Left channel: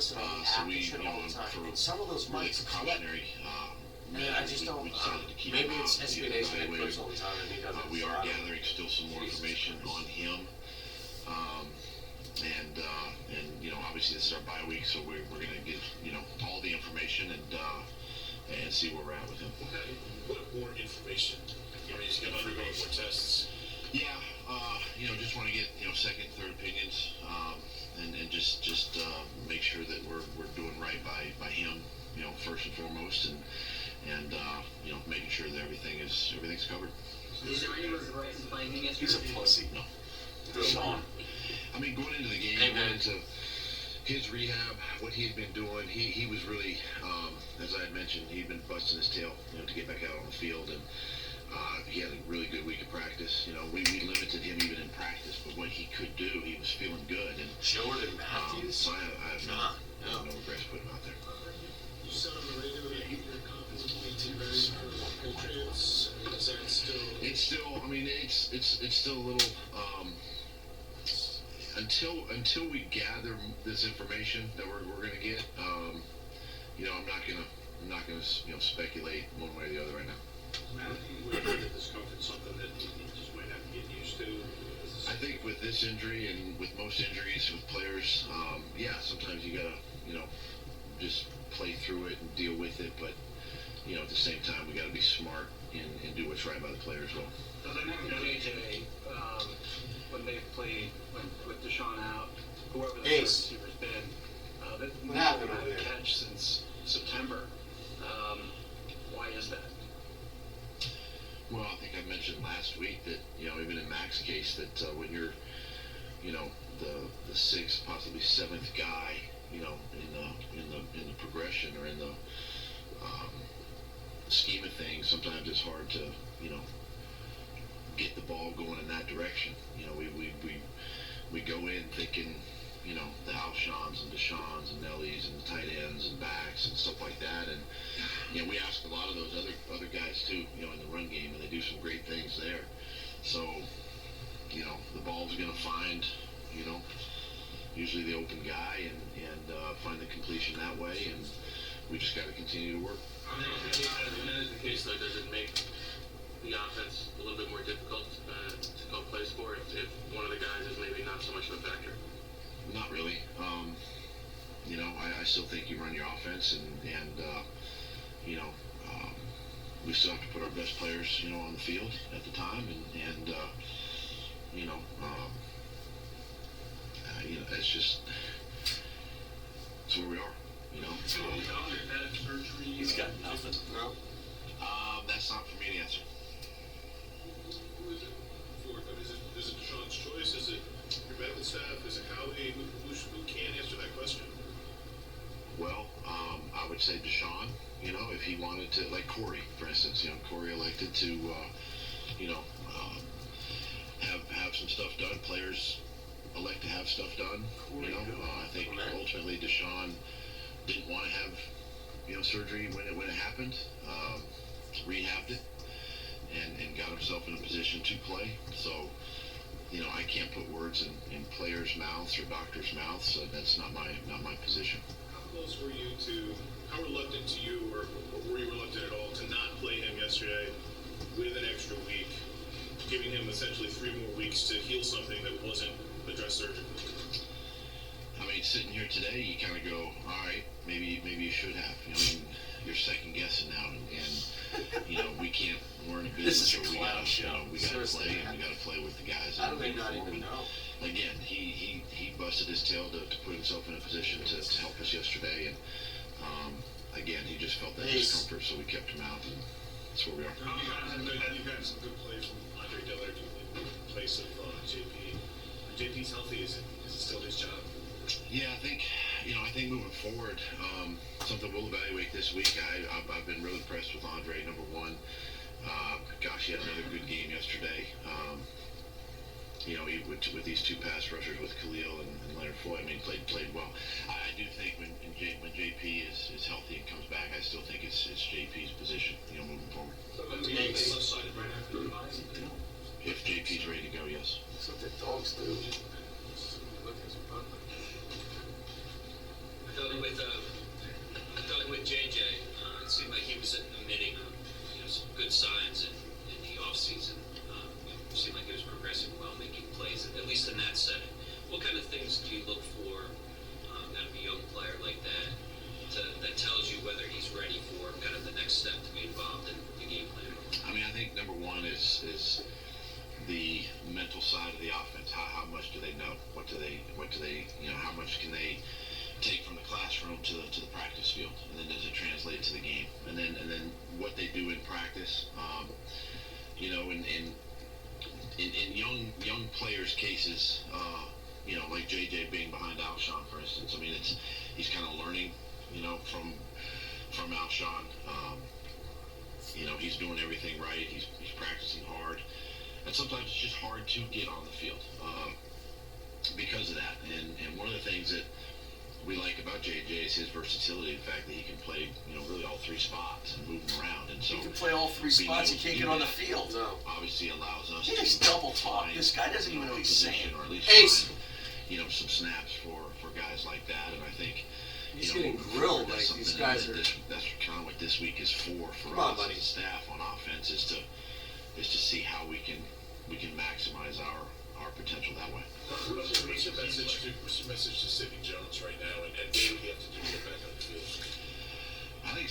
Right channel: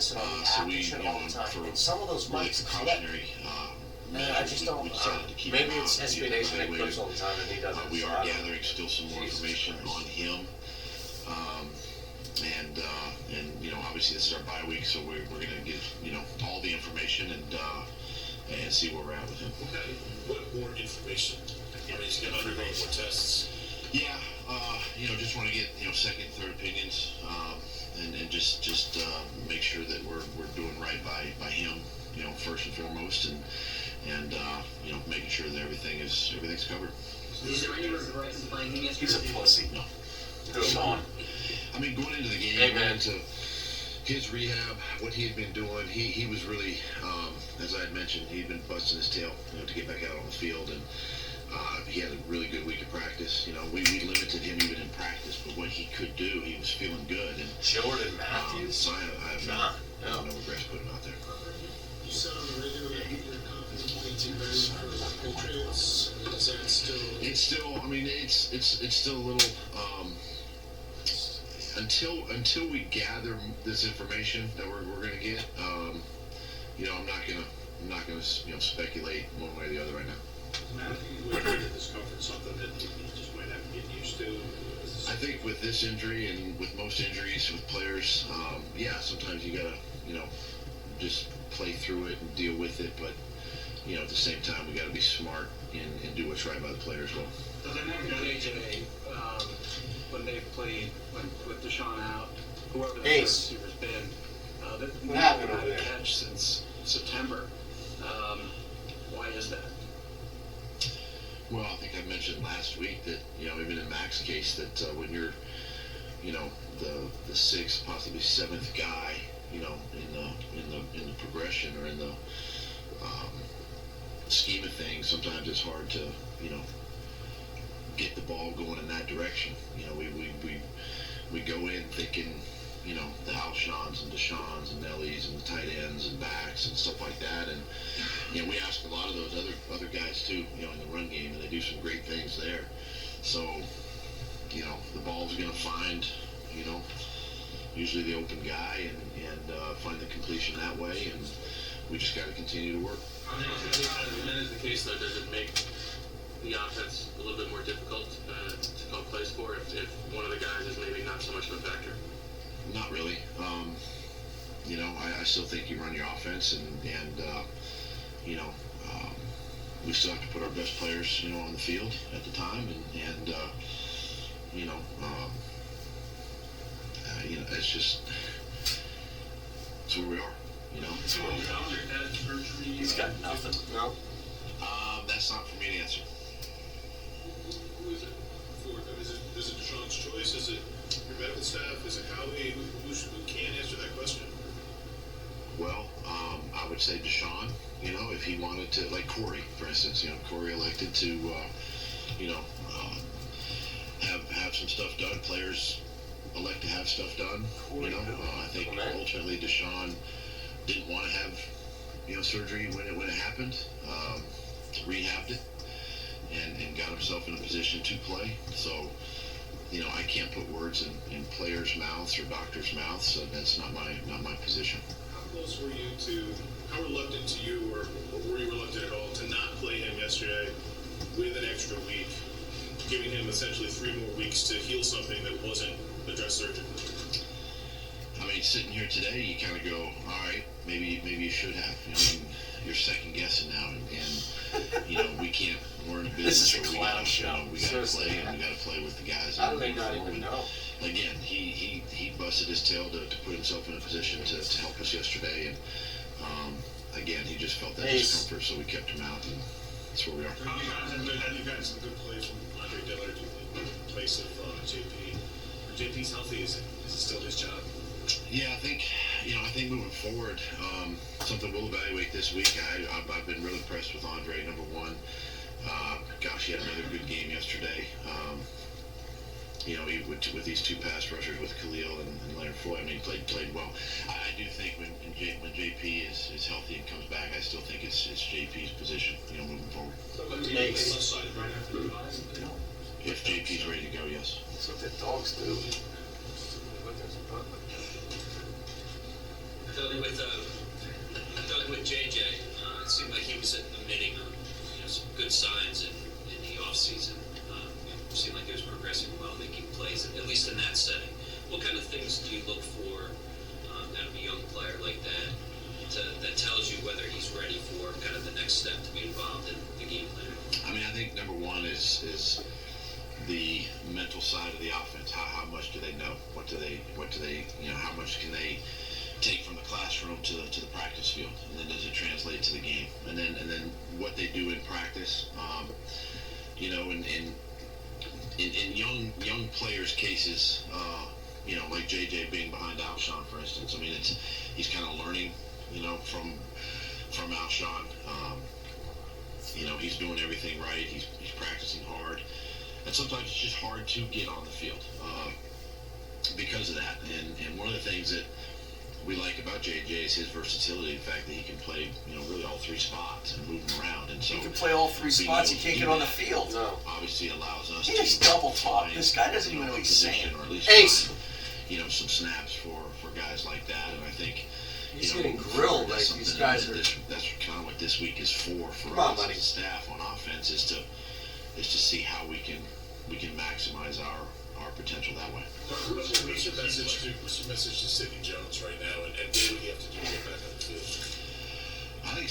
listen to the So app we, and shit you know, all the time, for and some of those really mics clip. precautionary Man, I just don't. we decided to keep Maybe him it's out, SB get him Nation that evaluated. clips all the time and he doesn't. We so are I don't- gathering still some more Jesus information Christ. on him. And you know, obviously this is our bye week, so we're going to give, you know, all the information and see where we're at with him. Okay. What more information? I mean, he's going to undergo more tests. Yeah, you know, just want to get, you know, second, third opinions, and just make sure that we're doing right by him, you know, first and foremost, and you know, making sure that everything's covered. Is there any regret in playing him yesterday? He's a pussy. No. Deshaun. I mean, going into the game, Amen. going into his rehab, what he had been doing, he was really, as I had mentioned, he'd been busting his tail, you know, to get back out on the field, and he had a really good week of practice. You know, we limited him even in practice, but what he could do, he was feeling good. And Jordan Matthews. so I have no regrets putting him out there. You said on the radio that you're confidently too ready for the Patriots. Is that still? It's still, I mean, it's still a little, until we gather this information that we're going to get, you know, I'm not gonna you know, speculate one way or the other right now. Matthew, would you get discomfort something that you just might have to get used to? I think with this injury and with most injuries with players, yeah, sometimes you gotta, you know, just play through it and deal with it, but you know, at the same time, we gotta be smart and do what's right by the players. Well, Does anyone know AJ, when they've played with Deshaun out, whoever the third Ace. receiver's been, that What they happened haven't over had a there? catch since September. Why is that? well, I think I mentioned last week that, you know, even in Mac's case, that when you're, you know, the sixth, possibly seventh guy, you know, in the progression or in the scheme of things, sometimes it's hard to, you know, get the ball going in that direction. You know, we go in thinking, you know, the Alshons and Deshaun's and Nellies and the tight ends and backs and stuff like that, and you know, we ask a lot of those other guys too, you know, in the run game, and they do some great things there. So, you know, the ball's going to find, you know, usually the open guy and find the completion that way, and we just got to continue to work. When that is the case, though, does it make the offense a little bit more difficult to help plays for if one of the guys is maybe not so much of a factor? Not really. You know, I still think you run your offense, and you know, we still have to put our best players, you know, on the field at the time, and you know, it's just it's where we are. You know. He's got nothing. No. That's not for me to answer. Who is it for? Is it Deshaun's choice? Is it your medical staff? Is it Howie? Who can answer that question? Well, I would say Deshaun, you know, if he wanted to, like Corey, for instance, you know, Corey elected to, you know, have some stuff done. Players elect to have stuff done, you know. I think ultimately Deshaun didn't want to have, you know, surgery when it happened, rehabbed it, and got himself in a position to play. So, you know, I can't put words in players' mouths or doctors' mouths, so that's not my position. How close were you to, how reluctant to you, or were you reluctant at all to not play him yesterday with an extra week, giving him essentially 3 more weeks to heal something that wasn't addressed surgically? I mean, sitting here today, you kind of go, all right, maybe you should have. You know, I mean, you're second guessing now, and you know, we're in a business This is a where clown show. we got to Seriously. play, and we got to play with the guys. How that do they are not forward. even know? Again, he busted his tail to put himself in a position to help us yesterday, and again, he just felt that discomfort, so we kept him out, and that's where we are. You've gotten some good play from Andre Dillard in place of JP. When JP's healthy, is it still his job? Yeah, I think moving forward, something we'll evaluate this week. I've been really impressed with Andre, number one. Gosh, he had another good game yesterday. You know, with these two pass rushers with Khalil and Leonard Floyd, I mean, played well. I do think when JP is healthy and comes back, I still think it's JP's position, you know, moving forward. Left-sided right after the bye. If JP's ready to go, yes. That's what the dogs do. Tell me with JJ, it seemed like he was emitting some good signs in the offseason. It seemed like he was progressing well, making plays, at least in that setting. What kind of things do you look for out of a young player like that that tells you whether he's ready for kind of the next step to be involved in the game plan? I mean, I think number one is the mental side of the offense. How much do they know? What do they how much can they take from the classroom to the practice field, and then does it translate to the game? And then what they do in practice. In young players' cases, like JJ being behind Alshon, for instance. I mean, he's kind of learning, from Alshon. He's doing everything right. He's practicing hard, and sometimes it's just hard to get on the field because of that. And one of the things that we like about JJ is his versatility, the fact that he can play, really all three spots and move them around. And so He can play all three spots. He can't get on the field. No. obviously allows us He to just double talk. find, This guy doesn't even know what he's position, saying. or at least Ace. find, some snaps for guys like that. And I think He's getting grilled. Like, that's these something guys that are. that's kind of what this week is for Come on, us buddy. as a staff on offense is to see how we can maximize our potential that way. What's your message to Sidney Jones right now, and what do you have to do to get back on the field? I think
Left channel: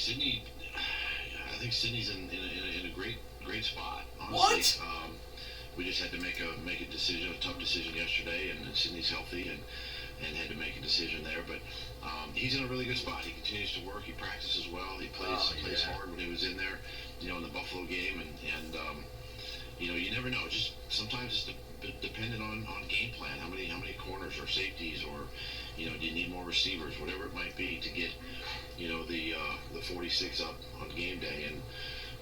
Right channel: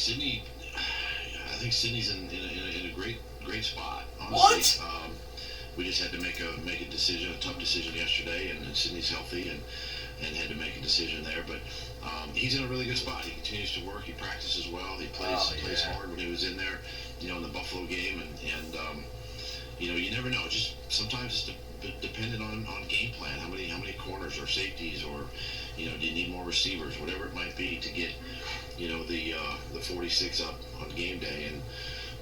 Sydney's in a great spot. Honestly. What? We just had to make a decision, a tough decision yesterday, and Sydney's healthy and had to make a decision there. But he's in a really good spot. He continues to work. He practices well. He plays hard when he was in there, in the Buffalo game, and you never know. Just sometimes it's dependent on game plan. How many corners or safeties, or do you need more receivers, whatever it might be, to get the 46 up on game day.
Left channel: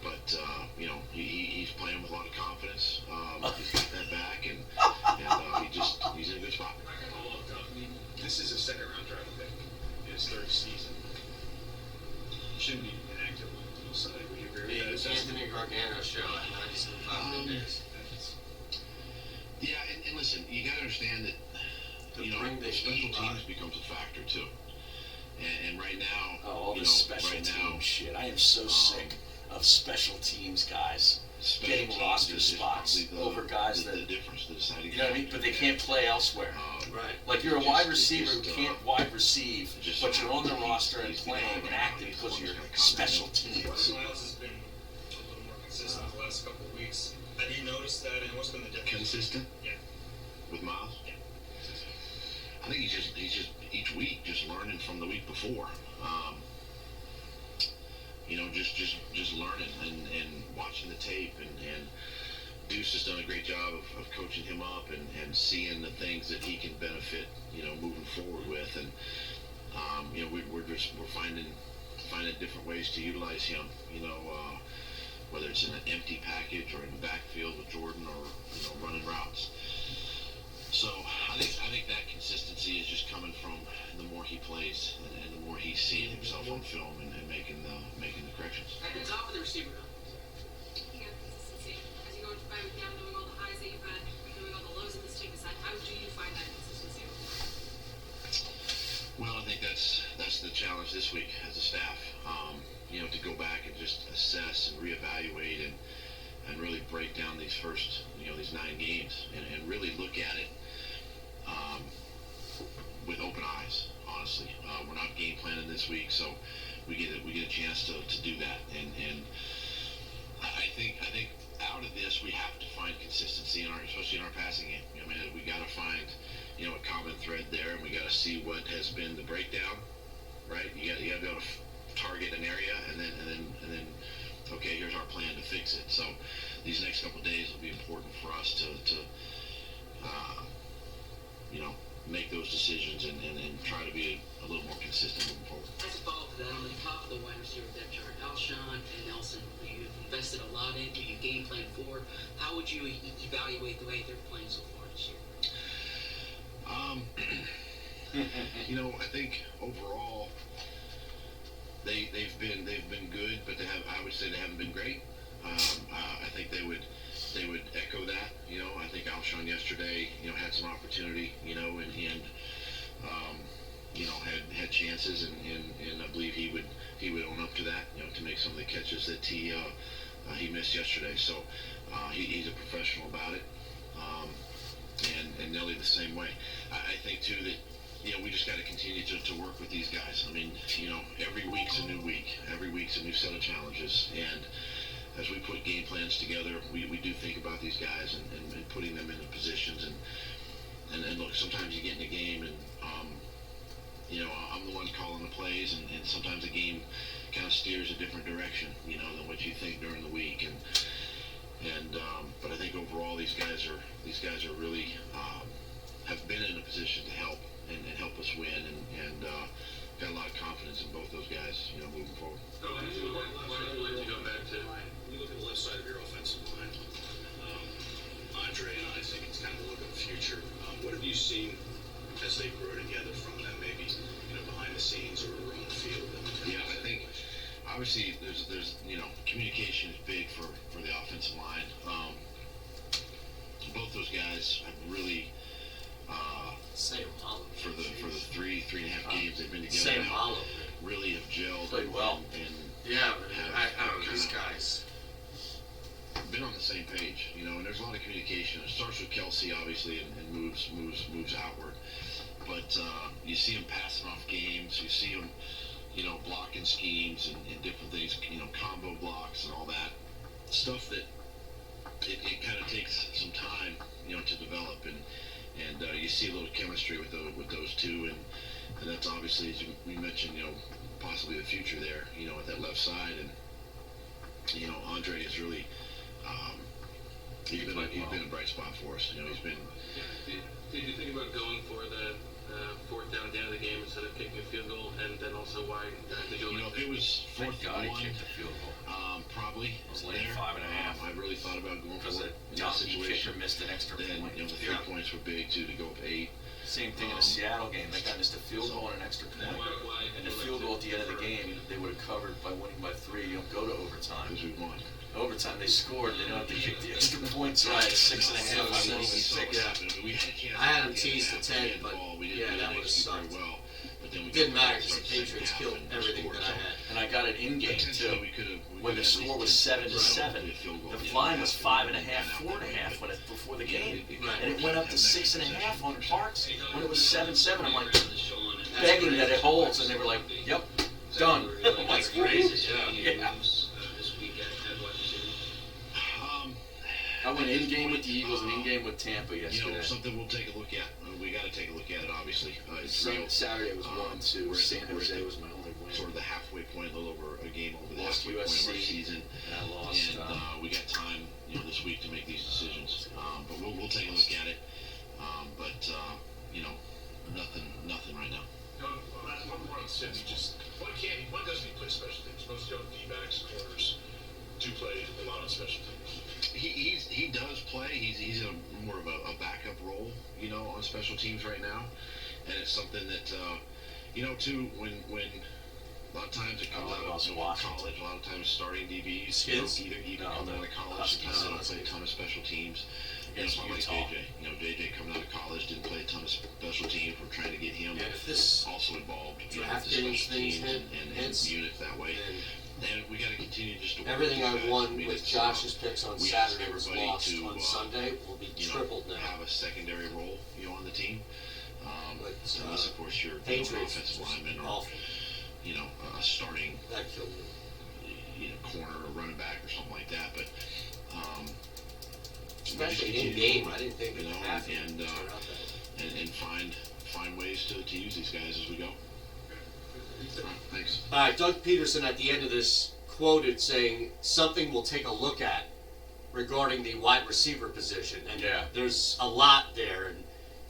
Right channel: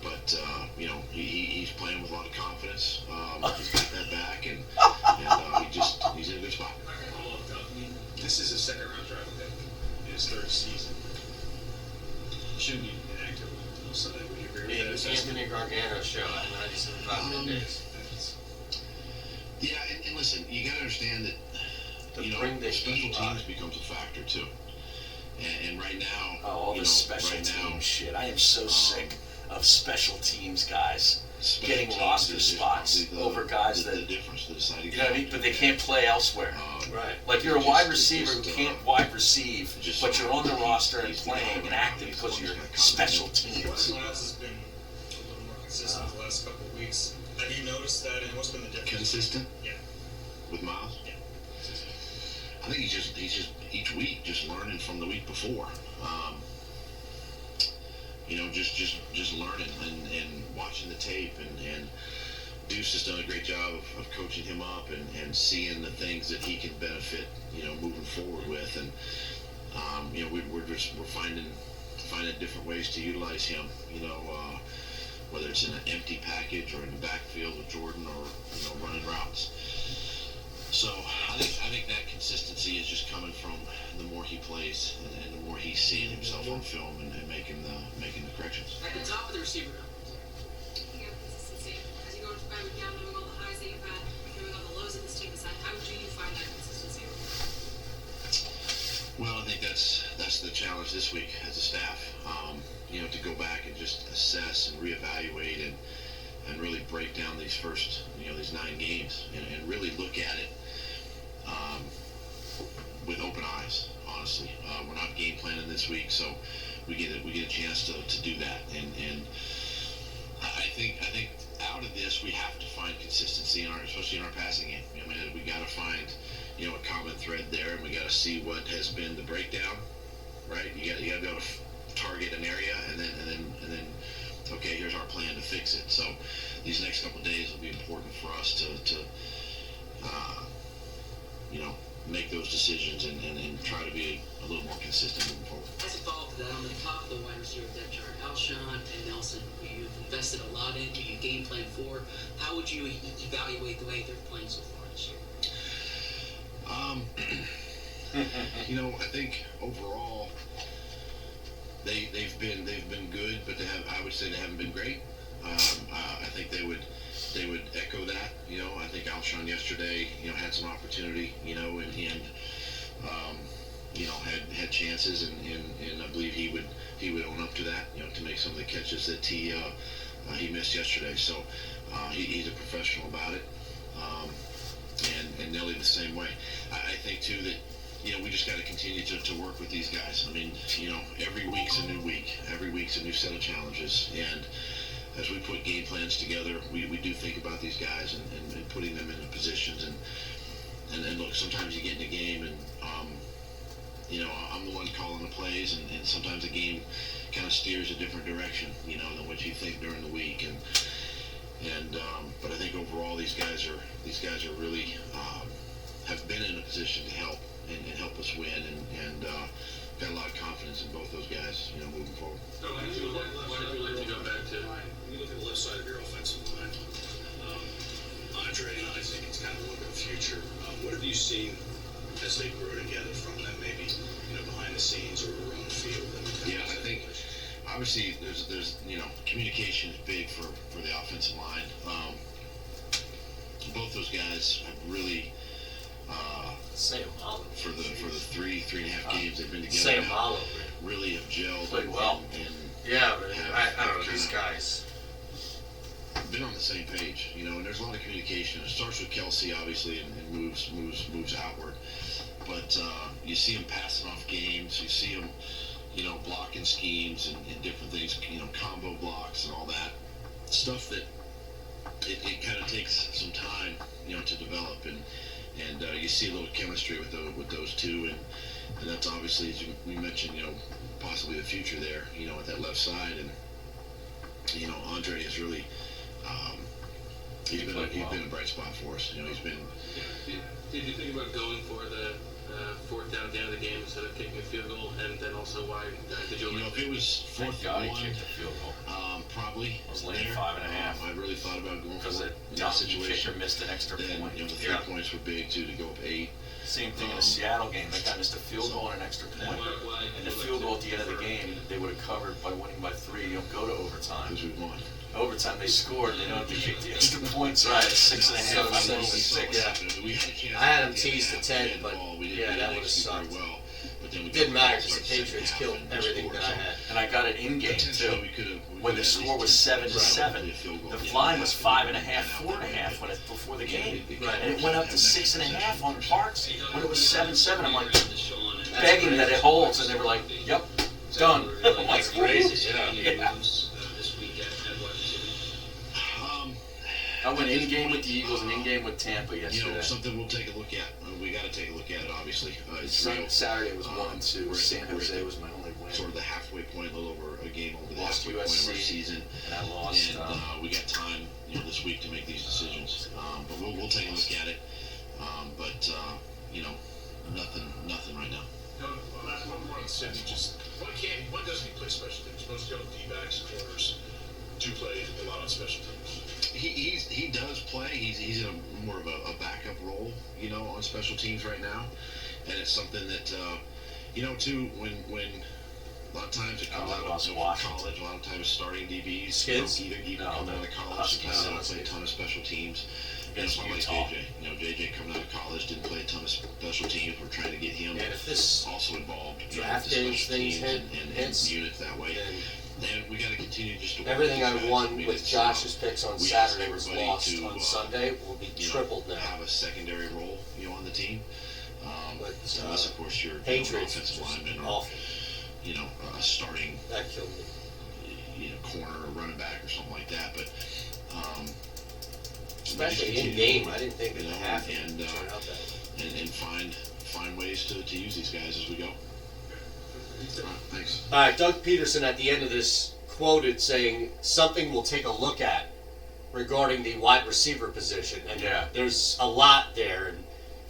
But he's playing with a lot of confidence. He's got that back, and he's in a good spot. This is a second-round draft pick in his third season. He shouldn't be inactive until Sunday. Would you agree with that? Anthony Gargano show at 97 days. Yeah, and listen, you got to understand that bring the special heat teams on. becomes a factor too. And right now, All this special team shit. I am so sick of special teams guys getting roster spots over guys the that, difference, the deciding you know what I mean? But they can't play elsewhere. Right. Like you're a wide receiver who can't wide receive, but you're on the roster and playing and active because you're special teams. Miles has been a little more consistent the last couple of weeks. Have you noticed that, and what's been the difference? Consistent? Yeah. With Miles? Yeah. I think he's just each week just learning from the week before. Just learning and watching the tape, and Deuce has done a great job of coaching him up and seeing the things that he can benefit, moving forward with, and we're finding different ways to utilize him, whether it's in an empty package or in the backfield with Jordan, or running routes. So I think that consistency is just coming from the more he plays and the more he's seeing himself on film and making the corrections. At the top of the receiver. Speaking of consistency, as you go into bed with knowing all the highs that you've had, knowing all the lows that this team has had, how do you find that consistency? Well, I think that's the challenge this week as a staff. To go back and just assess and reevaluate and really break down these first, these 9 games and really look at it with open eyes. Honestly, we're not game planning this week, so we get a chance to do that. And I think out of this we have to find consistency especially in our passing game. I mean, we got to find a common thread there, and we got to see what has been the breakdown. Right? You got to be able to target an area, and then okay, here's our plan to fix it. So these next couple of days will be important for us to make those decisions and try to be a little more consistent moving forward. As a follow-up to that, on the top of the wide receiver depth chart, Alshon and Nelson, who you've invested a lot in, who you game plan for, how would you evaluate the way they're playing so far this year? I think overall they've been good, but I would say they haven't been great. I think they would echo that. I think Alshon yesterday, had some opportunity, and had chances, and I believe he would he would own up to that, to make some of the catches that he missed yesterday. So he's a professional about it, and Nelly the same way. I think too that we just got to continue to work with these guys. I mean, every week's a new week, every week's a new set of challenges, and as we put game plans together, we do think about these guys and putting them into positions. And look, sometimes you get in a game and, I'm the one calling the plays, and sometimes the game kind of steers a different direction, than what you think during the week. But I think overall these guys are really have been in a position to help and help us win, and got a lot of confidence in both those guys, moving forward. Why don't you go back to? When you look at the left side of your offensive line, Andre and I think it's kind of a look at the future. What have you seen as they grow together from them, maybe behind the scenes or on the field? Yeah, I think obviously there's communication is big for the offensive line. Both those guys have really for the 3.5 games they've been together now, really have gelled. Played well. And yeah, but I don't know, these guys been on the same page, and there's a lot of communication. It starts with Kelsey, obviously, and moves outward. But you see him passing off games. You see him, blocking schemes and different things, combo blocks and all that stuff that it kind of takes some time, to develop. And you see a little chemistry with those two, and that's obviously, as we mentioned, possibly the future there, at that left side. And Andre is really he's been a bright spot for us. He's been. Did you think about going for the fourth down at the end of the game instead of kicking a field goal? And then also, why did you? If it was fourth God and one, he kicked the field goal. Probably. I was laying 5.5. I really thought about going because for the it in that Johnson situation. kicker missed an extra Then, point. the 3 points were big too, to go up 8. Same thing in the Seattle game. That guy missed a field goal and an extra point. And the field goal at the end of the game, they would have covered by winning by 3. You don't go to overtime. Because we won. Overtime, they scored. They don't have to kick the extra points. Right, 6.5. I think 6. I had him teased to 10, but yeah, that would have sucked. Didn't matter because the Patriots killed everything that I had. And I got it in game too. When the score was 7-7, the line was 5.5, 4.5 before the game, and it went up to 6.5 on Parks when it was 7-7. I'm like begging that it holds, and they were like, "Yep, done." I'm like, crazy. Yeah. I went in game with the Eagles and in game with Tampa yesterday. Something we'll take a look at. We got to take a look at it, obviously. Saturday was 1-2. San Jose was my only win. Sort of the halfway point, a little over a game over the Lost halfway point USC, of our season. And I lost. And we got time, this week to make these decisions. But we'll take a look at it. But nothing right now. No, one more on Cindy. Why doesn't he play special teams? Most young D-backs, corners do play a lot on special teams. He does play. He's in more of a backup role, on special teams right now, and it's something that too when a lot of times it comes out of college. A lot of times starting DBs, either coming out of college, don't play a ton of special teams. It's not like JJ. JJ coming out of college didn't play a ton of special teams. We're trying to get him also involved in the special teams and units that way. And we got to continue just to work. Everything I won with Josh's picks on Saturday was lost on Sunday. Will be tripled now. Have a secondary role, on the team. Unless, of course, you're Patriots offensive lineman or awful. A starting That killed me. Corner or running back or something like that. But especially in game, I didn't think it would happen. And find ways to use these guys as we go. Thanks. All right, Doug Peterson at the end of this quoted saying something we'll take a look at regarding the wide receiver position. And there's a lot there. And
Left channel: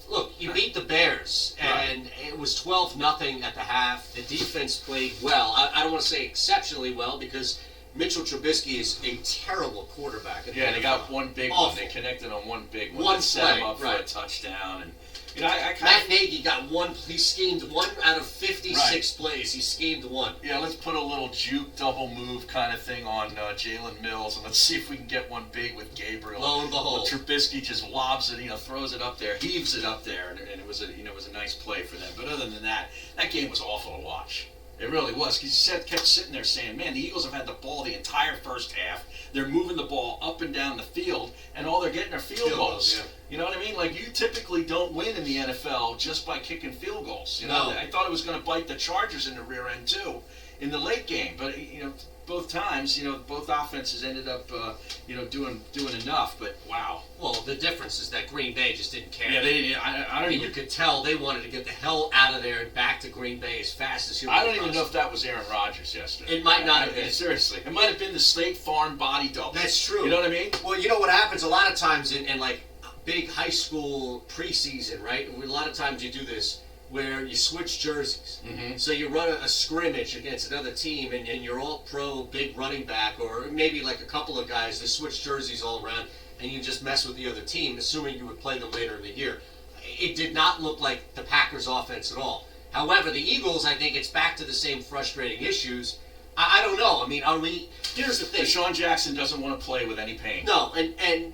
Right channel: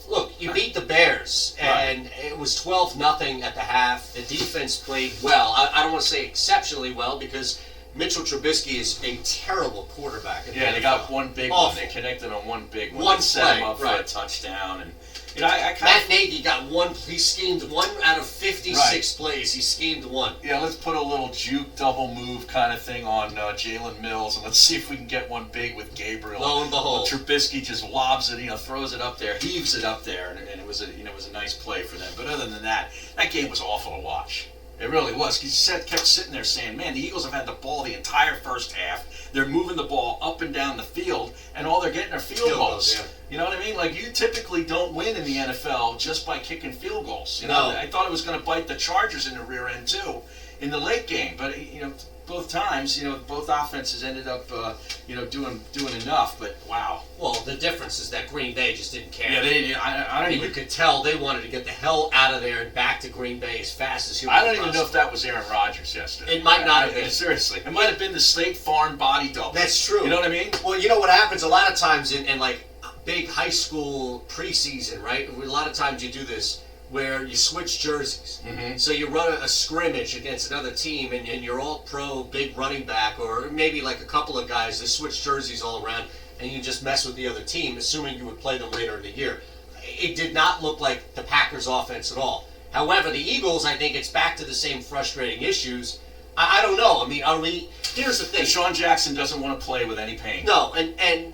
look, you beat the Bears, and it was 12-0 at the half. The defense played well. I don't want to say exceptionally well because Mitchell Trubisky is a terrible quarterback. Yeah, they got one big one. They connected on one big one. One set him play, up for a touchdown. And Matt Nagy got one. He schemed 1 out of 56 plays. He schemed 1. Yeah, let's put a little juke double move kind of thing on Jalen Mills, and let's see if we can get one big with Gabriel. Lo and behold, Trubisky just lobs it, throws it up there, heaves it up there, and it was a nice play for them. But other than that, that game was awful to watch. It really was. He kept sitting there saying, man, the Eagles have had the ball the entire first half. They're moving the ball up and down the field, and all they're getting are field goals. Yeah. You know what I mean? Like, you typically don't win in the NFL just by kicking field goals. You know, I thought it was going to bite the Chargers in the rear end, too, in the late game. But, you know, both times, you know, both offenses ended up, you know, doing enough. But, wow. Well, the difference is that Green Bay just didn't care. Yeah, I don't even... You could tell they wanted to get the hell out of there and back to Green Bay as fast as humanly I don't even possible. know if that was Aaron Rodgers yesterday. It might not have been. Seriously. It might have been the State Farm body double. That's true. You know what I mean? Well, you know what happens a lot of times in like big high school preseason, right? A lot of times you do this where you switch jerseys. Mm-hmm. So you run a scrimmage against another team and you're all pro big running back or maybe like a couple of guys that switch jerseys all around and you just mess with the other team, assuming you would play them later in the year. It did not look like the Packers offense at all. However, the Eagles, I think it's back to the same frustrating issues. I don't know. I mean, here's the thing. Deshaun Jackson doesn't want to play with any pain. No, and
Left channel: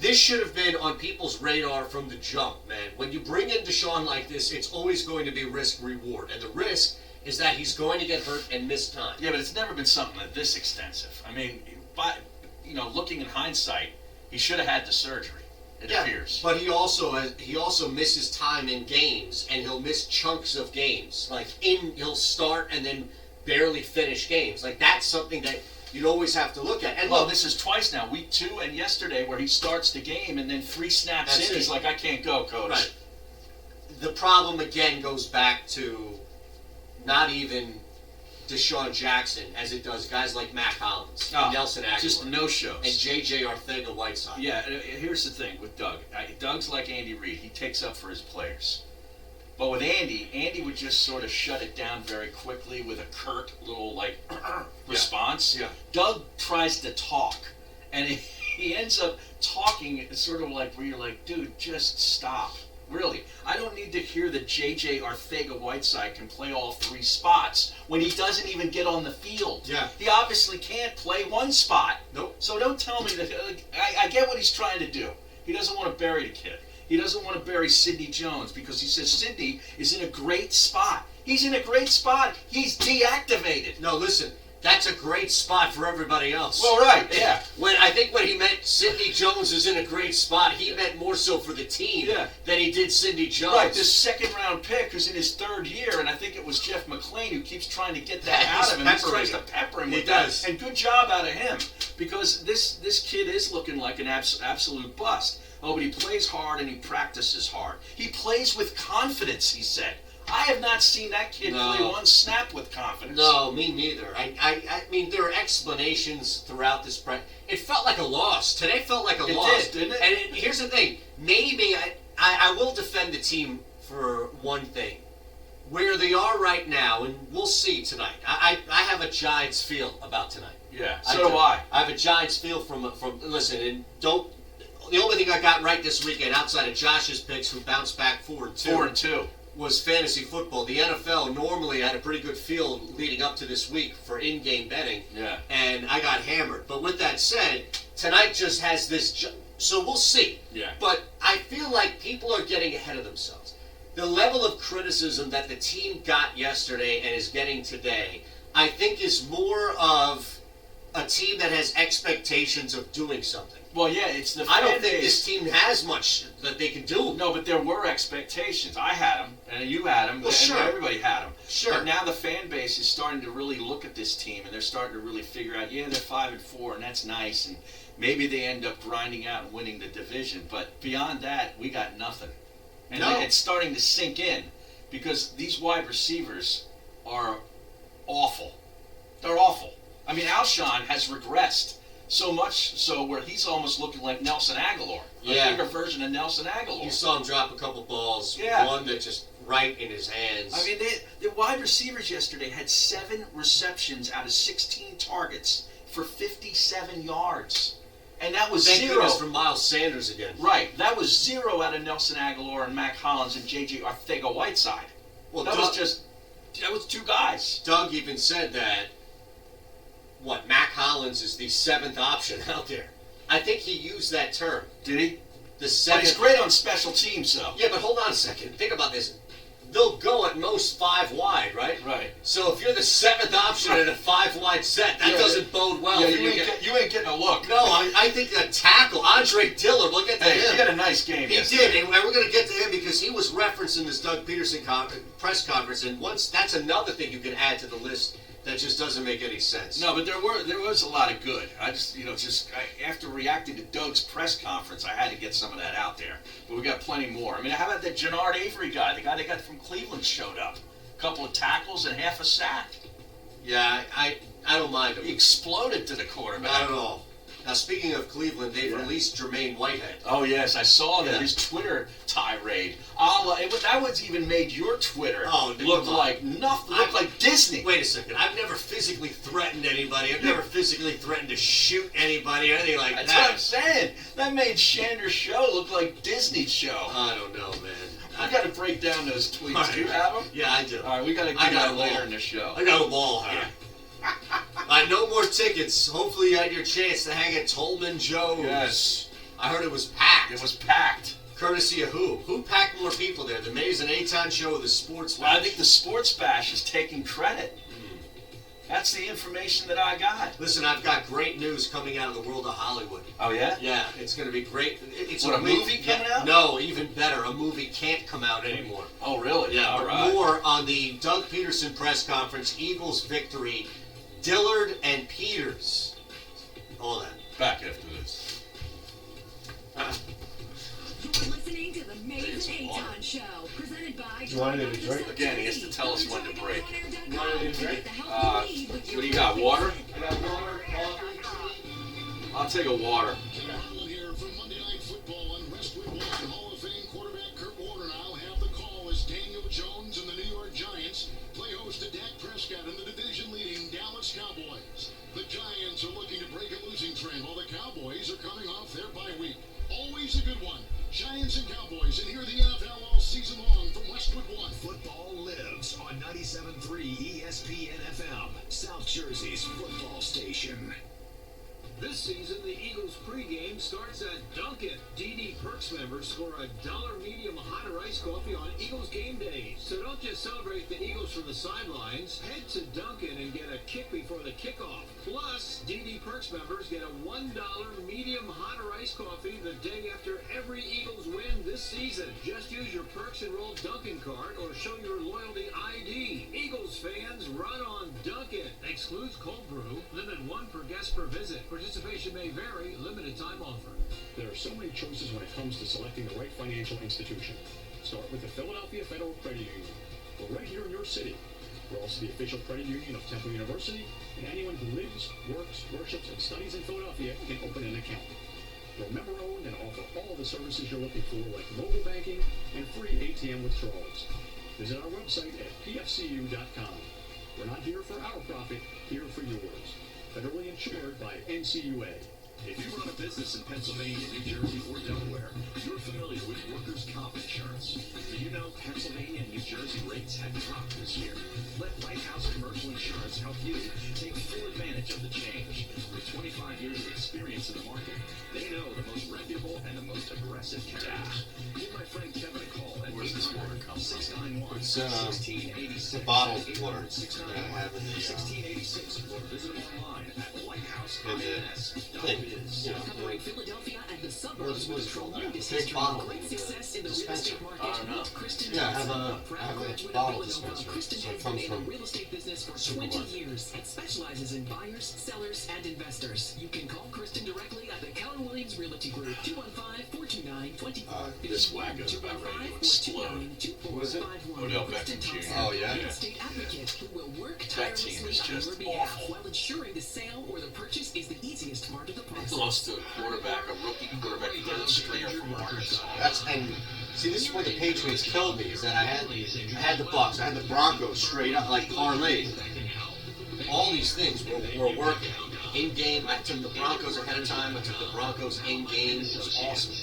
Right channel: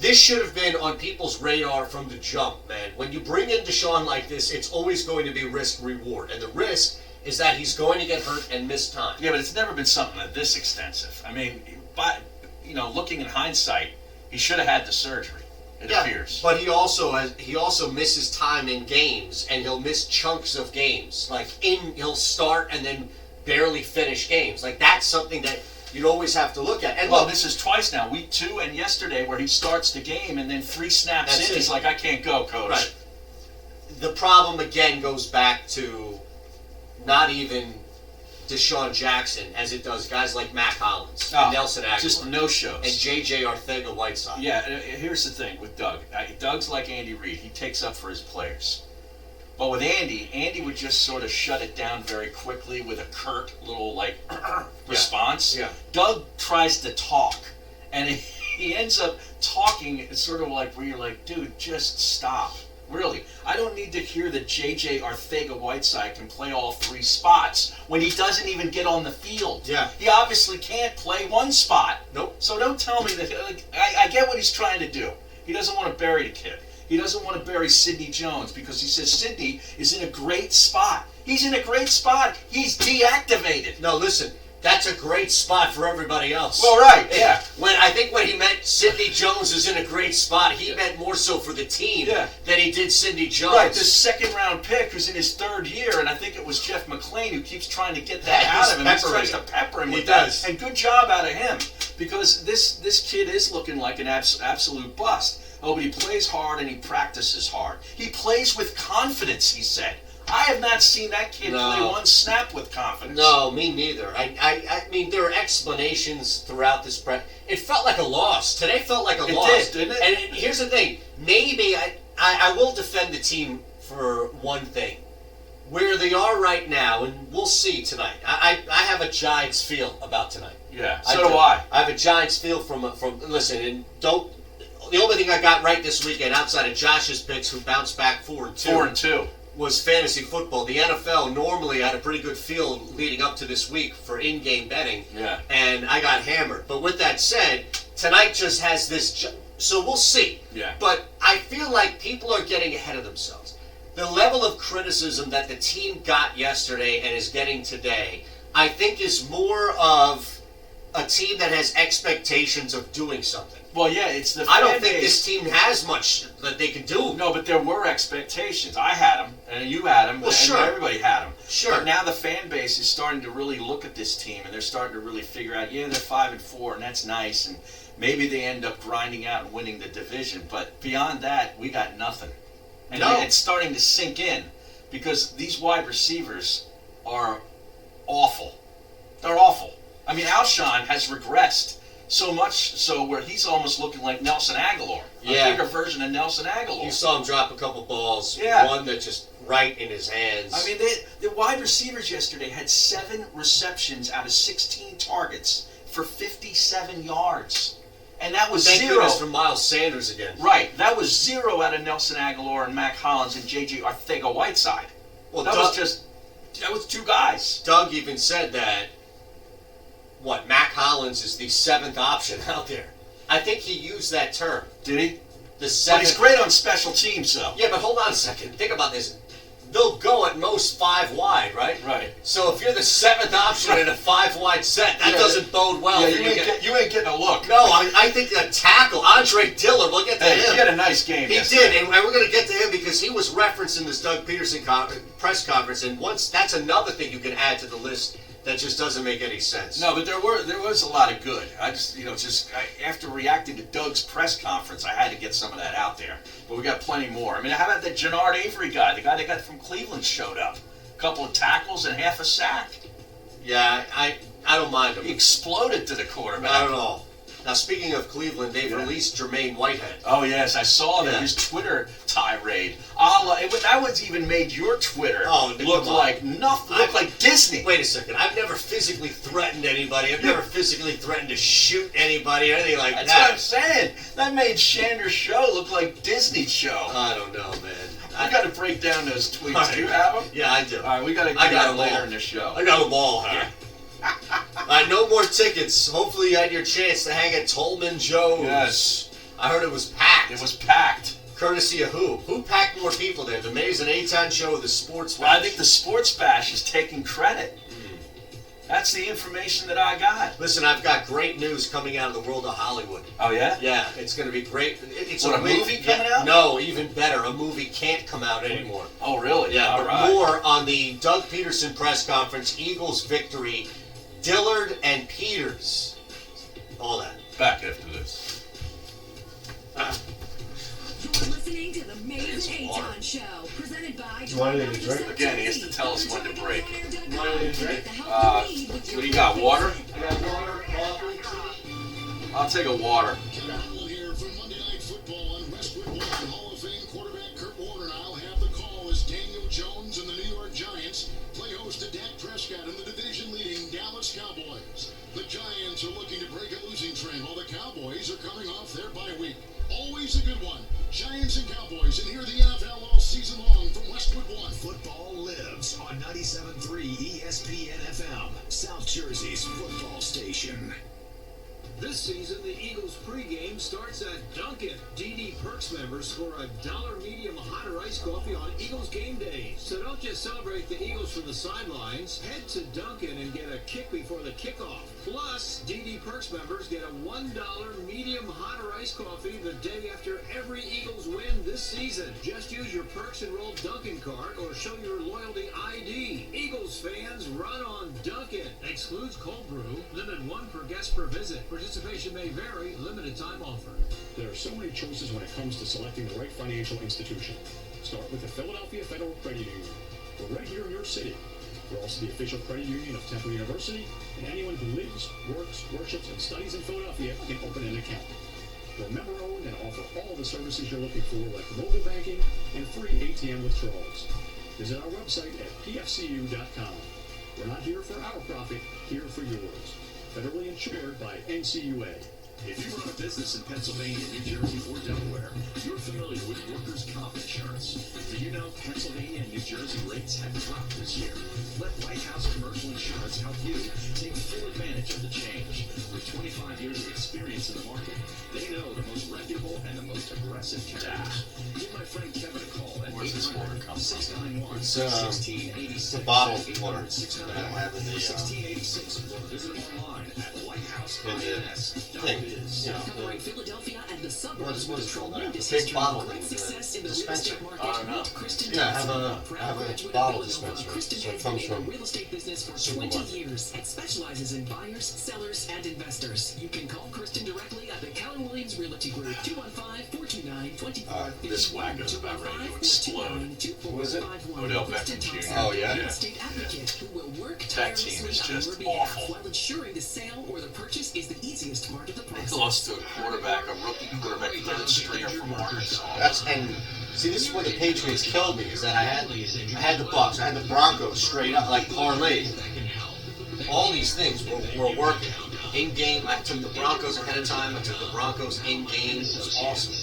this should have been on people's radar from the jump, man. When you bring in Deshaun like this, it's always going to be risk-reward. And the risk is that he's going to get hurt and miss time. Yeah, but it's never been something this extensive. I mean, you know, looking in hindsight, he should have had the surgery. It appears. But he also misses time in games, and he'll miss chunks of games. Like he'll start and then barely finish games. Like that's something that you'd always have to look at. And well, this is twice now, week 2 and yesterday, where he starts the game and then 3 snaps in, he's like, I can't go, coach. Right. The problem again goes back to not even Deshaun Jackson as it does guys like Matt Collins, and Nelson Aguilar, just no-shows, and J.J. Arcega-Whiteside. Yeah, here's the thing with Doug. Doug's like Andy Reid. He takes up for his players. But with Andy would just sort of shut it down very quickly with a curt little, like, response. Yeah. Doug tries to talk, and he ends up talking sort of like where you're like, dude, just stop. Really. I don't need to hear that J.J. Arcega-Whiteside can play all 3 spots when he doesn't even get on the field. Yeah. He obviously can't play one spot. Nope. So don't tell me that. I get what he's trying to do. He doesn't want to bury the kid. He doesn't want to bury Sidney Jones because he says Sidney is in a great spot. He's in a great spot. He's deactivated. No, listen. That's a great spot for everybody else. Well, right, yeah. When he meant Sidney Jones is in a great spot, he meant more so for the team than he did Sidney Jones. Right, this second-round pick who's in his 3rd year, and I think it was Jeff McClain who keeps trying to get that out of him. He tries to pepper him with that. And good job out of him, because this kid is looking like an absolute bust. Oh, but he plays hard and he practices hard. He plays with confidence, he said. I have not seen that kid play one snap with confidence. No, me neither. I mean, there are explanations throughout this. It felt like a loss. Today felt like a loss. It did, didn't it? And here's the thing. Maybe I will defend the team for one thing. Where they are right now, and we'll see tonight. I have a Giants feel about tonight. Yeah, so do I. I have a Giants feel from listen, and don't. The only thing I got right this weekend, outside of Josh's picks, who bounced back 4-2. 4-2. Was fantasy football. The NFL normally had a pretty good feel leading up to this week for in-game betting. Yeah. And I got hammered. But with that said, tonight just has this. So we'll see. Yeah. But I feel like people are getting ahead of themselves. The level of criticism that the team got yesterday and is getting today, I think is more of a team that has expectations of doing something. Well, yeah, it's the. I don't think this team has much that they can do. No, but there were expectations. I had them, and you had them, well, and sure. Everybody had them. Sure. But now the fan base is starting to really look at this team, and they're starting to really figure out, yeah, they're 5-4, and that's nice, and maybe they end up grinding out and winning the division. But beyond that, we got nothing. And it's starting to sink in, because these wide receivers are awful. They're awful. I mean, Alshon has regressed. So much so where he's almost looking like Nelson Aguilar. A bigger version of Nelson Aguilar. You saw him drop a couple balls. Yeah. One that just right in his hands. I mean, the wide receivers yesterday had 7 receptions out of 16 targets for 57 yards. And that was Thank 0 goodness for Miles Sanders again. Right. That was 0 out of Nelson Aguilar and Mac Hollins and J.J. Arcega-Whiteside. Well, that was 2 guys. Doug even said that Mac Hollins is the 7th option out there. I think he used that term. Did he? The 7th. But he's great on special teams, though. Yeah, but hold on a second. Think about this. they'll go at most 5 wide, right? Right. So if you're the 7th option in a 5 wide set, that doesn't bode well. Yeah, you ain't getting a look. No, I think that tackle, Andre Dillard, we'll get to him. He had a nice game. He did, and we're going to get to him because he was referenced in this Doug Peterson press conference, and that's another thing you can add to the list that just doesn't make any sense. No, but there was a lot of good. I just, after reacting to Doug's press conference, I had to get some of that out there. But we got plenty more. I mean, how about the Jannard Avery guy, the guy they got from Cleveland showed up? A couple of tackles and half a sack. Yeah, I don't mind him. He exploded to the quarterback. Not at all. Now, speaking of Cleveland, they've released Jermaine Whitehead. Oh, yes, I saw that. His Twitter tirade. That was even made your Twitter look like nothing. Look like Disney. Wait a second. I've never physically threatened anybody. I've never physically threatened to shoot anybody or anything like that. That's what I'm saying. That made Shander's show look like Disney's show. I don't know, man. I got to break down those tweets. Do you have them? Yeah, I do. All right, we got to get that later in the show. I got them all, Harry. No more tickets. Hopefully you had your chance to hang at Tolman Joe's. Yes. I heard it was packed. It was packed. Courtesy of who? Who packed more people there? The Mays and Eitan show or the Sports Bash? Well, I think the Sports Bash is taking credit. That's the information that I got. Listen, I've got great news coming out of the world of Hollywood. Oh, yeah? Yeah, it's going to be great. It's a movie coming out? No, even better. A movie can't come out anymore. Oh, really? Yeah, all right. More on the Doug Peterson press conference, Eagles victory, Dillard and Peters. All that. Back after this. You're listening to the Mays and Eitan Show, presented by... You want anything to drink? Again, he has to tell us when to break. You want anything to drink? What do you got, water? I got water, coffee. I'll take a water. Here from Monday Night Football on Westwood One, Hall of Fame quarterback Kurt Warner will have the call as Daniel Jones and the New York Giants play host to Dak Prescott and the division-leading Dallas Cowboys. The Giants are looking to break a losing trend while the Cowboys are coming off their bye week. Always a good one. Giants and Cowboys, and here the NFL all season long from Westwood One. Football lives on 97.3 ESPN FM, South Jersey's football station. This season, the Eagles pregame starts at Dunkin'. DD Perks members score $1 medium hot or iced coffee on Eagles game days. So don't just celebrate the Eagles from the sidelines. Head to Dunkin' and get a kick before the kickoff. Plus, DD Perks members get a $1 medium hot or iced coffee the day after every Eagles win this season. Just use your Perks enrolled Dunkin' card or show your loyalty ID. Eagles fans, run on Dunkin'. Excludes cold brew. Limit 1 per guest per visit. Participation may vary. Limited time offer. There are so many choices when it comes to selecting the right financial institution. Start with the Philadelphia Federal Credit Union. We're right here in your city. We're also the official credit union of Temple University, and anyone who lives, works, worships, and studies in Philadelphia can open an account. We're member-owned and offer all the services you're looking for, like mobile banking and free ATM withdrawals. Visit our website at pfcu.com. We're not here for our profit, here for yours. Federally insured by NCUA. If you run a business in Pennsylvania, New Jersey, or Delaware, you're familiar with workers' comp insurance. Do you know Pennsylvania and New Jersey rates have dropped this year? Let Lighthouse Commercial Insurance help you take full advantage of the change. With 25 years of experience in the market, they know the most reputable and the most aggressive carriers. Give my friend Kevin a call at 800-691-1686. It's a bottled water that I have in the 1686, or visit them online at lighthouse.ins.biz. Philadelphia and the suburbs what is it called? Big bottle dispenser. I don't know. Yeah, I have a bottle dispenser. So it comes from real estate business for 20 years and specializes in buyers, sellers, and investors. You can call Kristen directly at the Keller Williams Realty Group, 215-429-2451. This wacko's about ready to explode. Who is it? Odell Beckham Jr. Oh, yeah? Real estate advocate who will work That team is tirelessly on just your behalf awful. while ensuring the sale or the purchase is the easiest part of the process. They lost to a quarterback, a rookie quarterback, third stringer from Arkansas. See, this is where the Patriots killed me. Is that I had the Bucks, I had the Broncos straight up, like parlay. All these things were working. In game, I took the Broncos ahead of time. I took the Broncos in game. It was awesome.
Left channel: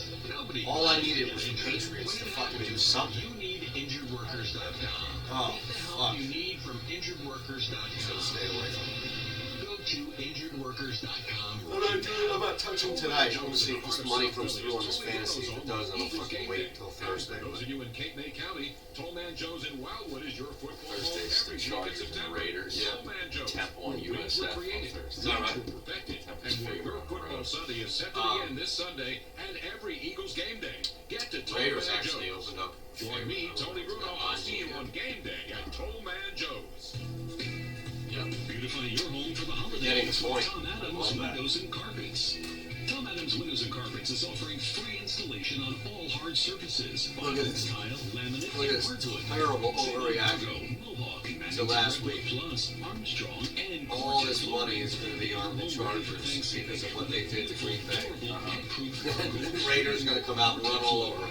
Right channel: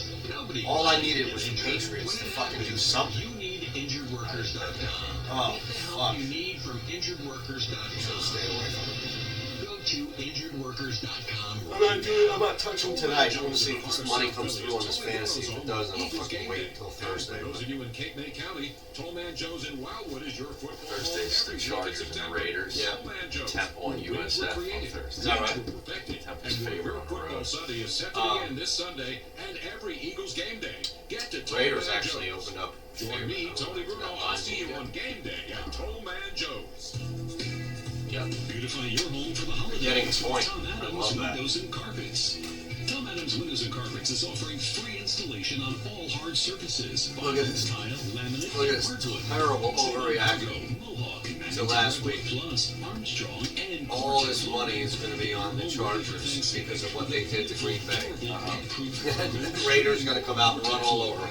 All I needed was the Patriots to fucking do something. You need injuredworkers.com. Oh, fuck. You need from injuredworkers.com. So stay away from it. Go to injuredworkers.com. I'm not touching tonight. I want to see if this money comes through on this fantasy. If it does, I'll fucking wait until Thursday. For those of you in Cape May County, Toll Man Joe's in Wildwood is your football. Thursday's the Chargers and the Raiders. Temple on USF on Thursday. Is that right? Temple's favorite on the road. Sunday is set to begin this Sunday and every Eagles game day. Get to Toll Raiders Man actually Joe's. opened up. Join me, Tony Bruno. I'll see you on game day at Toll Man Joe's. Yep. Beautify your home for the holidays. Getting a point. Tom I Adams love that. Windows and Carpets. Tom Adams Windows and Carpets is offering free installation on all hard surfaces. Look at this. Tile, laminate, Look at this hardwood. terrible overreaction Mohawk, to last week. Plus, Armstrong, and All this money is going to be on the Chargers because of what they did to Green Bay. The Raiders going to come out and run all over them.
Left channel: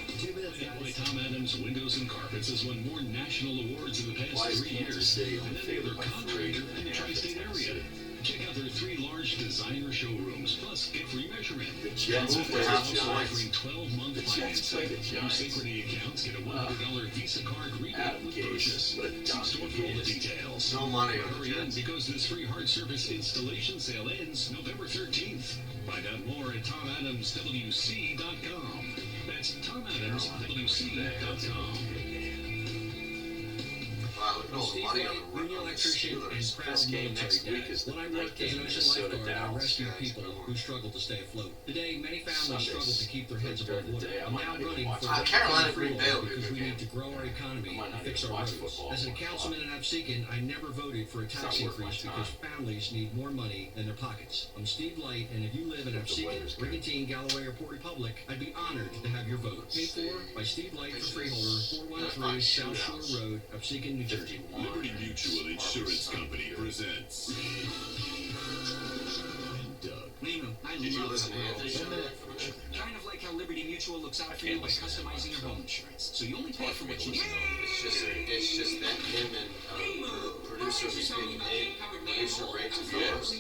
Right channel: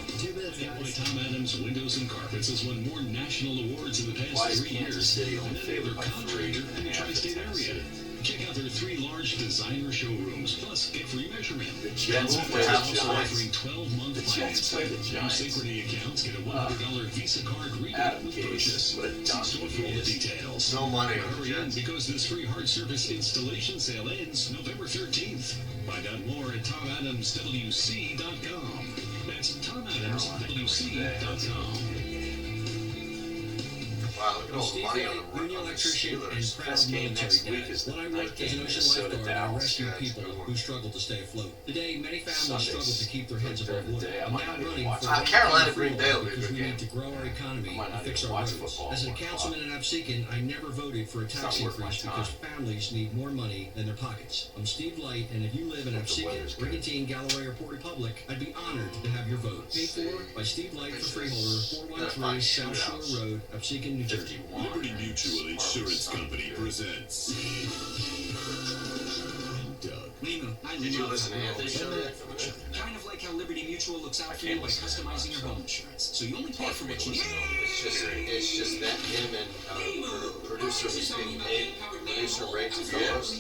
Why Tom Adams Windows and Carpets has won more national awards in the past Why is 3 Kansas years City only than any other favored by contractor in the 3.5 tri-state at area. Tennessee? Check out their 3 large designer showrooms, plus get free measurement. The Jets Move play the House Giants. offering 12-month The Jets play the financing. Giants. New Synchrony accounts get a $100 Visa card rebate Adam with Gase. purchase. What a See donkey store for he all the is. details. No money on the Hurry in Jets. because this free hard service installation sale ends November 13th. Find out more at TomAdamsWC.com. That's TomAdamsWC.com. Wow, look at all the money on the Steelers. Best game next week is the night game, Minnesota Dallas. Rescue people who struggle to stay afloat. Today, many families Sundays. struggle to keep their heads above During the water. day, I I'm might now not even running watch for it. Carolina Green Bay will be a because good we game. need to grow our economy I might and not fix even our watch roads. football As a at 1 councilman in Absecon, I never voted for a It's tax not worth my increase because time. families need more money than their pockets. I'm Steve Light, and if you live in Hope the Absecon, weather's good. Brigantine, Galloway, or Port Republic, I'd be honored to have your vote. Paid for by Steve Light for freeholder, 413 South Shore Road, Absecon, New Jersey. 51. Liberty Mutual Insurance Company presents. Doug. Lena, I Did you love listen to Anthony's show? kind of like how Liberty Mutual looks out I for you can't by listen to that customizing much, your home insurance. So you only pay hard for for me what to you listen need. It's just that him and producer was being paid producer rates and dollars.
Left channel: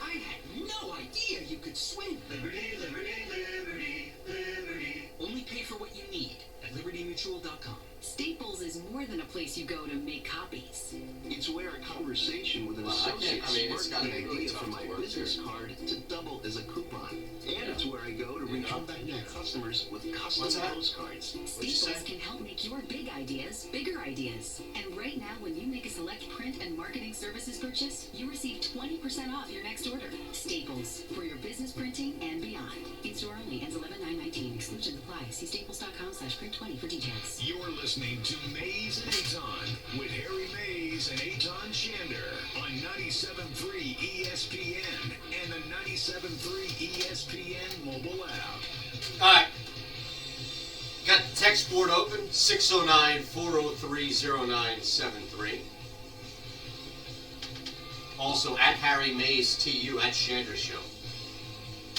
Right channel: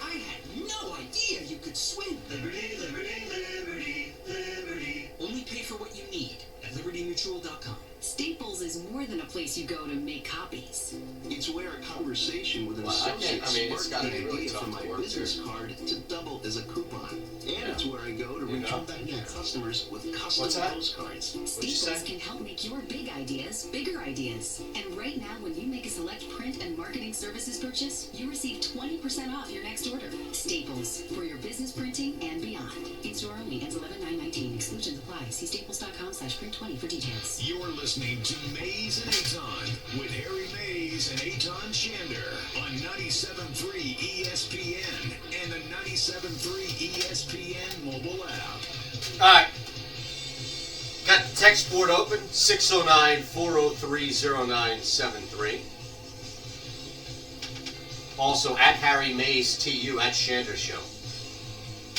I had no idea you could swim. Liberty, liberty, liberty, liberty. Only pay for what you need at libertymutual.com. Staples is more than a place you go to make copies. It's where a conversation with an Well, associate it's sparked gotta the be really idea tough for to my work business there. card to double as a coupon. And it's where I go to You reach know? out to customers with custom What's that? postcards. Staples can help make your big ideas bigger ideas. And right now, when you make a select print and marketing services purchase, you receive 20% off your next order. Staples, for your business printing and beyond. In-store only, ends 11/9/19. Exclusions apply. See staples.com/print20 for details. You're listening to Mays and Aton with Harry Mays and Aton Shander on 97.3 ESPN and the 97.3 ESPN mobile app. All right. Got the text board open, 609-403-0973. Also, at Harry Mays TU, at Shander Show.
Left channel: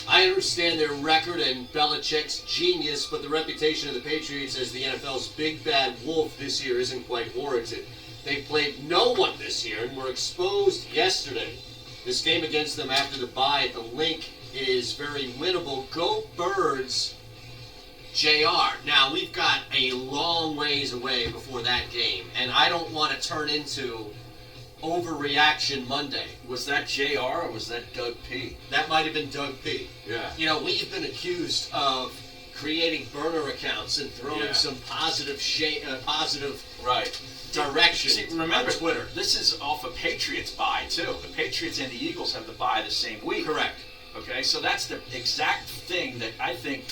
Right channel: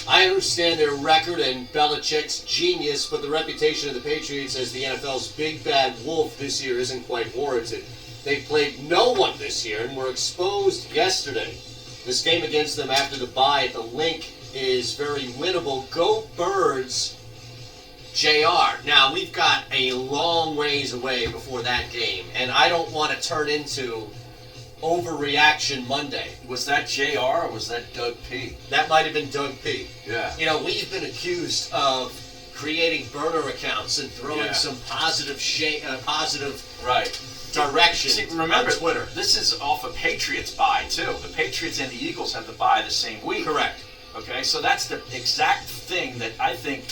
I understand their record and Belichick's genius, but the reputation of the Patriots as the NFL's big bad wolf this year isn't quite warranted. They played no one this year and were exposed yesterday. This game against them after the bye at the Link is very winnable. Go Birds, JR. Now, we've got a long ways away before that game, and I don't want to turn into Overreaction Monday. Was that JR or was that Doug P? That might have been Doug P. Yeah. You know, we've been accused of creating burner accounts and throwing Yeah. some positive Right. direction See, remember, on Twitter. this is off a Patriots bye, too. The Patriots and the Eagles have the bye the same week. Correct. Okay, so that's the exact thing that I think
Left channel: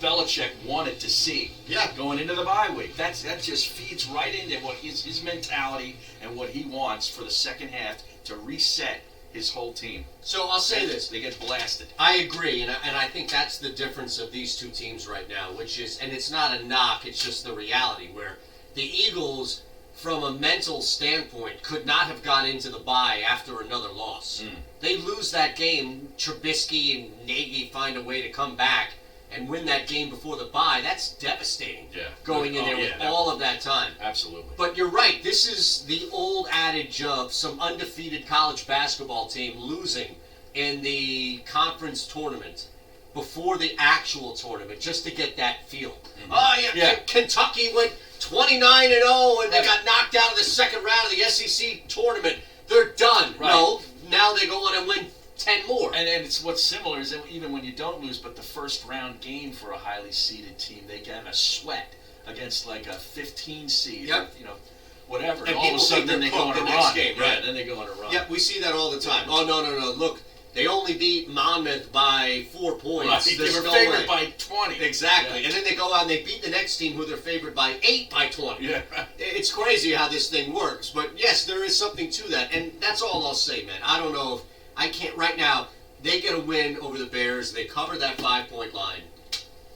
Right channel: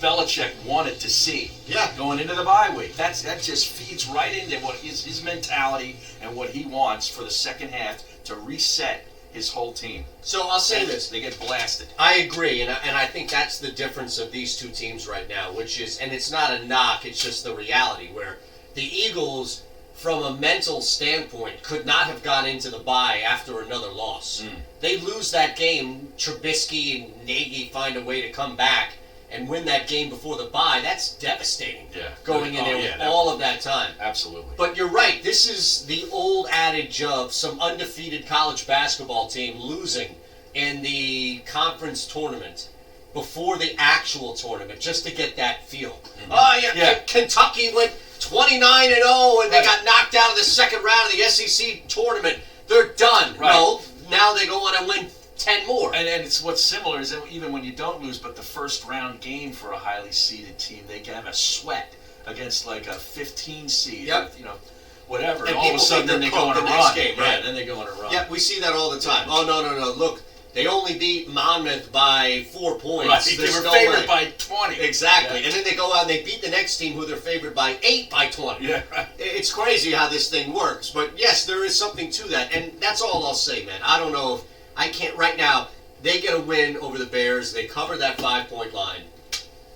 Belichick wanted to see. Yeah. Going into the bye week. That just feeds right into what his mentality and what he wants for the second half to reset his whole team. So I'll say And this. They get blasted. I agree, and I think that's the difference of these two teams right now, which is, and it's not a knock, it's just the reality, where the Eagles, from a mental standpoint, could not have gone into the bye after another loss. They lose that game, Trubisky and Nagy find a way to come back and win that game before the bye. That's devastating. Yeah. Going in there with all of that time. Absolutely. But you're right. This is the old adage of some undefeated college basketball team losing in the conference tournament before the actual tournament, just to get that feel. Oh yeah. Kentucky went 29-0 and they got knocked out of the second round of the SEC tournament. They're done. Right. No, now they go on and win 10 more. And it's what's similar is that even when you don't lose, but the first round game for a highly seeded team, they have a sweat against like a 15 seed, or, whatever. And all of a sudden, then they go on a run. Game, right? Then they go on a run. Yep, we see that all the time. Oh no! Look, they only beat Monmouth by 4 points. Right, they were favored by 20. Exactly, and then they go out and they beat the next team who they're favored by 8 by 20. Yeah, right. It's crazy how this thing works, but yes, there is something to that, and that's all I'll say, man. I don't know if I can't right now. They get a win over the Bears. They cover that 5-point line.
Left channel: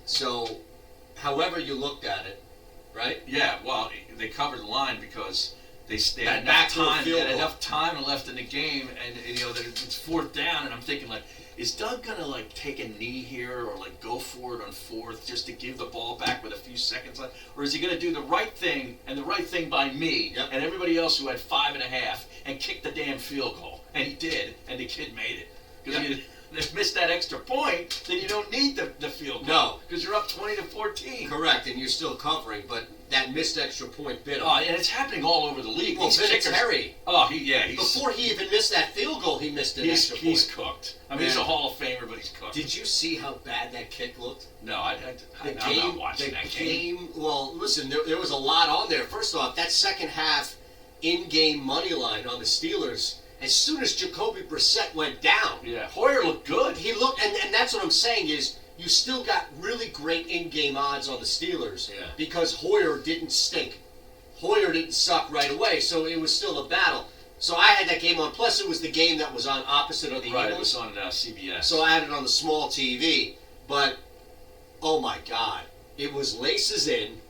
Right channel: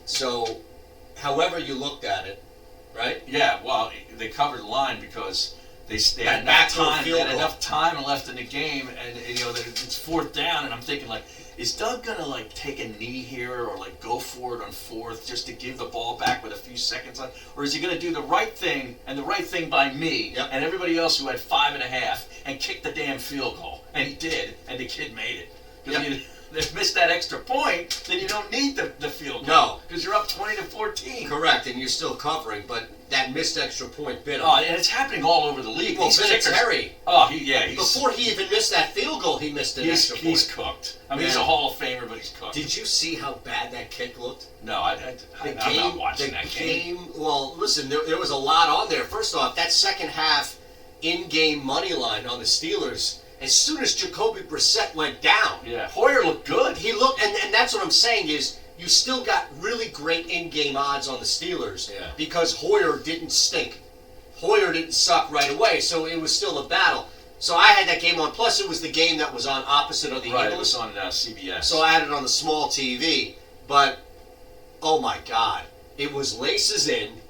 So, however you looked at it, right? Yeah, well, they covered the line because they had enough time. They had enough time left in the game, and it's 4th down, and I'm thinking like, is Doug gonna like take a knee here or like go for it on 4th just to give the ball back with a few seconds left, or is he gonna do the right thing and the right thing by me and everybody else who had 5.5 and kick the damn field goal? And he did, and the kid made it. Because if you missed that extra point, then you don't need the field goal. No. Because you're up 20-14. Correct, and you're still covering, but that missed extra point bit him. Oh, and it's happening all over the league. Well, These kickers, Terry. Oh, he's... Before he even missed that field goal, he missed an extra point. He's cooked. I mean, he's a Hall of Famer, but he's cooked. Did you see how bad that kick looked? No, I'm not watching that game. Well, listen, there was a lot on there. First off, that second half in-game money line on the Steelers, as soon as Jacoby Brissett went down. Yeah, Hoyer looked good. He looked, and that's what I'm saying is, you still got really great in-game odds on the Steelers because Hoyer didn't stink. Hoyer didn't suck right away, so it was still a battle. So I had that game on. Plus, it was the game that was on opposite of the Eagles. It was on CBS. So I had it on the small TV. But, oh my God, it was laces in,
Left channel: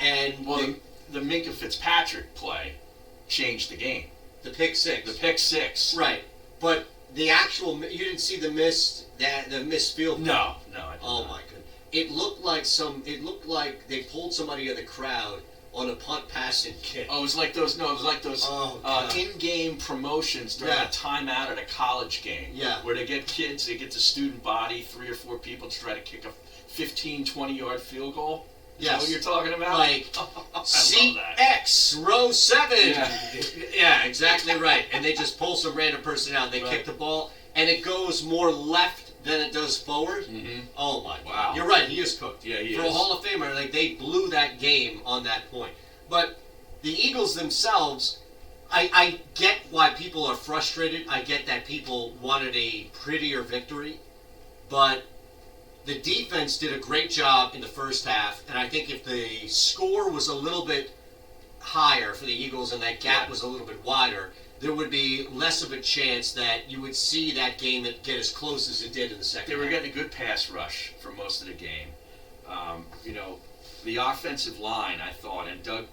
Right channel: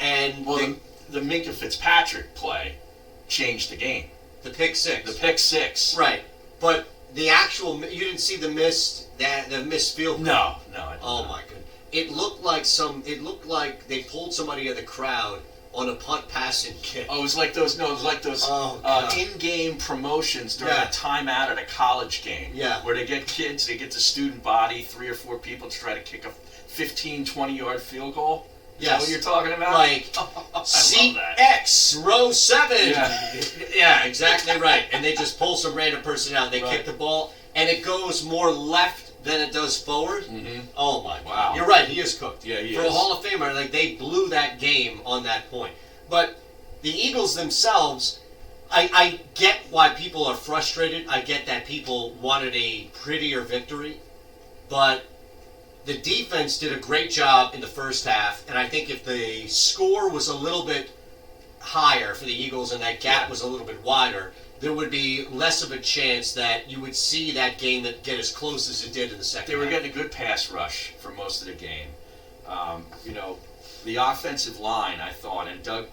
and... Well, the Minka Fitzpatrick play changed the game. The pick six. The pick six. Right. But the actual... You didn't see the missed field goal? No. Oh my goodness. It looked like they pulled somebody in the crowd on a punt, pass, and kick. Oh, it was like those in-game promotions during a timeout at a college game. Yeah. Where they get kids, they get the student body, 3 or 4 people to try to kick a 15, 20-yard field goal. Is that what you're talking about? Like, seat X, row 7. Yeah, exactly right. And they just pull some random person out. They kick the ball, and it goes more left than it does forward. Mm-hmm. Oh, my God. Wow. You're right. He is cooked. Yeah, he is. For a Hall of Famer, like, they blew that game on that point. But the Eagles themselves, I get why people are frustrated. I get that people wanted a prettier victory. But the defense did a great job in the first half, and I think if the score was a little bit higher for the Eagles and that gap was a little bit wider, there would be less of a chance that you would see that game get as close as it did in the second half. They were getting a good pass rush for most of the game. The offensive line, I thought, and Doug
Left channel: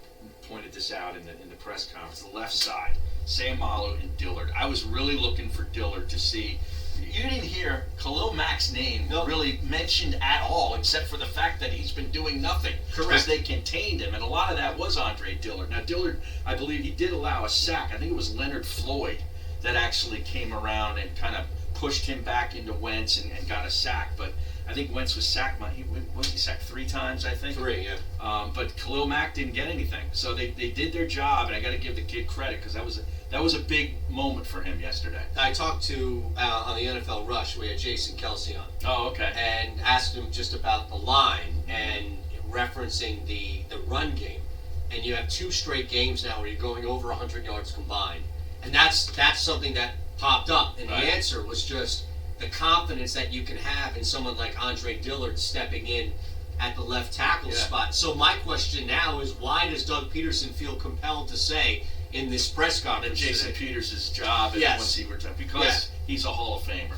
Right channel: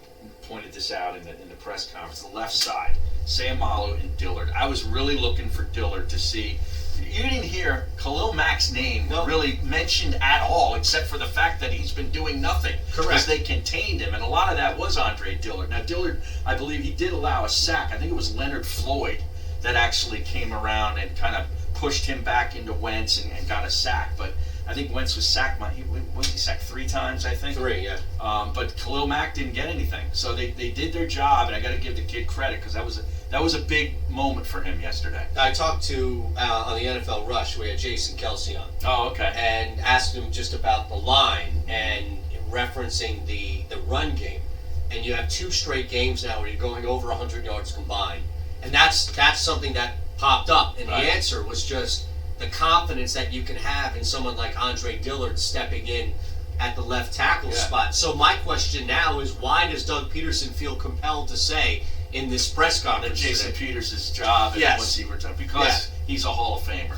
pointed this out in the press conference, the left side, Sam Malo and Dillard. I was really looking for Dillard to see. You didn't hear Khalil Mack's name really mentioned at all, except for the fact that he's been doing nothing. Correct. Because they contained him, and a lot of that was Andre Dillard. Now, Dillard, I believe he did allow a sack. I think it was Leonard Floyd that actually came around and kind of pushed him back into Wentz and got a sack. But I think Wentz was sacked. He sacked 3 times, I think? 3, yeah. But Khalil Mack didn't get anything. So they did their job, and I got to give the kid credit because that was a big moment for him yesterday. I talked to, on the NFL Rush, we had Jason Kelsey on. Oh, okay. And asked him just about the line and referencing the run game. And you have 2 straight games now where you're going over 100 yards combined. And that's something that popped up. And the answer was just the confidence that you can have in someone like Andre Dillard stepping in at the left tackle spot. So my question now is, why does Doug Peterson feel compelled to say in this press conference that Jason Peters' job is once he retires? Because he's a Hall of Famer.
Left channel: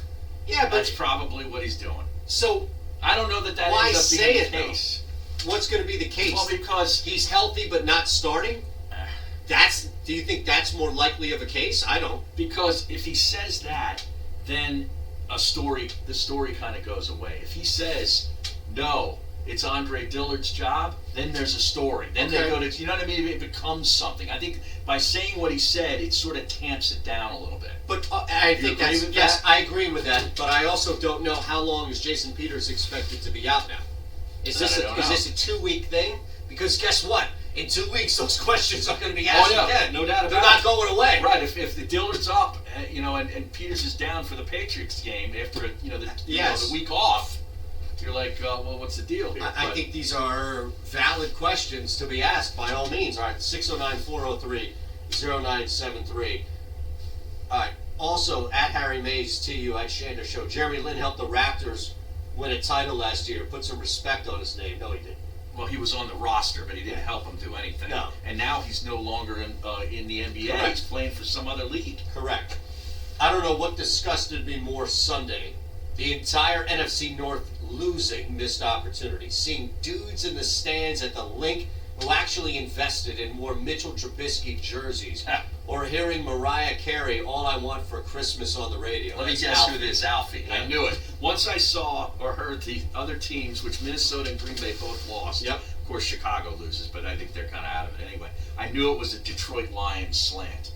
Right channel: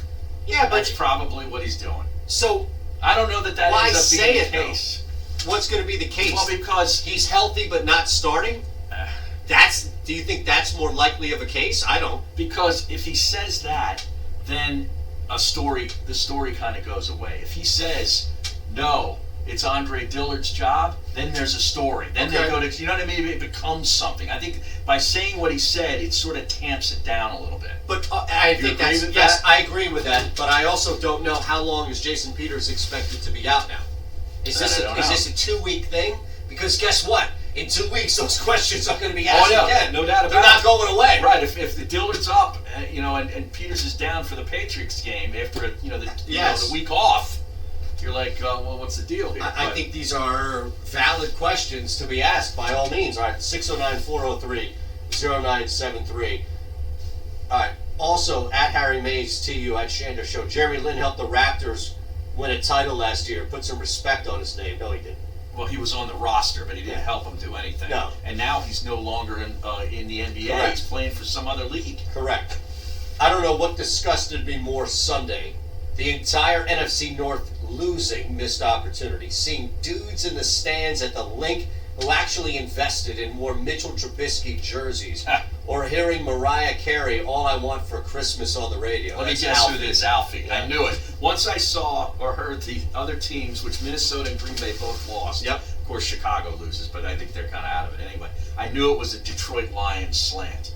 Yeah, but that's probably what he's doing. So I don't know that why ends up say being it, the case. What's going to be the case? Well, because he's healthy but not starting. Do you think that's more likely of a case? I don't. Because if he says that, then the story kind of goes away. If he says, no, it's Andre Dillard's job, then there's a story. Then they go to, you know what I mean? It becomes something. I think by saying what he said, it sort of tamps it down a little bit. But I think that's, yes, I agree with that. But I also don't know how long is Jason Peters expected to be out now. Is this a 2-week thing? Because guess what? In 2 weeks, those questions are going to be asked again. No doubt about it. They're not going away. Right. If the Dillard's up, and Peters is down for the Patriots game after the week off, you're like, well, what's the deal here? I think these are valid questions to be asked by all means. All right, 609-403-0973. All right. Also, at Harry Mays, TU, at Shander Show, Jeremy Lin helped the Raptors win a title last year. Put some respect on his name. No, he didn't. Well, he was on the roster, but he didn't help him do anything. No. And now he's no longer in the NBA. Correct. He's playing for some other league. Correct. I don't know what disgusted me more Sunday. The entire NFC North losing missed opportunity. Seeing dudes in the stands at the link who actually invested in more Mitchell Trubisky jerseys. Or hearing Mariah Carey, All I Want for Christmas on the radio. Let me guess who this, Alfie. I knew it. Once I saw or heard the other teams, which Minnesota and Green Bay both lost. Yep. Of course, Chicago loses, but I think they're kind of out of it anyway. I knew it was a Detroit Lions slant.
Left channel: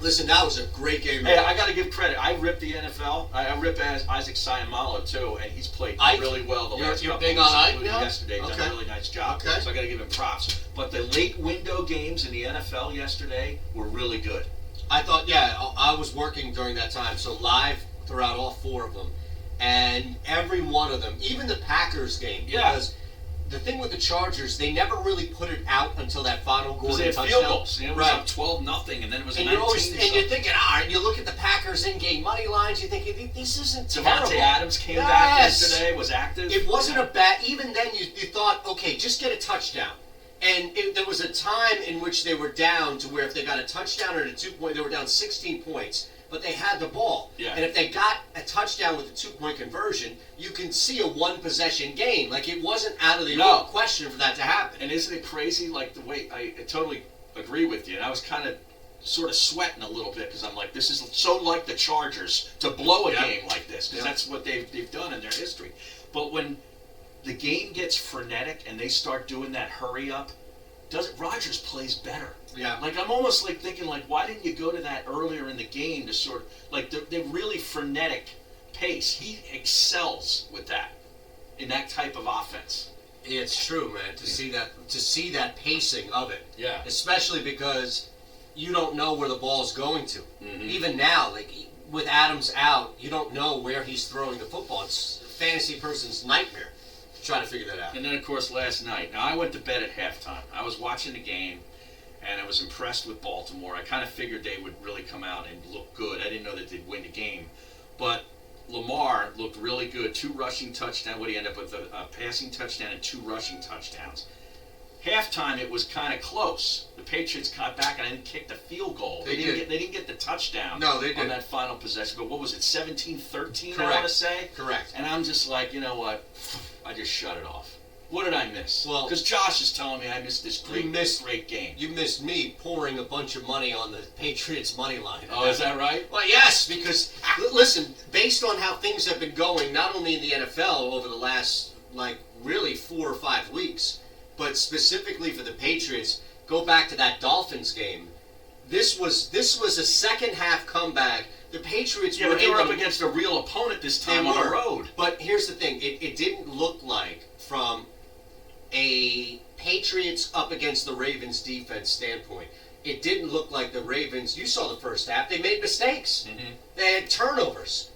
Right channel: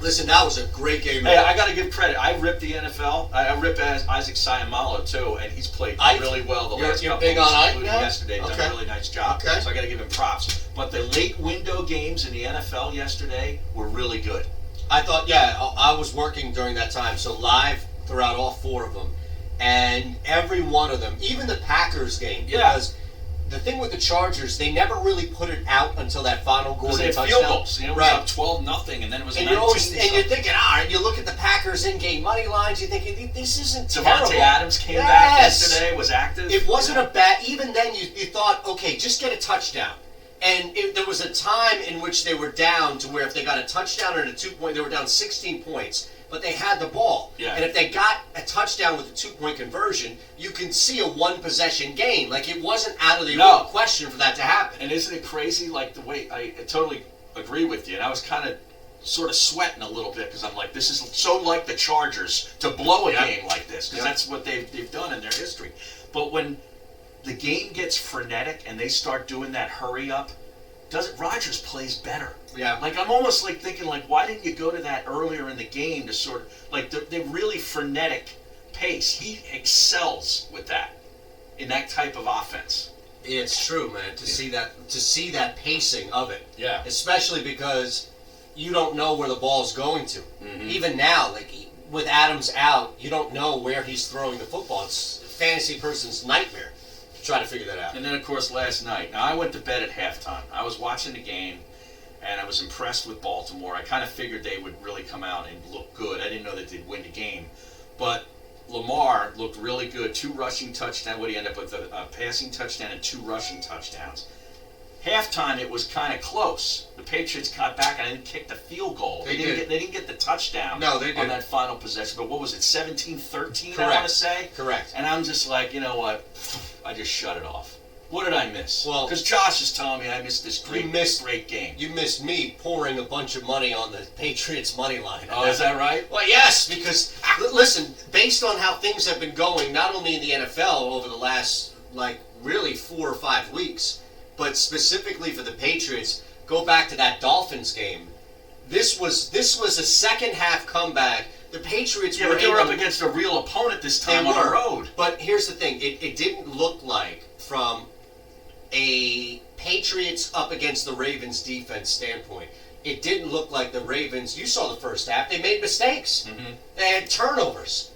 Listen, that was a great game. Hey, I got to give credit. I ripped the NFL. I ripped Isaac Sayamalo, too, and he's played really well the last couple of weeks, including yesterday. Done a really nice job. So I got to give him props. But the late window games in the NFL yesterday were really good. I thought, I was working during that time, so live throughout all 4 of them. And every one of them, even the Packers game, because the thing with the Chargers, they never really put it out until that final Gordon touchdown. Field goals. It was up 12-0, and then it was 19. And you're thinking, you look at the Packers in-game money lines, you're thinking, this isn't terrible. Devontae Adams came back yesterday, was active. It wasn't a bad, even then you thought, okay, just get a touchdown. And there was a time in which they were down to where if they got a touchdown or a 2-point, they were down 16 points. But they had the ball. Yeah. And if they got a touchdown with a 2-point conversion, you can see a 1-possession game. Like, it wasn't out of the question for that to happen. And isn't it crazy, like, the way, I totally agree with you. And I was kind of sort of sweating a little bit because I'm like, this is so like the Chargers to blow a game like this. Because that's what they've done in their history. But when the game gets frenetic and they start doing that hurry up, Rodgers plays better. Yeah. Like, I'm almost like thinking, like, why didn't you go to that earlier in the game to sort of, like, the really frenetic pace. He excels with that, in that type of offense. It's true, man, to see that pacing of it. Yeah. Especially because you don't know where the ball's going to. Mm-hmm. Even now, like, with Adams out, you don't know where he's throwing the football. It's a fantasy person's nightmare. Try to figure that out. And then, of course, last night. Now, I went to bed at halftime. I was watching the game, and I was impressed with Baltimore. I kind of figured they would really come out and look good. I didn't know that they'd win the game. But Lamar looked really good. 2 rushing touchdowns. What did he end up with? A passing touchdown and 2 rushing touchdowns. Halftime, it was kind of close. The Patriots got back and kicked the field goal. They didn't get the touchdown on that final possession. But what was it, 17-13, I want to say? Correct. And I'm just like, you know what? I just shut it off. What did I miss? Well, because Josh is telling me I missed this great game. You missed me pouring a bunch of money on the Patriots money line. Oh, is that right? Well, yes, because, listen, based on how things have been going, not only in the NFL over the last, really 4 or 5 weeks, but specifically for the Patriots, go back to that Dolphins game. This was a second-half comeback. The Patriots were they were up against a real opponent this time on the road. But here's the thing. It didn't look like, from a Patriots up against the Ravens defense standpoint, it didn't look like the Ravens, you saw the first half, they made mistakes. Mm-hmm. They had turnovers.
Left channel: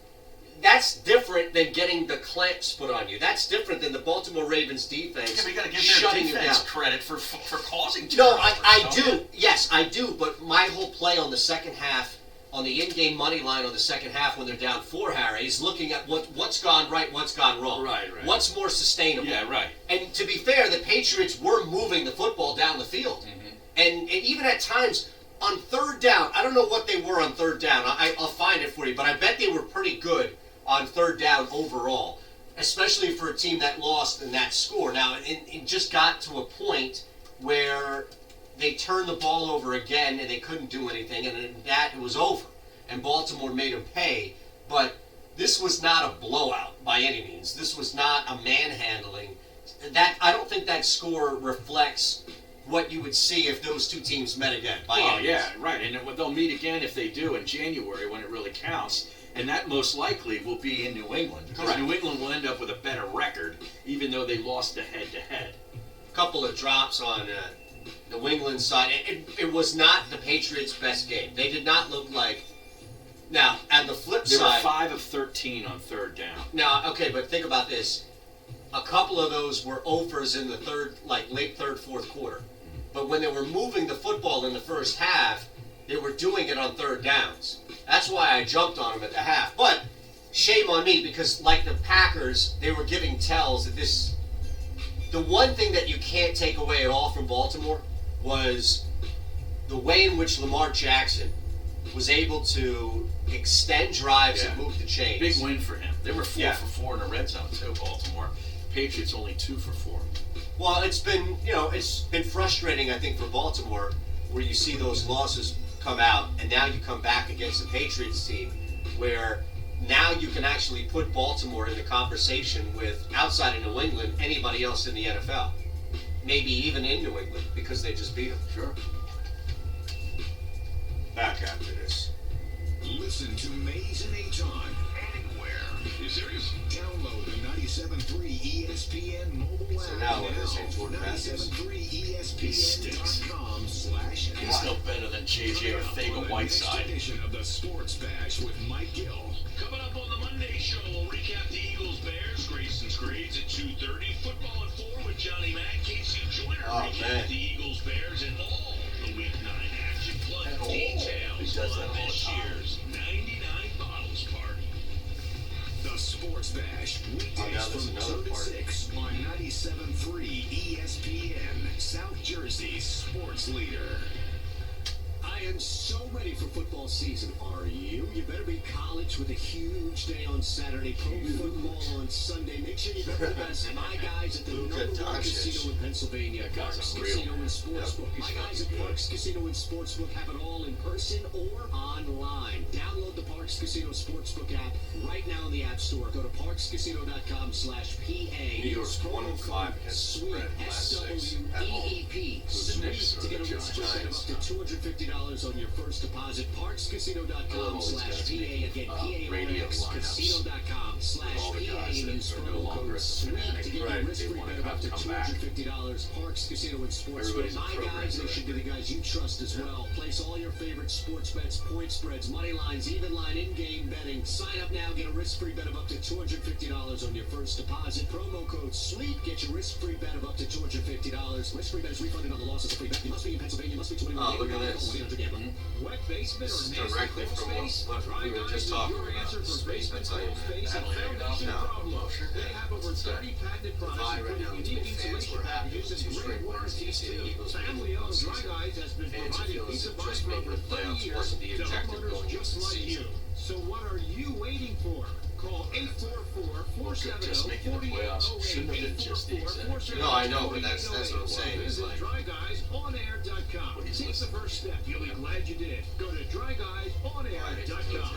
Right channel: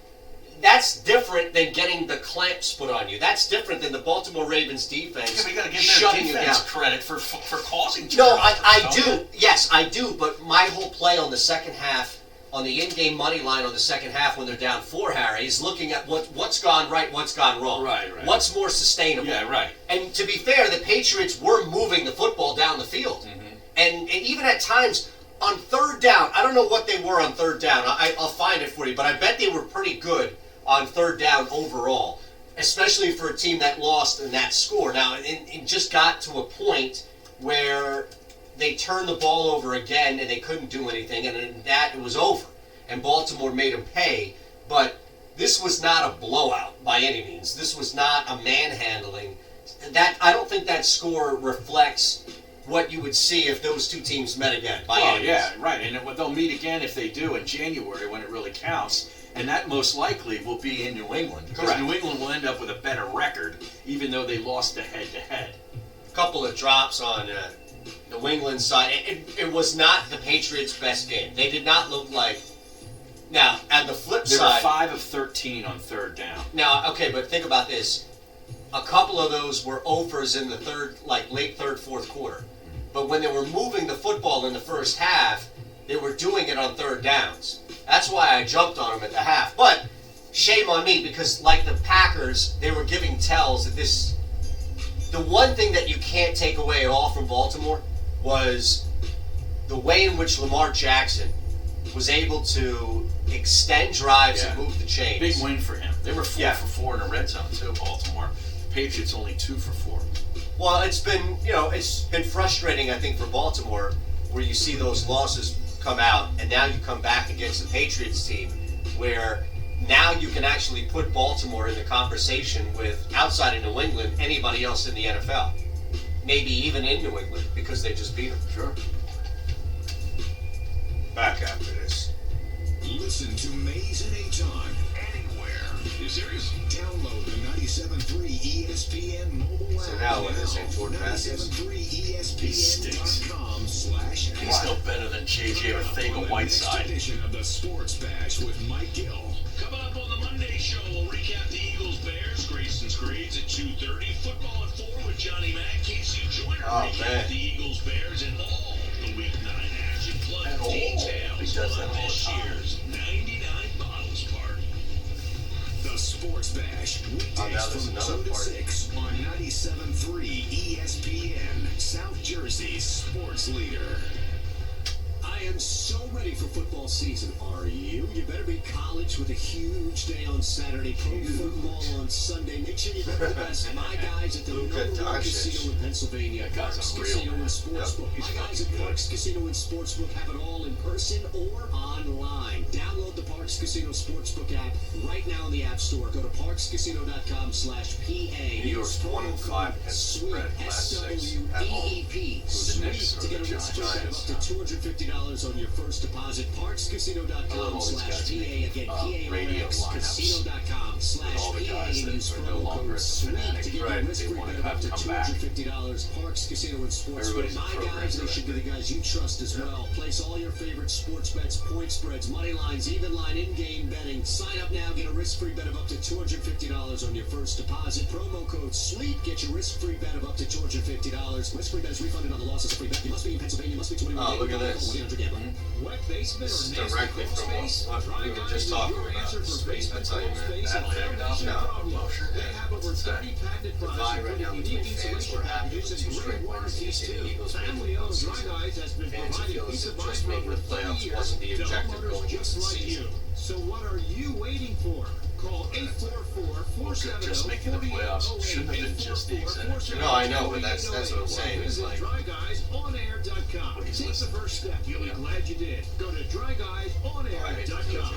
That's different than getting the clamps put on you. That's different than the Baltimore Ravens defense we got to give shutting their defense you down. credit for causing turnovers. No, I do. Yes, I do. But my whole play on the second half, on the in-game money line on the second half when they're down 4, Harry, is looking at what's gone right, what's gone wrong. Right. What's more sustainable. Yeah, right. And to be fair, the Patriots were moving the football down the field. Mm-hmm. And even at times, on 3rd down, I don't know what they were on 3rd down. I'll find it for you, but I bet they were pretty good on 3rd down overall, especially for a team that lost in that score. Now, it just got to a point where they turned the ball over again and they couldn't do anything, and in that it was over. And Baltimore made them pay. But this was not a blowout by any means. This was not a manhandling. That I don't think that score reflects what you would see if those two teams met again. By any means. Yeah, right. And they'll meet again if they do in January when it really counts. And that most likely will be in New England. Because Correct. New England will end up with a better record, even though they lost the head-to-head. A couple of drops on the New England side. It was not the Patriots' best game. They did not look like... Now, at the flip They side... were 5 of 13 on third down. Now, okay, but think about this. A couple of those were overs in the late third, fourth quarter. But when they were moving the football in the first half, they were doing it on third downs. That's why I jumped on them at the half. But shame on me, because like the Packers, they were giving tells that this... The one thing that you can't take away at all from Baltimore was the way in which Lamar Jackson was able to extend drives and move the chains. Big win for him. They were 4 for 4 in the red zone too, Baltimore. Patriots only 2 for 4. Well, it's been frustrating, I think, for Baltimore, where you see those losses come out, and now you come back against the Patriots team, where now you can actually put Baltimore in the conversation with, outside of New England, anybody else in the NFL. Maybe even in New England, because they just beat them. Sure. Back after this. Listen to Mays and Aton anywhere. You serious? Download the 97.3 ESPN mobile app. So now what is it, Jordan Matthews? 97.3ESPN.com/. He's no better than JJ or Thega Whiteside. Edition of the Sports Bash with Mike Gill. Coming up on the Monday show, we'll recap the Eagles-Bears. Grayson's Grades at 2:30. Football at 4 with Johnny Mack. Casey Joyner recap the Eagles-Bears and all the Week 9 action. Plus details on this year's 99 Bottles Party. The Sports Bash, weekdays from 2 to 6 on 97.3 ESPN, South Jersey's sports leader. I am so ready for football season. Are you? You better be college with a huge day on Saturday, pro football on Sunday. Make sure you bet the best. My guys at the number one casino in Pennsylvania, Parks Casino and Sportsbook. My guys at Parks Casino and Sportsbook have it all in person or online. Download the Parks Casino Sportsbook app right now in the App Store. Go to parkscasino.com/PA. New York's 105 has spread last 6 at home. The Knicks to get a risk free bet of up to $250 on your first deposit. Parkscasino.com/PA. Again, Casino.com/PA. And use promo code SWEET to get your risk free bet of up to $250. Parks Casino and Sportsbook. My guys, they should be the guys you trust as well. Place all your favorite sports bets, point spreads, money lines, even line, in-game betting. Sign up now, get a risk-free bet of up to $250 on your first deposit. Promo code SWEET. Get your risk-free bet of up to $250. Risk-free bet is refunded on the loss of free bet. You must be in Pennsylvania. Must be 21. Oh, look at this. Wet basement This is or nasty directly crawl from space? what we were just talking Your about. answer for Space, I basement tell you, crawl man. space That and figured out foundation now. problems. They have over 30 patented products, Divide right now including between unique fans insulation were happy packages with and 2 great straight wins warranties against the too. Eagles. Family-owned Dry Guys has been Fans who providing feel peace as of if mind just for making over the 30 playoffs years wasn't the to objective homeowners going into just the like season. you. So what are you waiting for? Call 844-470-4808. Just making the playoffs shouldn't have been just the exact. No, I know, but that's what I'm saying. It's like DryGuysOnAir.com. Take the first step. You'll be glad you did. Go to DryGuysOnAir.com.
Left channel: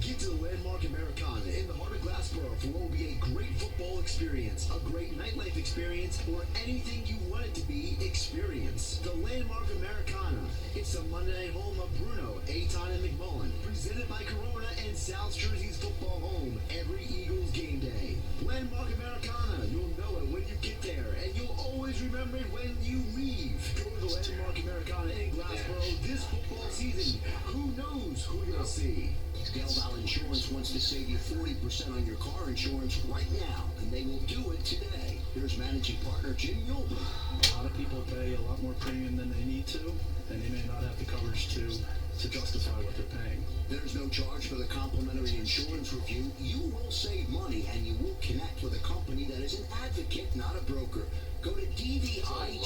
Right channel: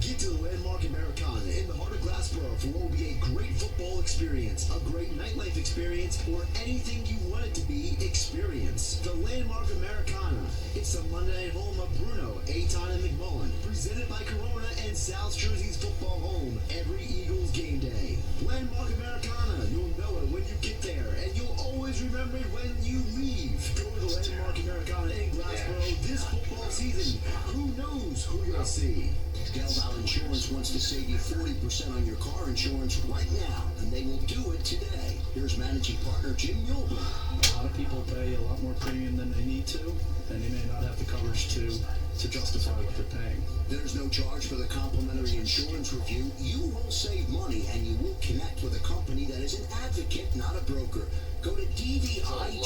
Get to the Landmark Americana in the heart of Glassboro for what will be a great football experience, a great nightlife experience, or anything you want it to be experience. The Landmark Americana. It's the Monday night home of Bruno, Aton, and McMullen. Presented by Corona and South Jersey's football home every Eagles game day. Landmark Americana. You'll know it when you get there, and you'll always remember it when you leave. Go to the Landmark Americana in Glassboro this football season. Who knows who you'll see? Delval Insurance wants to save you 40% on your car insurance right now, and they will do it today. Here's managing partner Jim Yolden. A lot of people pay a lot more premium than they need to, and they may not have the coverage to justify what they're paying. There's no charge for the complimentary insurance review. You will save money, and you will connect with a company that is an advocate, not a broker. Go to dvigi.com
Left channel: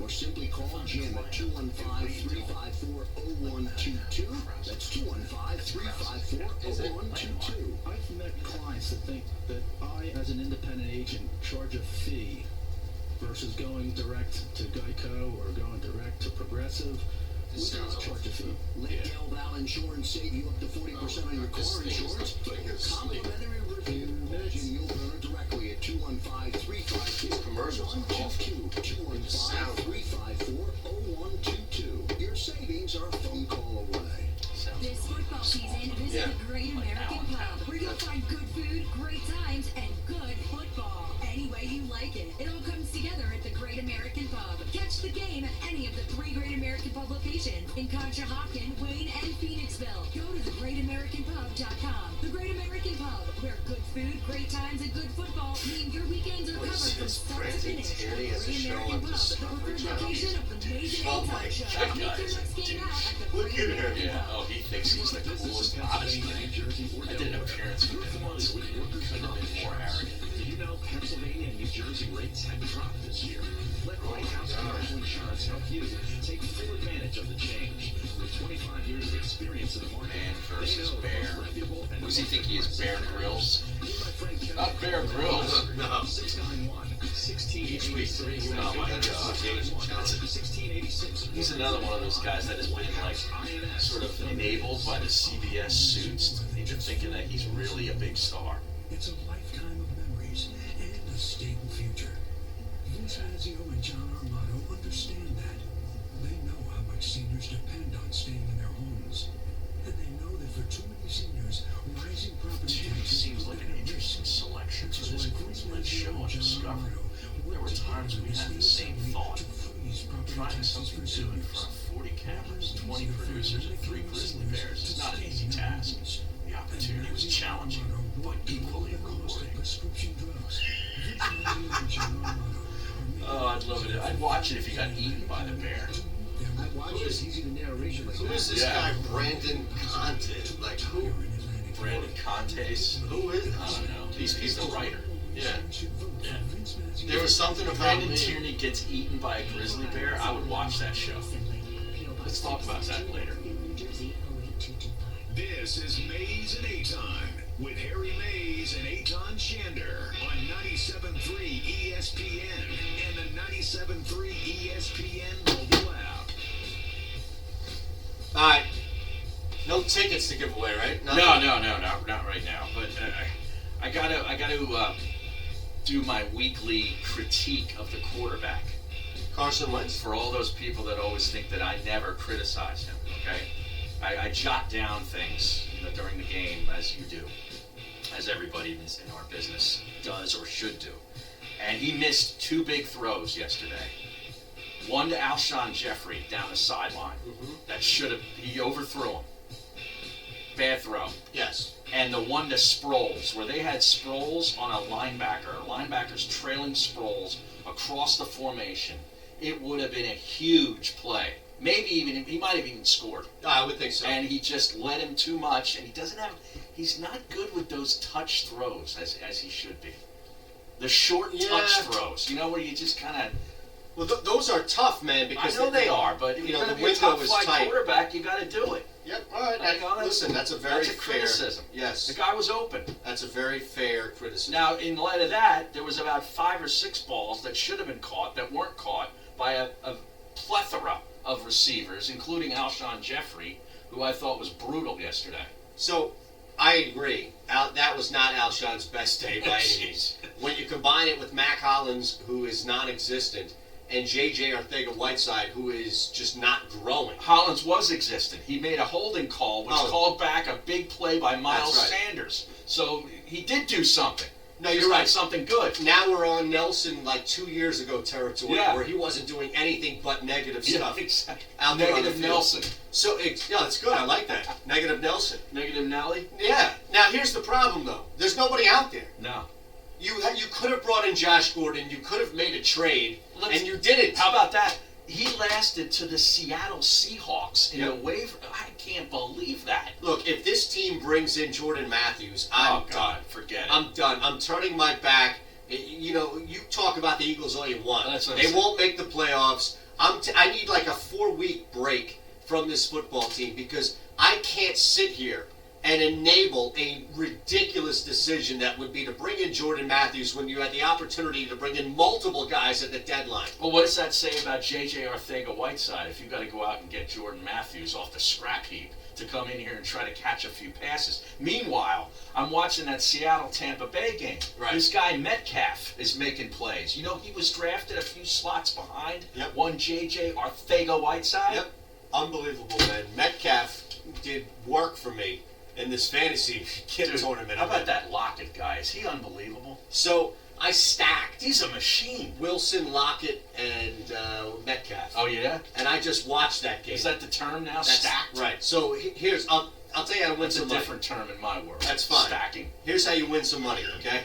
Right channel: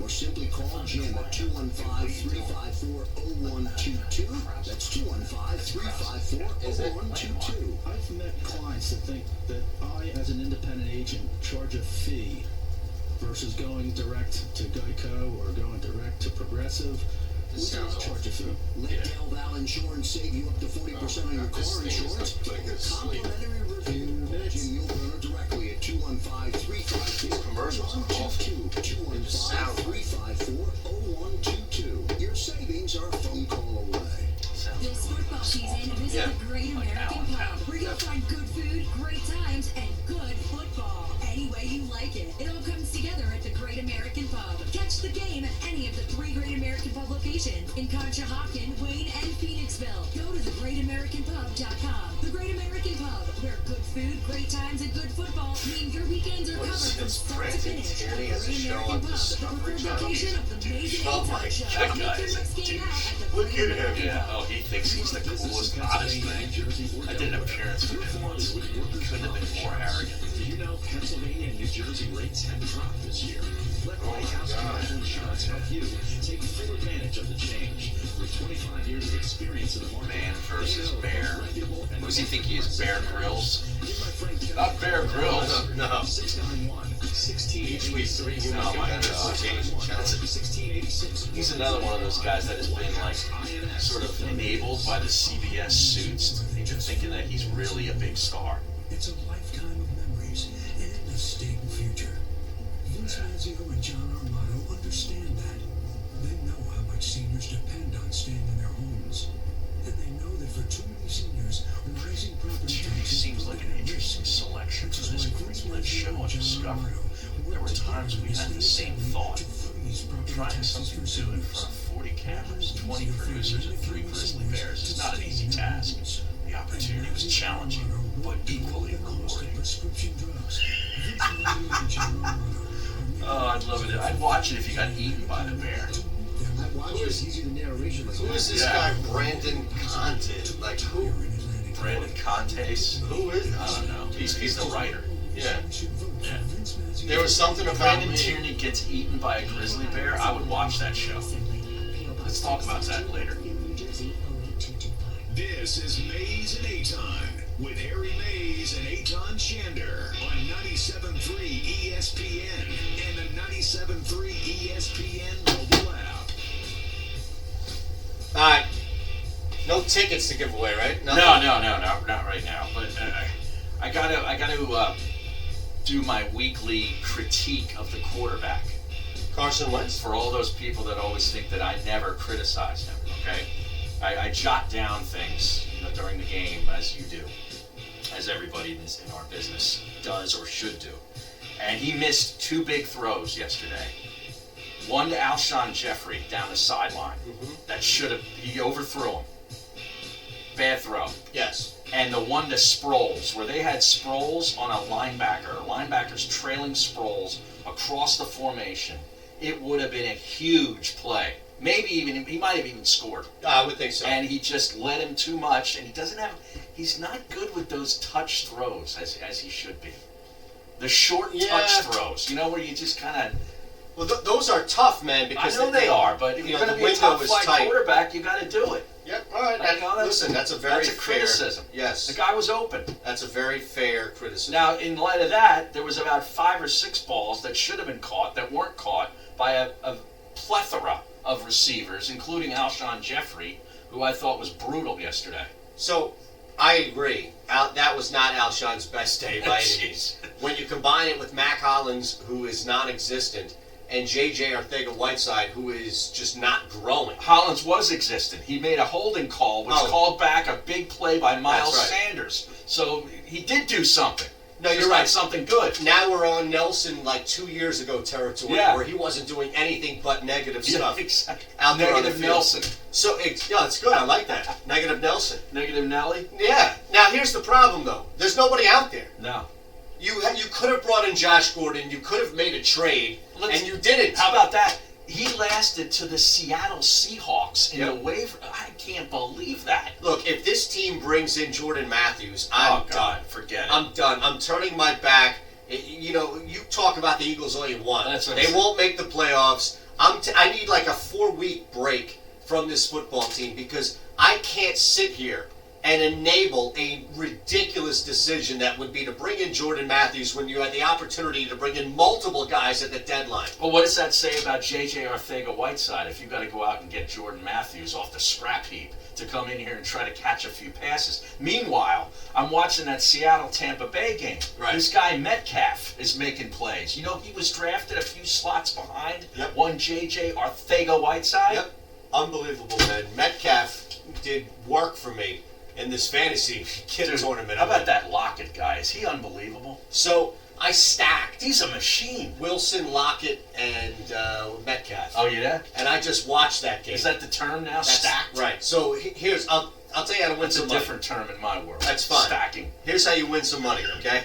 or simply call Jim at 215-354-0122. That's 215-354-0122. I've met clients that think that I, as an independent agent, charge a fee versus going direct to Geico or going direct to Progressive. sounds awful. Let Del Val Insurance save you up to 40% on your car insurance. Complimentary review. Mention Yul Brynner directly at 215-354-0122. Commercials are awful. 215-354-0122. Your savings are a phone call away. This football season, visit the Great American Pub, where you'll find good food, great times, and good football. Any way you like it. It all comes together at the Great American Pub. Catch the game at any of the 3 Great American Pub locations in Conshohocken, Wayne, and Phoenixville. Go to thegreatamericanpub.com. The Great American Pub, where good food, great times, and good football mean your weekends are covered from start to finish. The Great American Pub, the preferred location of the amazing Oh my, A-Time Show. that guy is a douche. Look at him. Yeah, oh, he thinks he's the coolest, hottest thing. I did an appearance with him once. He couldn't have been more arrogant. Do you know Pennsylvania and New Jersey rates have dropped this year? Let White House Commercial Insurance help you take full advantage of the change. With 25 years of experience in the market, Man versus Bear. Who does he think he is? Bear Grylls? Not Bear Grylls. No. 691-1686. Each week, 3 new Oh my God. Challenge. He's another one of those guys that has been like sort of enabled by the CBS suits into thinking that he's really a big star. It's a lifetime of memories and a stable future. Vince Mazzio and John Armato understand that. They know how much seniors depend on staying in their homes. And they know that for too many seniors, rising property taxes Seems like an interesting selection for this greenlit show on Discovery. There were times we had the same thought. Trying something new in front of 40 cameras, 20 producers, and 3 grizzly bears is not an easy task. The opportunity was challenging, but equally rewarding. Oh, I'd love it. I'd watch it if you got eaten by the bear. Who is this guy, Brandon Conte? Like, who? Brandon Contes. Who is? I don't know. He's the writer. Yeah. Yeah. There was something about Brandon Tierney gets eaten by a grizzly bear. I would watch that show. Let's talk about that later. This is Mays and Aton with Harry Mays and Aton Shander on 97.3 ESPN and the 97.3 ESPN mobile app. All right. No tickets to give away, right? No, not right now. But I gotta do my weekly critique of the quarterback. Carson Wentz. For all those people that always think that I never criticize him, okay? I jot down things, during the game, as you do, as everybody in our business does or should do. And he missed 2 big throws yesterday. One to Alshon Jeffrey down the sideline. That should have, he overthrew him. Bad throw. Yes. And the one to Sproles, where they had Sproles on a linebacker. Linebackers trailing Sproles across the formation. It would have been a huge play. Maybe even, he might have even scored. I would think so. And he just led him too much, and he's not good with those touch throws as he should be. The short touch throws, where you just kind of... Well, those are tough, man, because... I know they are, but if you're going to be a top-flight quarterback, you got to do it. Yep, all right. Listen, that's a very fair... criticism. Yes. The guy was open. That's a very fair criticism. Now, in light of that, there was about 5 or 6 balls that should have been caught that weren't caught by a plethora of receivers, including Alshon Jeffrey, who I thought was brutal yesterday. So, I agree. That was not Alshon's best day by any means. When you combine it with Mac Hollins, who is non-existent, and J.J. Arcega-Whiteside, who is just not growing. Hollins was existent. He made a holding call, which called back a big play by Miles Sanders. So he did do something. No, you're right. Something good. Now we're on Nelson 2 years ago territory, where he wasn't doing anything but negative stuff. Exactly. Out there Negative Nelson. So, it's good. I like that. Negative Nelson. Negative Nelly? Yeah. Now, here's the problem, though. There's nobody out there. No. You could have brought in Josh Gordon. You could have made a trade, and you didn't. How about that? He lasted to the Seattle Seahawks in the waiver. I can't believe that. Look, if this team brings in Jordan Matthews, I'm done. Forget it. I'm done. I'm turning my back. You talk about the Eagles all you want. They won't make the playoffs. I need a 4-week break from this football team because I can't sit here and enable a ridiculous decision that would be to bring in Jordan Matthews when you had the opportunity to bring in multiple guys at the deadline. Well, what does that say about J.J. Arcega-Whiteside if you've got to go out and get Jordan Matthews off the scrap heap to come in here and try to catch a few passes? Meanwhile, I'm watching that Seattle-Tampa Bay game. Right. This guy Metcalf is making plays. You know, he was drafted a few slots behind one J.J. Arcega-Whiteside. Yep. Unbelievable, man. Metcalf did work for me in this fantasy tournament. How about that Lockett guy? Is he unbelievable? So I stacked. He's a machine. Wilson, Lockett, and Metcalf. Oh, yeah? And I just watched that game. Is that the term now? Stacked? Right. So here's, I'll tell you how to win some money. That's a different term in my world. That's fine. Stacking. Here's how you win some money, okay?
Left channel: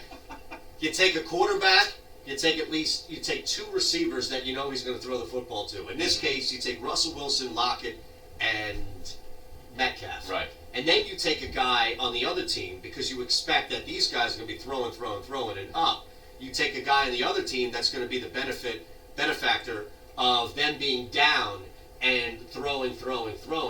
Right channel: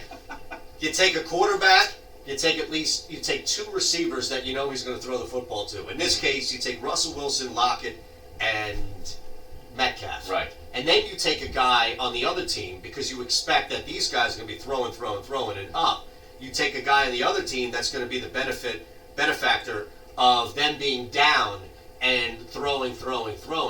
You take a quarterback, you take two receivers that you know he's going to throw the football to. In this case, you take Russell Wilson, Lockett, and Metcalf. Right. And then you take a guy on the other team because you expect that these guys are going to be throwing it up. You take a guy on the other team that's going to be the benefactor of them being down and throwing.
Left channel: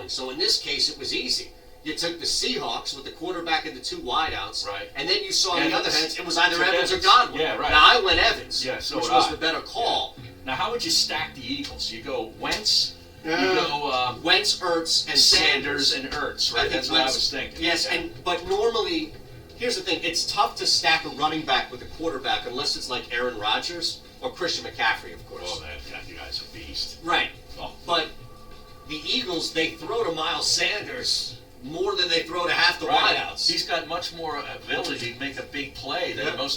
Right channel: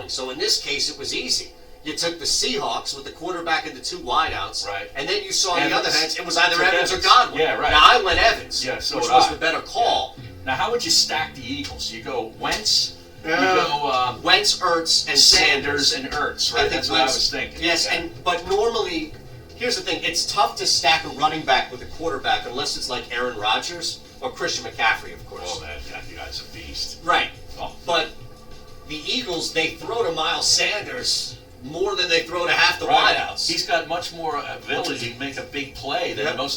So in this case, it was easy. You took the Seahawks with the quarterback and the two wideouts, right? And then you saw on the Evans. other hand, it was either Evans or Godwin. Yeah, right. Now I went Evans, yeah, so which would was I. the better call. Yeah. Now, how would you stack the Eagles? You go Wentz. You go Wentz, Ertz, and Sanders and Ertz, right? That's what I was thinking. Yes, yeah. but normally, here's the thing: it's tough to stack a running back with a quarterback unless it's like Aaron Rodgers or Christian McCaffrey, of course. Oh, that guy's a beast. Right. Oh. But the Eagles, they throw to Miles Sanders more than they throw to half the right. wideouts. He's got much more ability to make a big play than all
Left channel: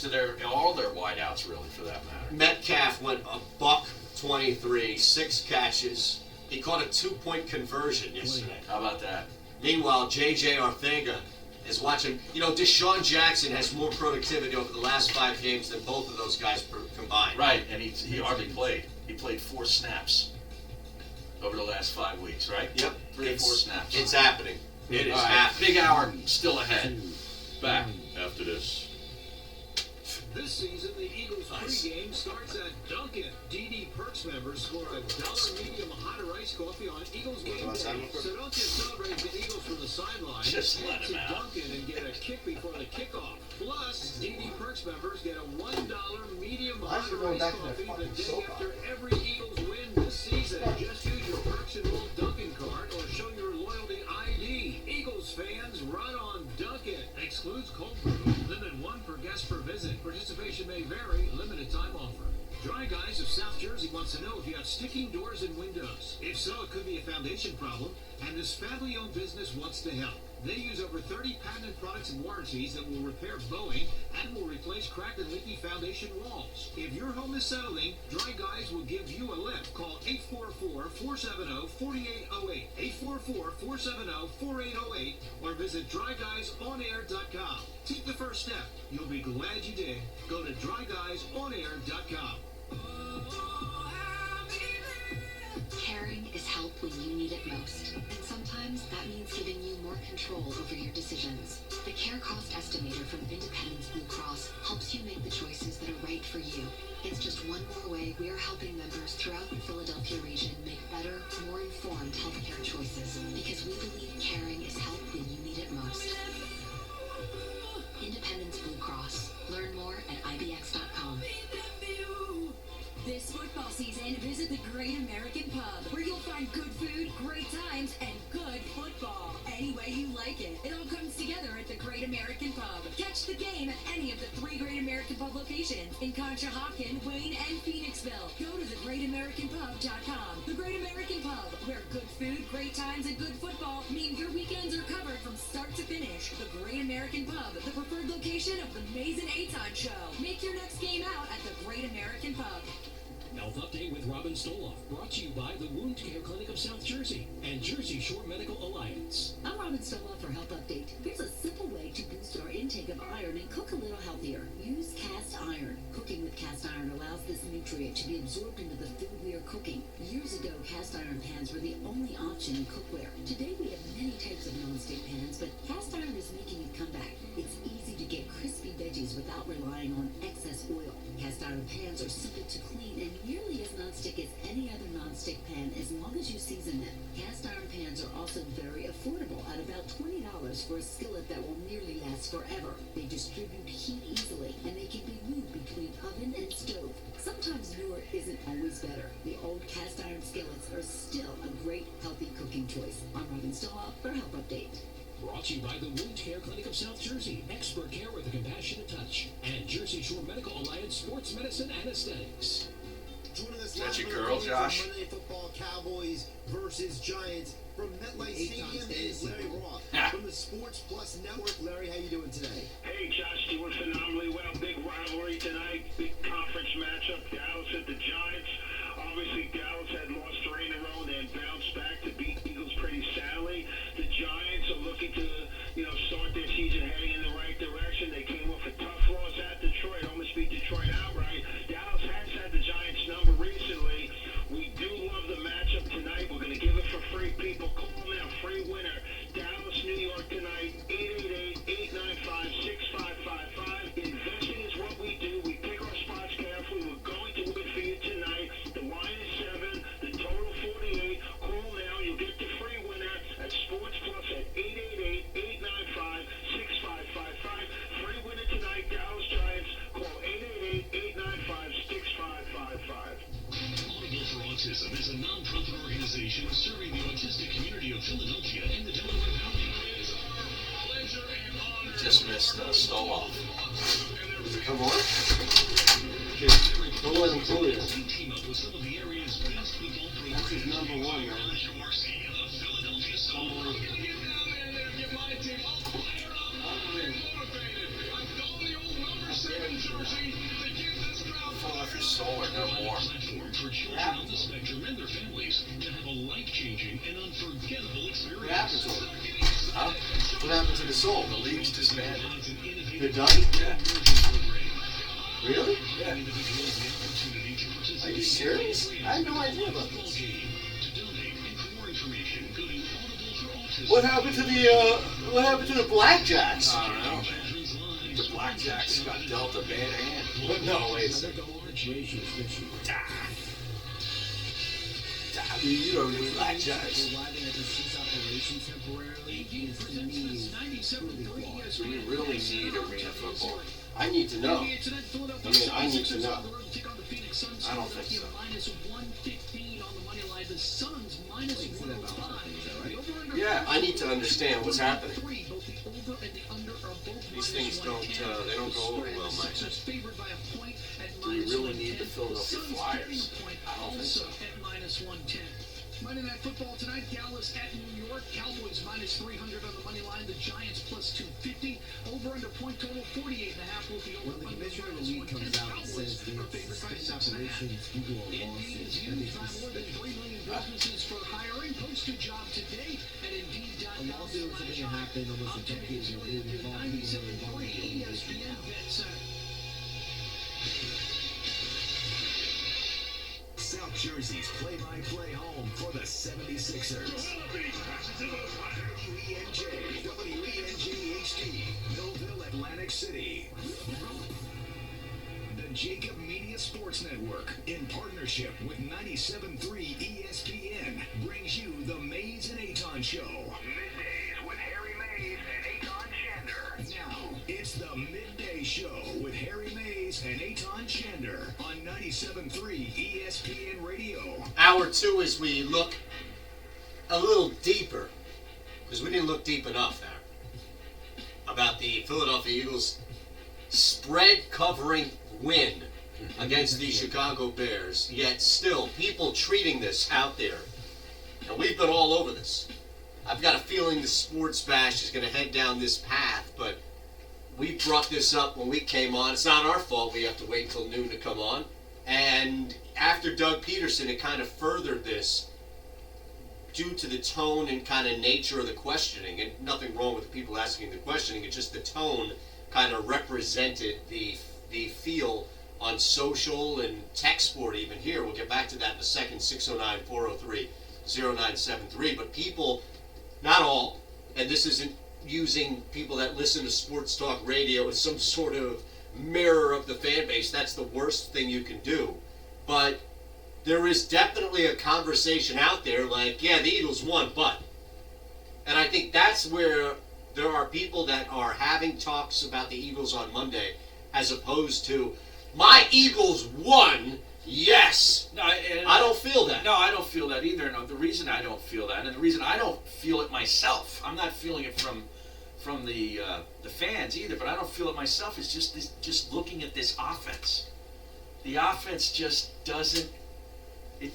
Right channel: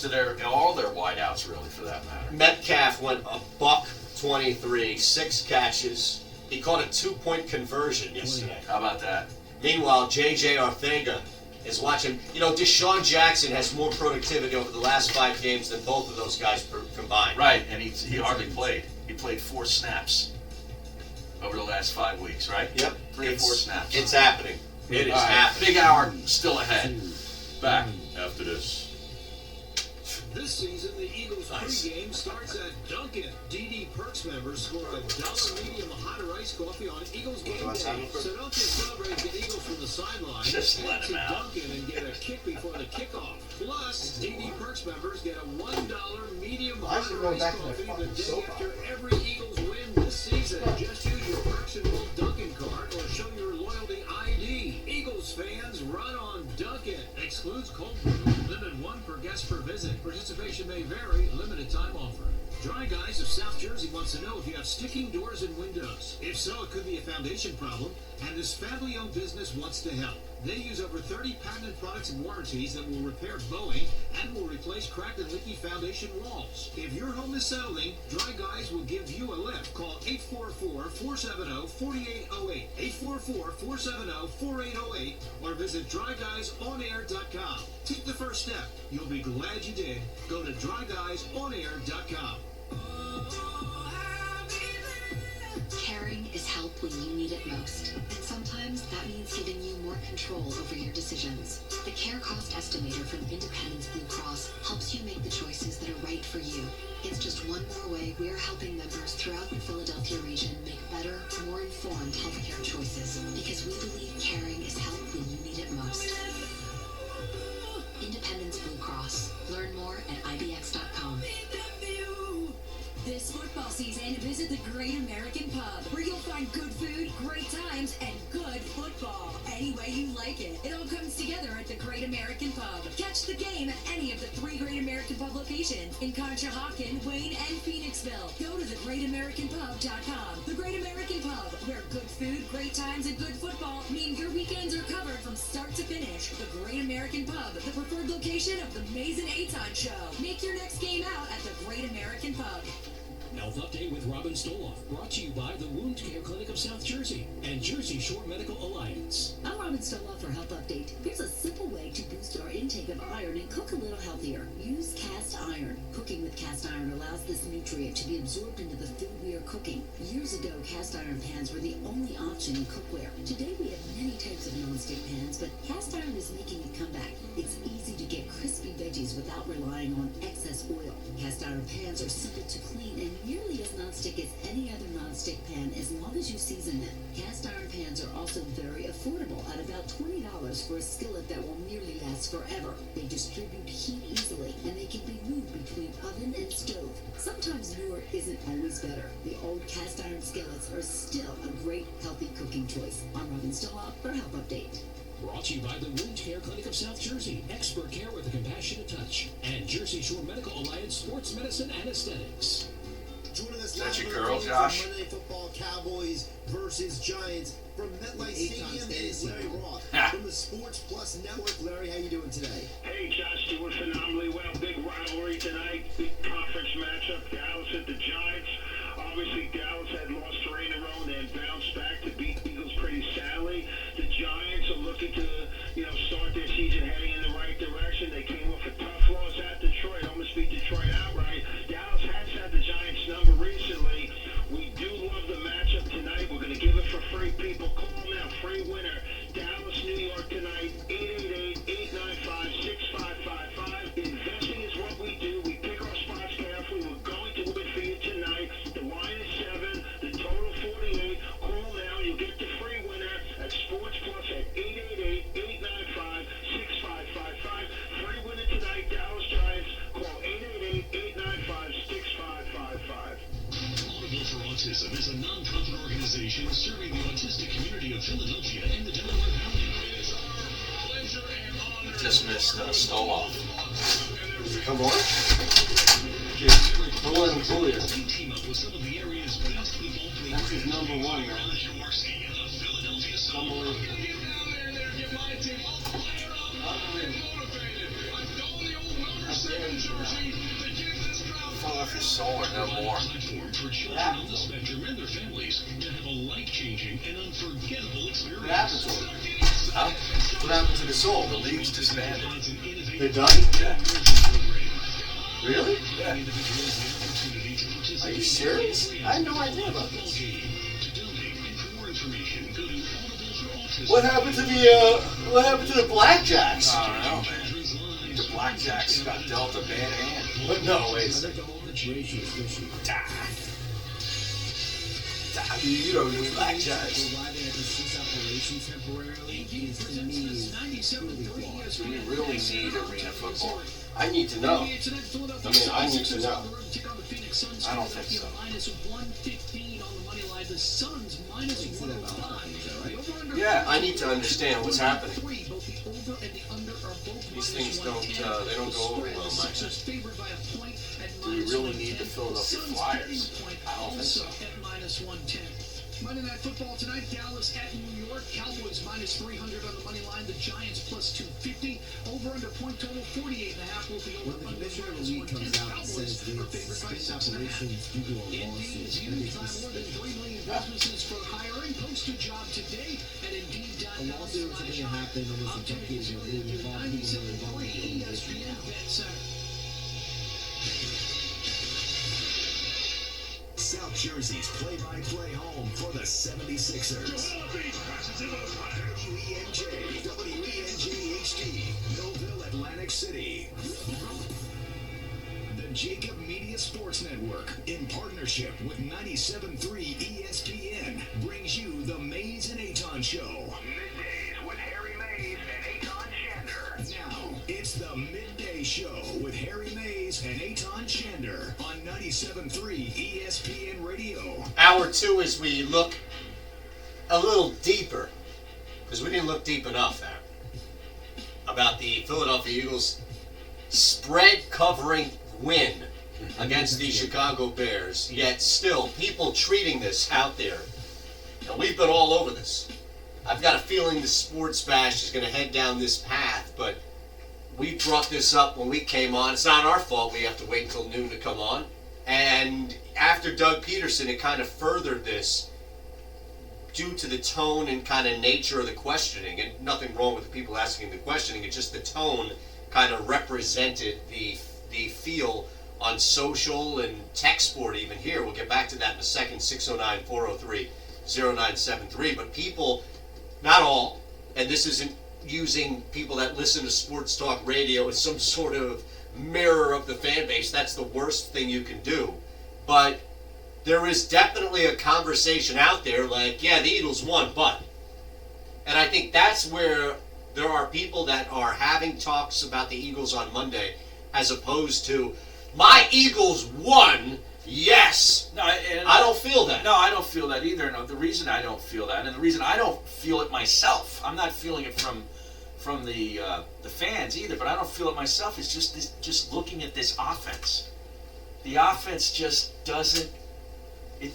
their wideouts, really, for that matter. Metcalf went $123, 6 catches. He caught a 2-point conversion yesterday. How about that? Meanwhile, J.J. Arcega is watching. You know, Deshaun Jackson has more productivity over the last 5 games than both of those guys combined. Right, and he hardly played. He played 4 snaps over the last 5 weeks, right? Yep. 3 or 4 snaps. It's happening. It is happening. Big hour still ahead. Back after this. This season, the Eagles pregame starts at Dunkin'. DD Perks members score a $1 medium hot or iced coffee on Eagles game day. So don't just celebrate the Eagles from the sideline. Just let Head him to out. Dunkin' and get a kick before the kickoff. Plus, DD Perks members get a $1 medium hot or iced coffee the day after every Eagles win this season. Just use your Perks enrolled Dunkin' card or show your loyalty ID. Eagles fans, run on Dunkin'. Excludes cold brew. Limit 1 per guest per visit. Participation may vary. Limited time offer. Dry Guys of South Jersey wants to know if you have sticking doors and windows. If so, it could be a foundation problem, and this family-owned business wants to help. They use over 30 patented products and warranties that will repair bowing and will replace cracked and leaky foundation walls. If your home is settling, Dry Guys will give you a lift. Call 844-470-4808, 844-470-4808, or visit dryguysonair.com. Take the first step. You'll be glad you did. Go to dryguysonair.com. Caring is help when you need it most. And sometimes that means giving you more control over your decisions. The Care Cost Estimator from Independence Blue Cross helps you make the choices that are right for you. It's just one more way we are helping members throughout the Philadelphia region make better, more informed healthcare choices. Because we believe caring is help when you need it most. Independence Blue Cross. Learn more at ibx.com. This football season, visit the Great American Pub, where you'll find good food, great times, and good football. Any way you like it. It all comes together at the Great American Pub. Catch the game at any of the 3 Great American Pub locations in Conshohocken, Wayne, and Phoenixville. Go to thegreatamericanpub.com. The Great American Pub, where good food, great times, and good football mean your weekends are covered from start to finish. The Great American Pub, the preferred location of the Mays and Aton Show. Make your next game out at the Great American Pub. Health Update with Robin Stoloff, brought to you by the Wound Care Clinic of South Jersey and Jersey Shore Medical Alliance. I'm Robin Stoloff for Health Update. Here's a simple way to boost our intake of iron and cook a little healthier. Use cast iron. Cooking with cast iron allows this nutrient to be absorbed into the food we are cooking. Years ago, cast iron pans were the only option in cookware. Today, we have many types of nonstick pans, but cast iron is making a comeback. It's easy to get crispy veggies without relying on excess oil. Cast iron pans are simple to clean and nearly as nonstick as any other nonstick pan as long as you season them. Cast iron pans irons are also very affordable at about $20 for a skillet that will nearly last forever. They distribute heat easily, and they can be moved between oven and stove. Sometimes newer isn't always better. The old cast iron skillets are still a great, healthy cooking choice. I'm Robin Stella for Health Update. Brought to you by the Wound Care Clinic of South Jersey. Expert care with a compassionate touch. And Jersey Shore Medical Alliance Sports Medicine and Aesthetics. Joining us Is that live your on girl, the Josh? Monday Night Football, Cowboys versus Giants from MetLife Stadium is Larry Roth from the Sports Plus Network. Larry, how you doing today? Hey, Josh, doing phenomenally well. Big rivalry tonight, big conference matchup. Dallas at the Giants. Obviously, Dallas had lost 3 in a row and then bounced back to beat Eagles pretty soundly. The Giants are looking to, start their season heading in the right direction. They came off a tough loss at Detroit, almost beat Detroit outright. Dallas has had the Giants number recently. We do love the matchup tonight. We're going to give it for free. People, call now. Free winner. Dallas, New York tonight. 888-895-6555. Investing is what we do. We pick our spots carefully. We're going to win for you tonight. The line is 7. The total 48. Call now. You'll get the free winner at Sports Plus at 888-895-6555. Free winner tonight. Dallas Giants. Call 888-895-6555. Audible for Autism is a non-profit organization serving the autistic community of Philadelphia and the Delaware Valley. It is our pleasure and honor. Just missed Stoloff. Come on. Don't let him fool you. Team up with some of the area's best football programs. That's his number 1, man. Fall off your soul or no more. For children on the spectrum and their families to have a life-changing and unforgettable experience. What happened to him? Huh? What happened to the soul? The league's disbanded. They're done? Yeah. Really? Yeah. Are you serious? I had no idea about this. What happened to the Blackjacks? I don't know, man. The Blackjacks got dealt a bad hand. But no, wait a second. You don't need Blackjacks. Why they had to cease operation temporarily is to me truly flawed. We really need arena football. I need to know. I mean, I need to know. I don't think so. Yeah, I need to understand what's happening. These things don't go over well in my head. Do we really need the Philadelphia Flyers? I don't think so. Monday Night Football tonight, Dallas at New York. Cowboys minus 300 on the money line. The Giants plus 250. Over under point total 48.5 will be over. When the commissioner of the league comes out and says they suspend operations due to a lawsuit, Indeed is used by more than 3 million businesses for hiring. Post a job today at Indeed.com. a lawsuit or something that happened almost a decade ago. They involved people who are involved in the organization now. South Jersey's play-by-play home for the 76ers. WENJ HD, Millville, Atlantic City. The Jacob Media Sports Network, in partnership with 97.3 ESPN, brings you the Mays and Aton Show. Middays with Harry Mays and Aton Shander. Now, it's the Midday Show with Harry Mays and Aton Shander on 97.3 ESPN Radio. Hour 2 as we look a little deeper, because we didn't look deep enough there, about the Philadelphia Eagles spread covering win against the Chicago Bears, yet still people treating this out there. And we've been all over this. I've got a feeling the Sports Bash is going to head down this path, but we brought this up when we came on. It's not our fault we have to wait until noon to come on. And after Doug Peterson, it kind of furthered this due to the tone and kind of nature of the questioning. And nothing wrong with the people asking the questioning. It's just the tone kind of represented the feel on social and tech sport even here. We'll get back to that in a second. 609-403-0973. But people, not all, and this isn't using people that listen to sports talk radio as some sort of mirror of the fan base. That's the worst thing you can do. But there is definitely a conversation out there like, yeah, the Eagles won, but And I think that's where there are people that are having talks about the Eagles on Monday as opposed to, my Eagles won, yes. No, I don't feel that. No, I don't feel that either. No, the reason I don't feel that, and the reason I don't feel it myself, I'm not feeling it from the fans either, but I don't feel it myself, is just looking at this offense. The offense just doesn't, I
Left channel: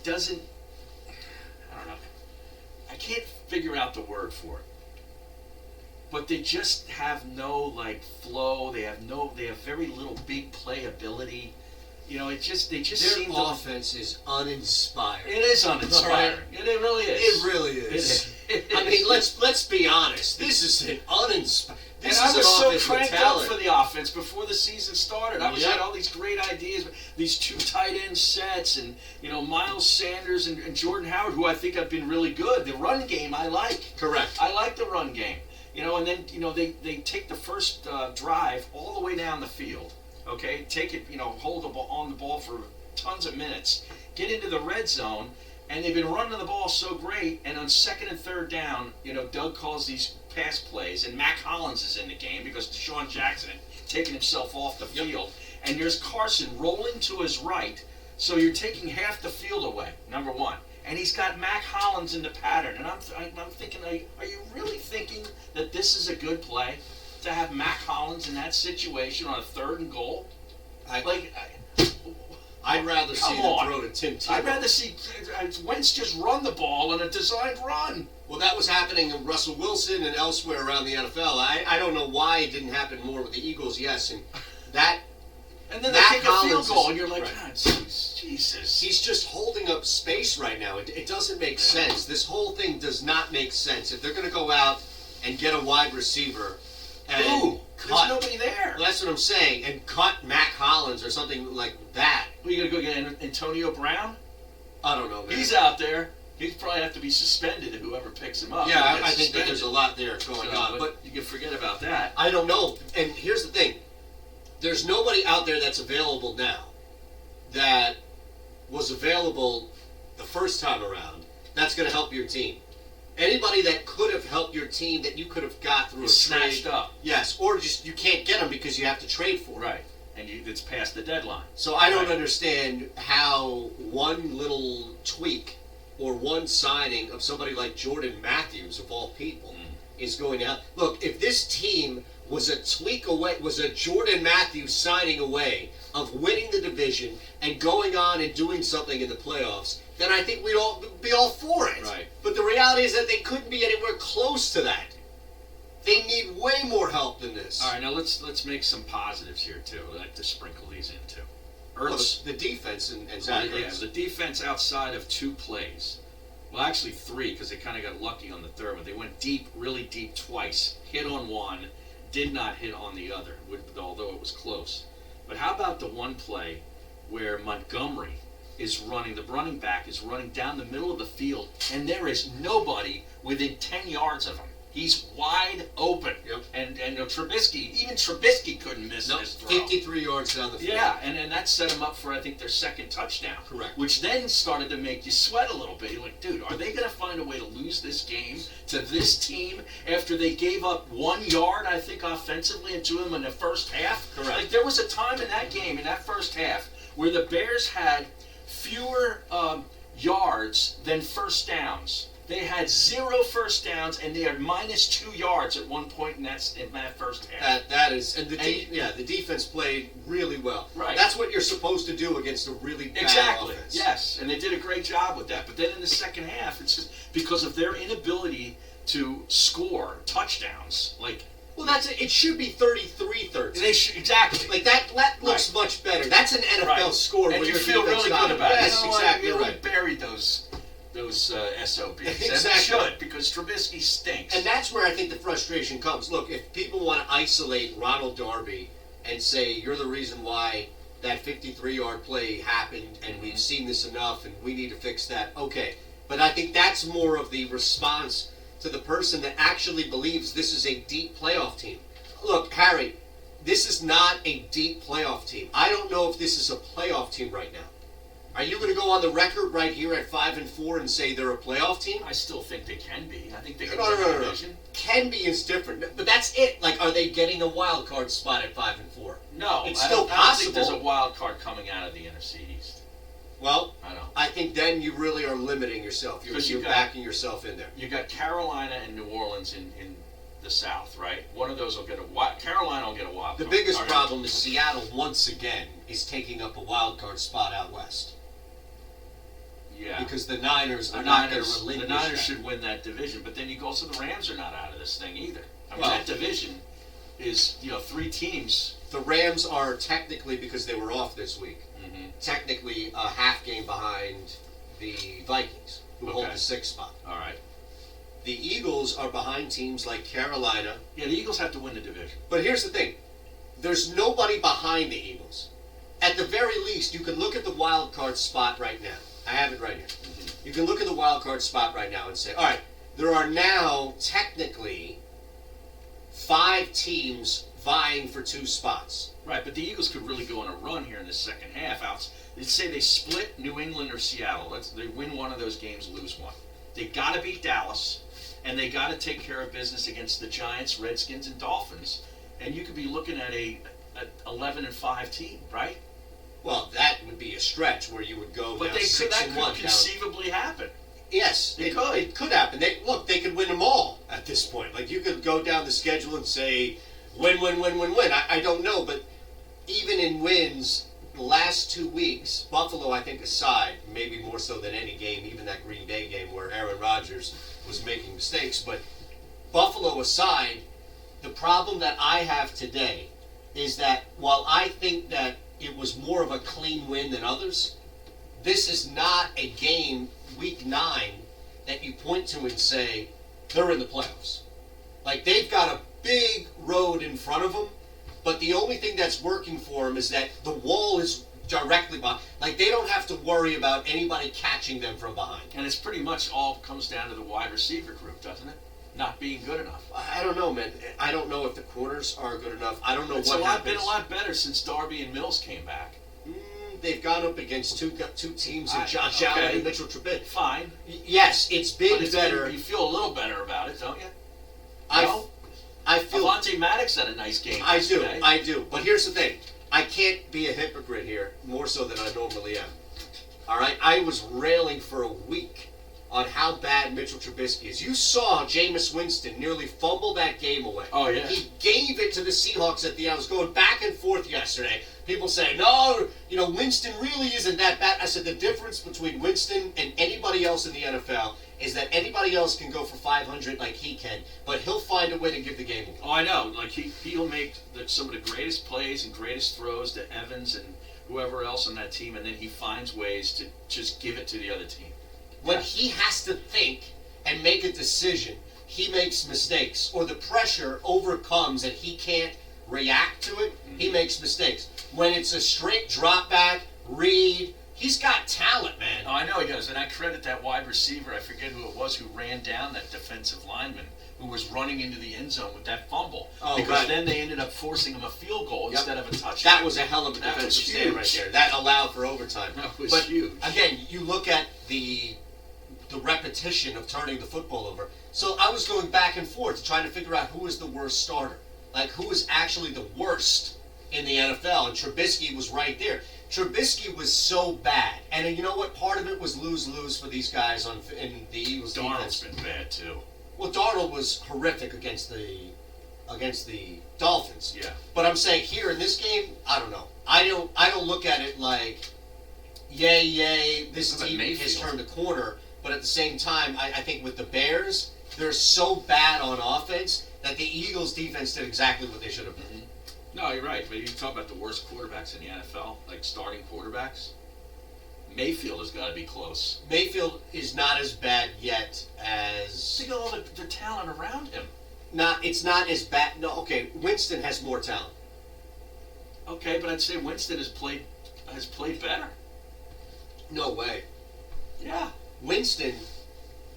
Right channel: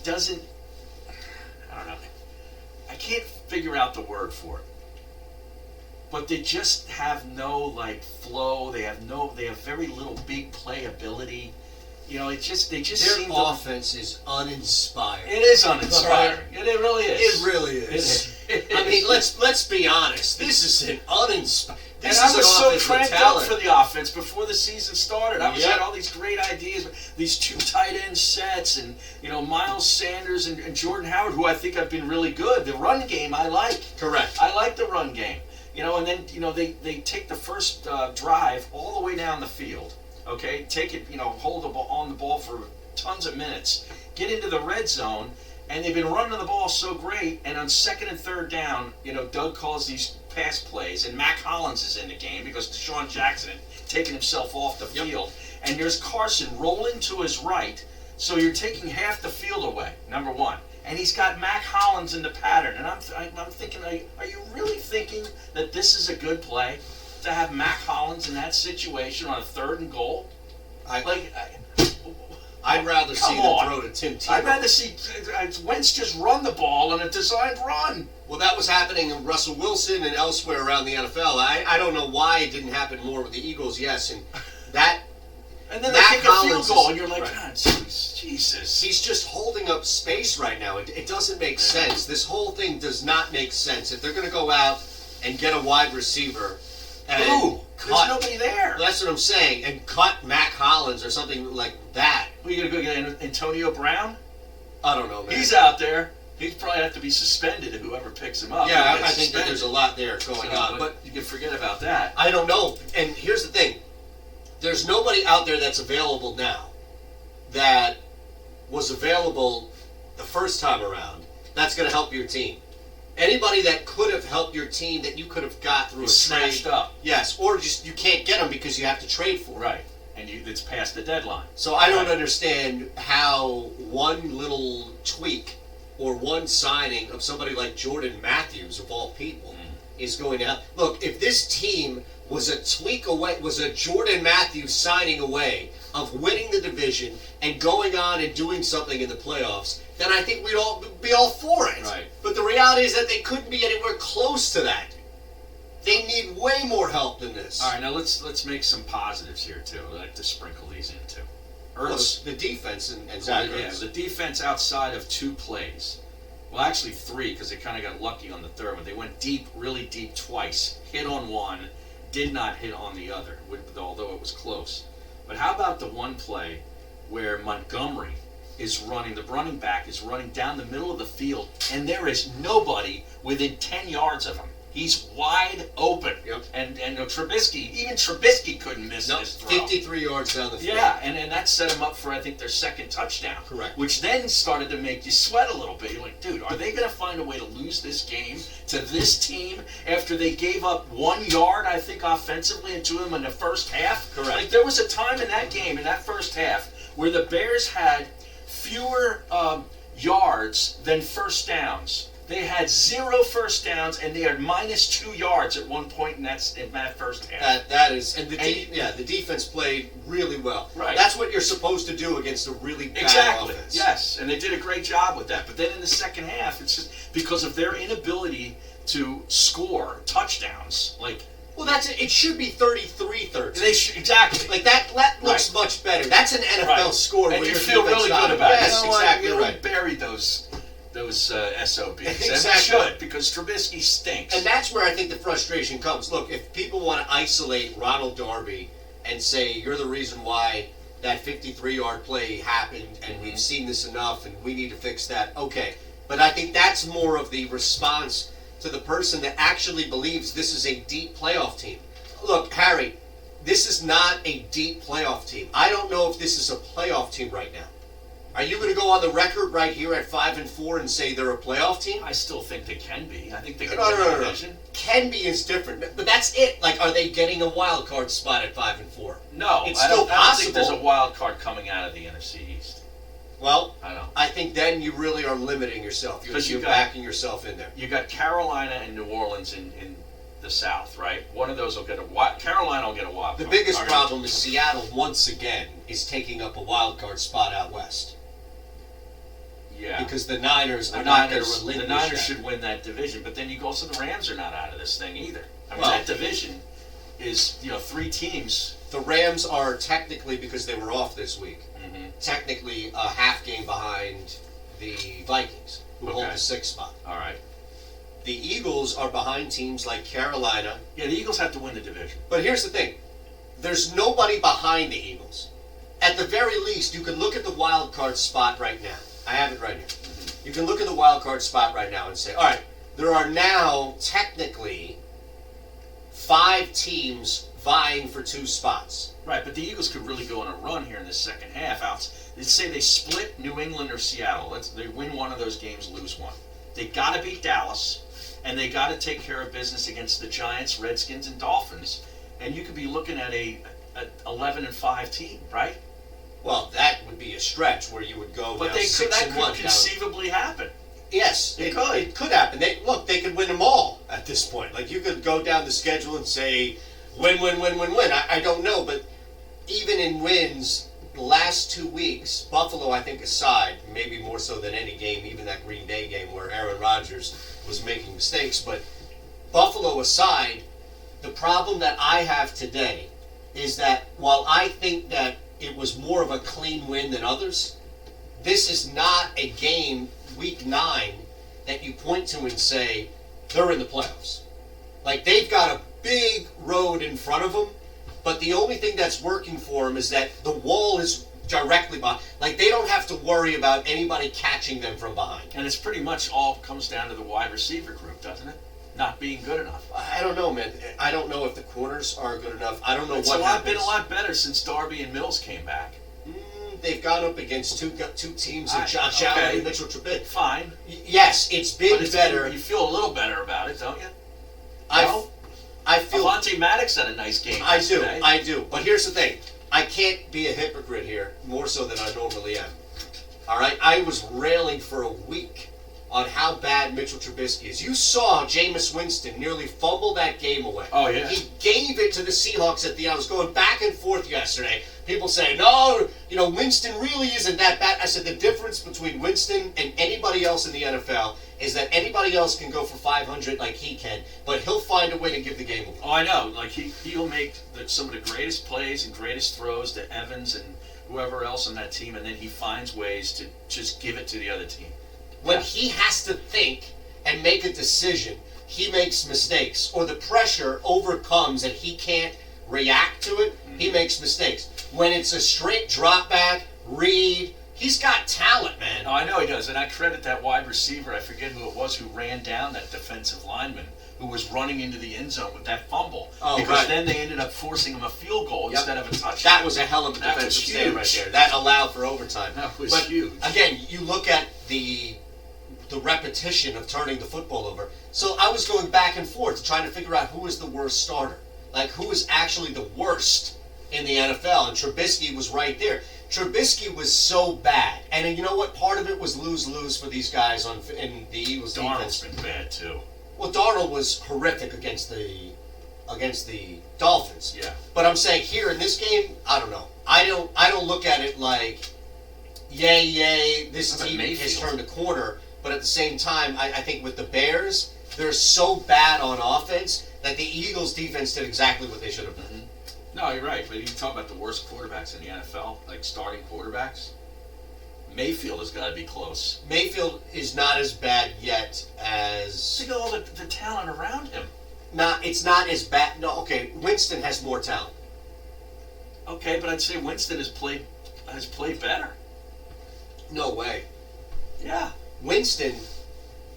don't know. I can't figure out the word for it. But they just have no like flow. They have very little big playability. You know, they just Their seem offense is uninspired. It is uninspiring. It really is. It really is. I mean, let's be honest. This is an uninspired. And I was so cranked up for the offense before the season started. I had all these great ideas, these 2 tight end sets, and Miles Sanders and Jordan Howard, who I think have been really good. The run game I like. Correct. I like the run game. And then they take the first drive all the way down the field. Okay, take it. Hold the ball on the ball for tons of minutes. Get into the red zone. And they've been running the ball so great, and on 2nd and 3rd down, Doug calls these pass plays, and Mac Hollins is in the game because Deshaun Jackson had taken himself off the field. And there's Carson rolling to his right, so you're taking half the field away, number one. And he's got Mac Hollins in the pattern. And I'm thinking, are you really thinking that this is a good play to have Mac Hollins in that situation on a 3rd and goal? I'd rather see them throw to Tim Tebow. I'd rather see Wentz just run the ball on a designed run. Well, that was happening in Russell Wilson and elsewhere around the NFL. I don't know why it didn't happen more with the Eagles, yes. And then they take a field goal, and you're like, God, Jesus. He's just holding up space right now. It doesn't make sense. This whole thing does not make sense. If they're going to go out and get a wide receiver and there's nobody there. That's what I'm saying. And cut Mac Hollins or something like that. Are you going to go get Antonio Brown? I don't know, man. He's out there. He'd probably have to be suspended if whoever picks him up. Yeah, I think that there's a lot there going on. But you can forget about that. I don't know. And here's the thing. There's nobody out there that's available now that was available the first time around that's going to help your team. Anybody that could have helped your team that you could have got through a snatched trade, up. Yes, or just you can't get them because you have to trade for them. Right, and it's past the deadline. So I don't understand how one little tweak or one signing of somebody like Jordan Matthews, of all people, is going to help. Look, if this team was a tweak away, was a Jordan Matthews signing away of winning the division and going on and doing something in the playoffs, then I think we'd all be all for it. Right. But the reality is that they couldn't be anywhere close to that. They need way more help than this. All right, now let's make some positives here too. I'd like to sprinkle these in too. Well, the defense and Zach Ertz. The defense outside of 2 plays. Well, actually 3, because they kind of got lucky on the 3rd one. They went deep, really deep twice. Hit on one, did not hit on the other, although it was close. But how about the one play where Montgomery is running, the running back is running down the middle of the field, and there is nobody within 10 yards of him. He's wide open. Yep. And even Trubisky couldn't miss this throw. 53 yards down the field. Yeah, and that set him up for, I think, their 2nd touchdown. Correct. Which then started to make you sweat a little bit. You're like, dude, are they going to find a way to lose this game to this team after they gave up 1 yard, I think, offensively into them in the first half? Correct. Like, there was a time in that game, in that first half, where the Bears had fewer yards than first downs. They had 0 first downs, and they had -2 yards at one point in that first half. That is, and the defense played really well. Right. That's what you're supposed to do against a really bad offense. Yes, and they did a great job with that. But then in the second half, it's just because of their inability to score touchdowns. Well, it should be 33-13. Exactly. Like that looks much better. That's an NFL score. And where you feel really good about it. Yes, exactly right. We buried those SOBs. Exactly. And we should, because Trubisky stinks. And that's where I think the frustration comes. Look, if people want to isolate Ronald Darby and say you're the reason why that 53-yard play happened and we've seen this enough and we need to fix that, okay. But I think that's more of the response to the person that actually believes this is a deep playoff team. Look, Harry, this is not a deep playoff team. I don't know if this is a playoff team right now. Are you going to go on the record right here at 5-4 and say they're a playoff team? I still think they can be. I think they can No. win the division. Can be is different, but that's it. Like, are they getting a wild card spot at 5-4? No, it's I still don't think possible. there's a wild card coming out of the NFC East. Well, I know. I think then you really are limiting yourself. You're backing yourself in there. You got Carolina and New Orleans in the South, right? One of those will get a wild. Carolina will get a wild The card. biggest problem is Seattle once again is taking up a wild card spot out west. Yeah. Because the Niners are not going to relinquish The Niners that. should win that division, but then you go, also the Rams are not out of this thing either. I mean, Well- that division is, 3 teams. The Rams are technically, because they were off this week, Mm-hmm. technically a half game behind the Vikings, who hold Okay. the 6th spot. All right. The Eagles are behind teams like Carolina. Yeah, the Eagles have to win the division. But here's the thing. There's nobody behind the Eagles. At the very least, you can look at the wild card spot right now. I have it right here. Mm-hmm. You can look at the wild card spot right now and say, all right, there are now technically 5 teams vying for 2 spots. Right, but the Eagles could really go on a run here in the second half. Let's say they split New England or Seattle. They win one of those games, lose one. They got to beat Dallas, and they got to take care of business against the Giants, Redskins, and Dolphins. And you could be looking at a 11-5 team, right? Well, that would be a stretch where you would go But now that 6-1 could conceivably happen. Yes, It could happen. They could win them all at this point. Like, you could go down the schedule and say, win. I don't know, but even in wins, the last 2 weeks, Buffalo, I think, aside, maybe more so than any game, even that Green Day game where Aaron Rodgers was making mistakes, but Buffalo aside, the problem that I have today is that while I think that it was more of a clean win than others, this is not a game, week 9, that you point to and say, they're in the playoffs. Like, they've got a big road in front of them, but the only thing that's working for them is that the wall is directly behind. Like, they don't have to worry about anybody catching them from behind. And it's pretty much all comes down to the wide receiver group, doesn't it? Not being good enough. I don't know, man. I don't know if the corners are good enough. I don't know It's what happens. been a lot better since Darby and Mills came back. They've gone up against two teams in Josh Allen and Mitchell Trubisky. Fine. Yes, it's been But better. You feel a little better about it, don't you? I feel. Avonte Maddox had a nice game. I yesterday. do. But here's the thing. I can't be a hypocrite here more so than I normally am. All right? I was railing for a week on how bad Mitchell Trubisky is. You saw Jameis Winston nearly fumble that game away. Oh, yeah. He gave it to the Seahawks at the end. I was going back and forth yesterday. People say, no, Winston really isn't that bad. I said the difference between Winston and anybody else in the NFL is that anybody else can go for 500 like he can, but he'll find a way to give the game away. Oh, I know. Like, he'll make some of the greatest plays and greatest throws to Evans and whoever else on that team, and then he finds ways to just give it to the other team. When he has to think and make a decision, he makes mistakes, or the pressure overcomes and he can't react to it, he makes mistakes. When it's a straight drop back, read, he's got talent, man. Oh, I know he does, and I credit that wide receiver, I forget who it was, who ran down that defensive lineman who was running into the end zone with that fumble. Oh, because right. then they ended up forcing him a field goal instead of a touchdown. That was a hell of a That defensive was stand right huge. there. That allowed for overtime. That was but huge. Again, you look at the repetition of turning the football over. So I was going back and forth trying to figure out who is the worst starter. Like, who is actually the worst in the NFL, and Trubisky was right there. Trubisky was so bad, and you know what? Part of it was lose-lose for these guys in the Eagles Darnold's defense. been bad too. Well, Darnold was horrific against the Dolphins. Yeah. But I'm saying here in this game, I don't know. I don't look at it like, yay, this What about team has Mayfield? turned a corner. But at the same time, I think with the Bears, they're so bad on offense that the Eagles defense did exactly what they should have done. No, you're right. But you talk about the worst quarterbacks in the NFL, like starting quarterbacks. Mayfield has got to be close. Mayfield is not as bad yet as. Think of all the talent around him. It's not as bad. No, okay. Winston has more talent. Okay, but I'd say Winston has played better. No way. Yeah. Winston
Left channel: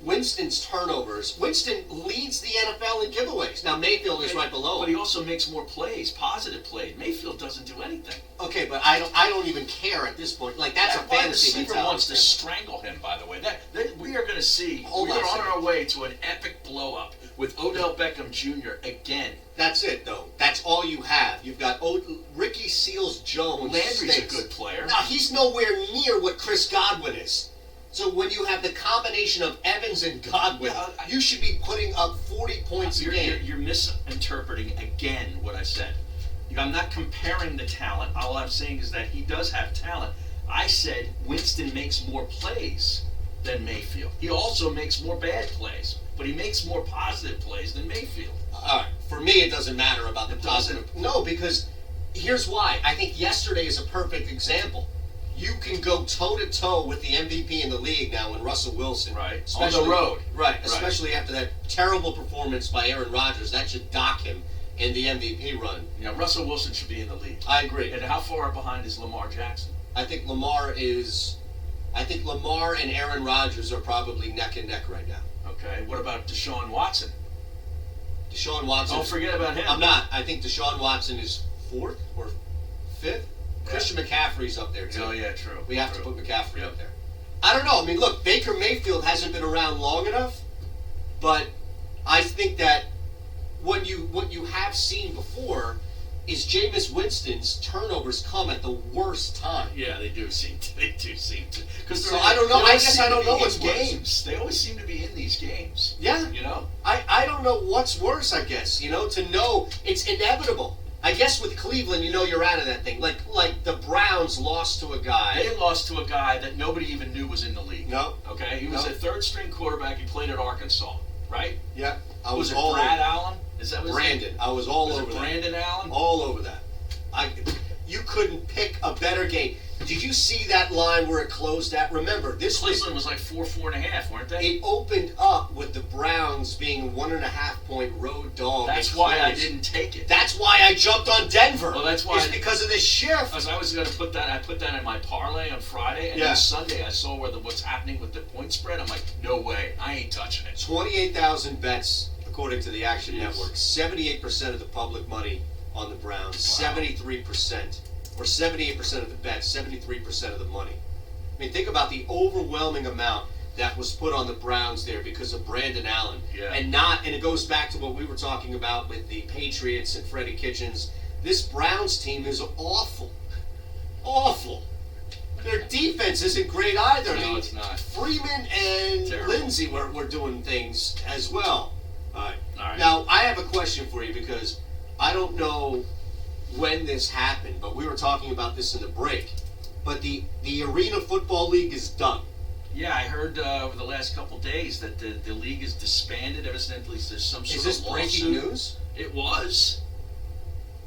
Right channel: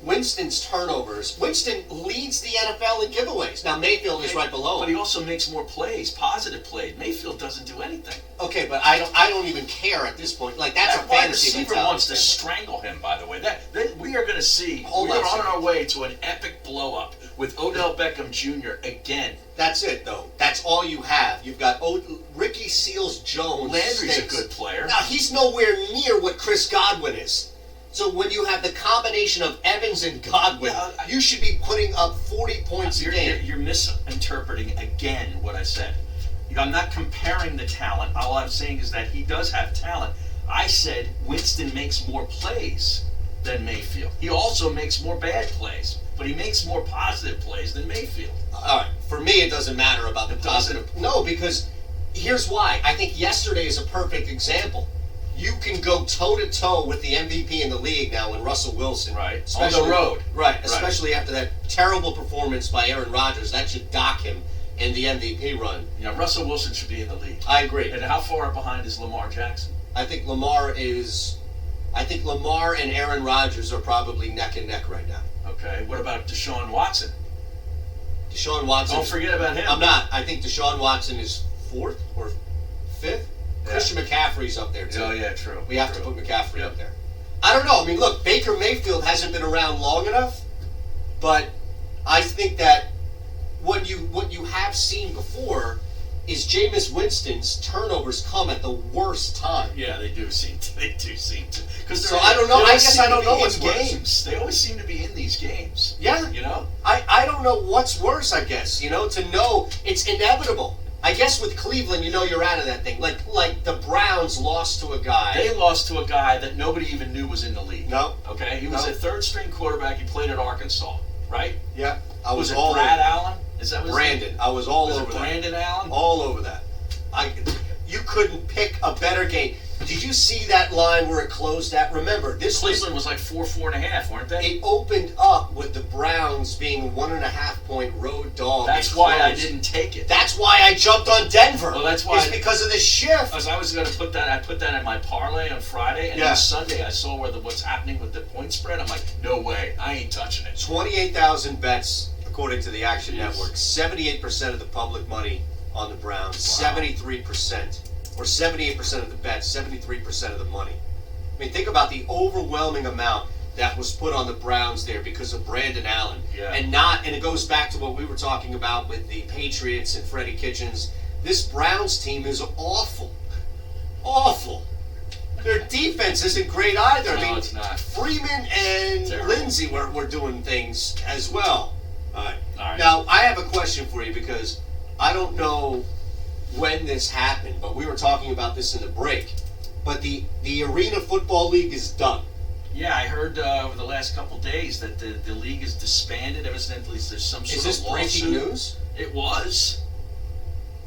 Winston's turnovers. Winston leads the NFL in giveaways. Now Mayfield is right below But him. he also makes more plays, positive plays. Mayfield doesn't do anything. Okay, but I don't even care at this point. Like that's That a wide fantasy receiver mentality. wants to strangle him. By the way, that we are going to see. Hold we on are a on second. our way to an epic blow up with Odell Beckham Jr. again. That's it, though. That's all you have. You've got Ricky Seals-Jones. Landry's stinks. a good player. Now he's nowhere near what Chris Godwin is. So when you have the combination of Evans and Godwin, you should be putting up 40 points a game. You're misinterpreting again what I said. I'm not comparing the talent. All I'm saying is that he does have talent. I said Winston makes more plays than Mayfield. He also makes more bad plays, but he makes more positive plays than Mayfield. All right. For me, it doesn't matter about the positive. No, because here's why. I think yesterday is a perfect example. You can go toe-to-toe with the MVP in the league now in Russell Wilson. Right. On the road. Right. Especially after that terrible performance by Aaron Rodgers. That should dock him in the MVP run. Yeah, Russell Wilson should be in the league. I agree. And how far behind is Lamar Jackson? I think Lamar and Aaron Rodgers are probably neck and neck right now. Okay. What about Deshaun Watson? Deshaun Watson. Don't forget about him. I'm not. I think Deshaun Watson is 4th or 5th. Yeah. Christian McCaffrey's up there, too. Oh, yeah, true. We have to put McCaffrey up there. I don't know. I mean, look, Baker Mayfield hasn't been around long enough, but I think that what you have seen before is Jameis Winston's turnovers come at the worst time. Yeah, they do seem to. So I don't know. I guess I don't know what's worse. Games. They always seem to be in these games. Yeah. You know? I don't know what's worse, I guess. You know, to know it's inevitable. I guess with Cleveland, you know you're out of that thing. Like the Browns lost to a guy. They lost to a guy that nobody even knew was in the league. No. Okay? He was a third-string quarterback. He played at Arkansas, right? Yeah. Was it Brad Allen? Is that what Brandon. his name? I was all Was over it that. Brandon Allen? All over that. You couldn't pick a better game. Did you see that line where it closed at? Remember, Cleveland was like 4.5, weren't they? It opened up with the Browns being 1.5-point road dog. That's why I didn't take it. That's why I jumped on Denver. Well, that's why. It's because of the shift. I was going to put that. I put that in my parlay on Friday, and then Sunday I saw what's happening with the point spread. I'm like, no way, I ain't touching it. 28,000 bets according to the Action Network. 78% of the public money on the Browns. Wow. 73%. Or 78% of the bets, 73% of the money. I mean, think about the overwhelming amount that was put on the Browns there because of Brandon Allen. Yeah. And it goes back to what we were talking about with the Patriots and Freddie Kitchens. This Browns team is awful. Awful. Their defense isn't great either. No, it's not. Freeman and Lindsey were doing things as well. All right. Now, I have a question for you because I don't know when this happened, but we were talking about this in the break. But the Arena Football League is done. Yeah, I heard over the last couple days that the league is disbanded. Evidently, there's some sort of lawsuit. Is this breaking news? It was.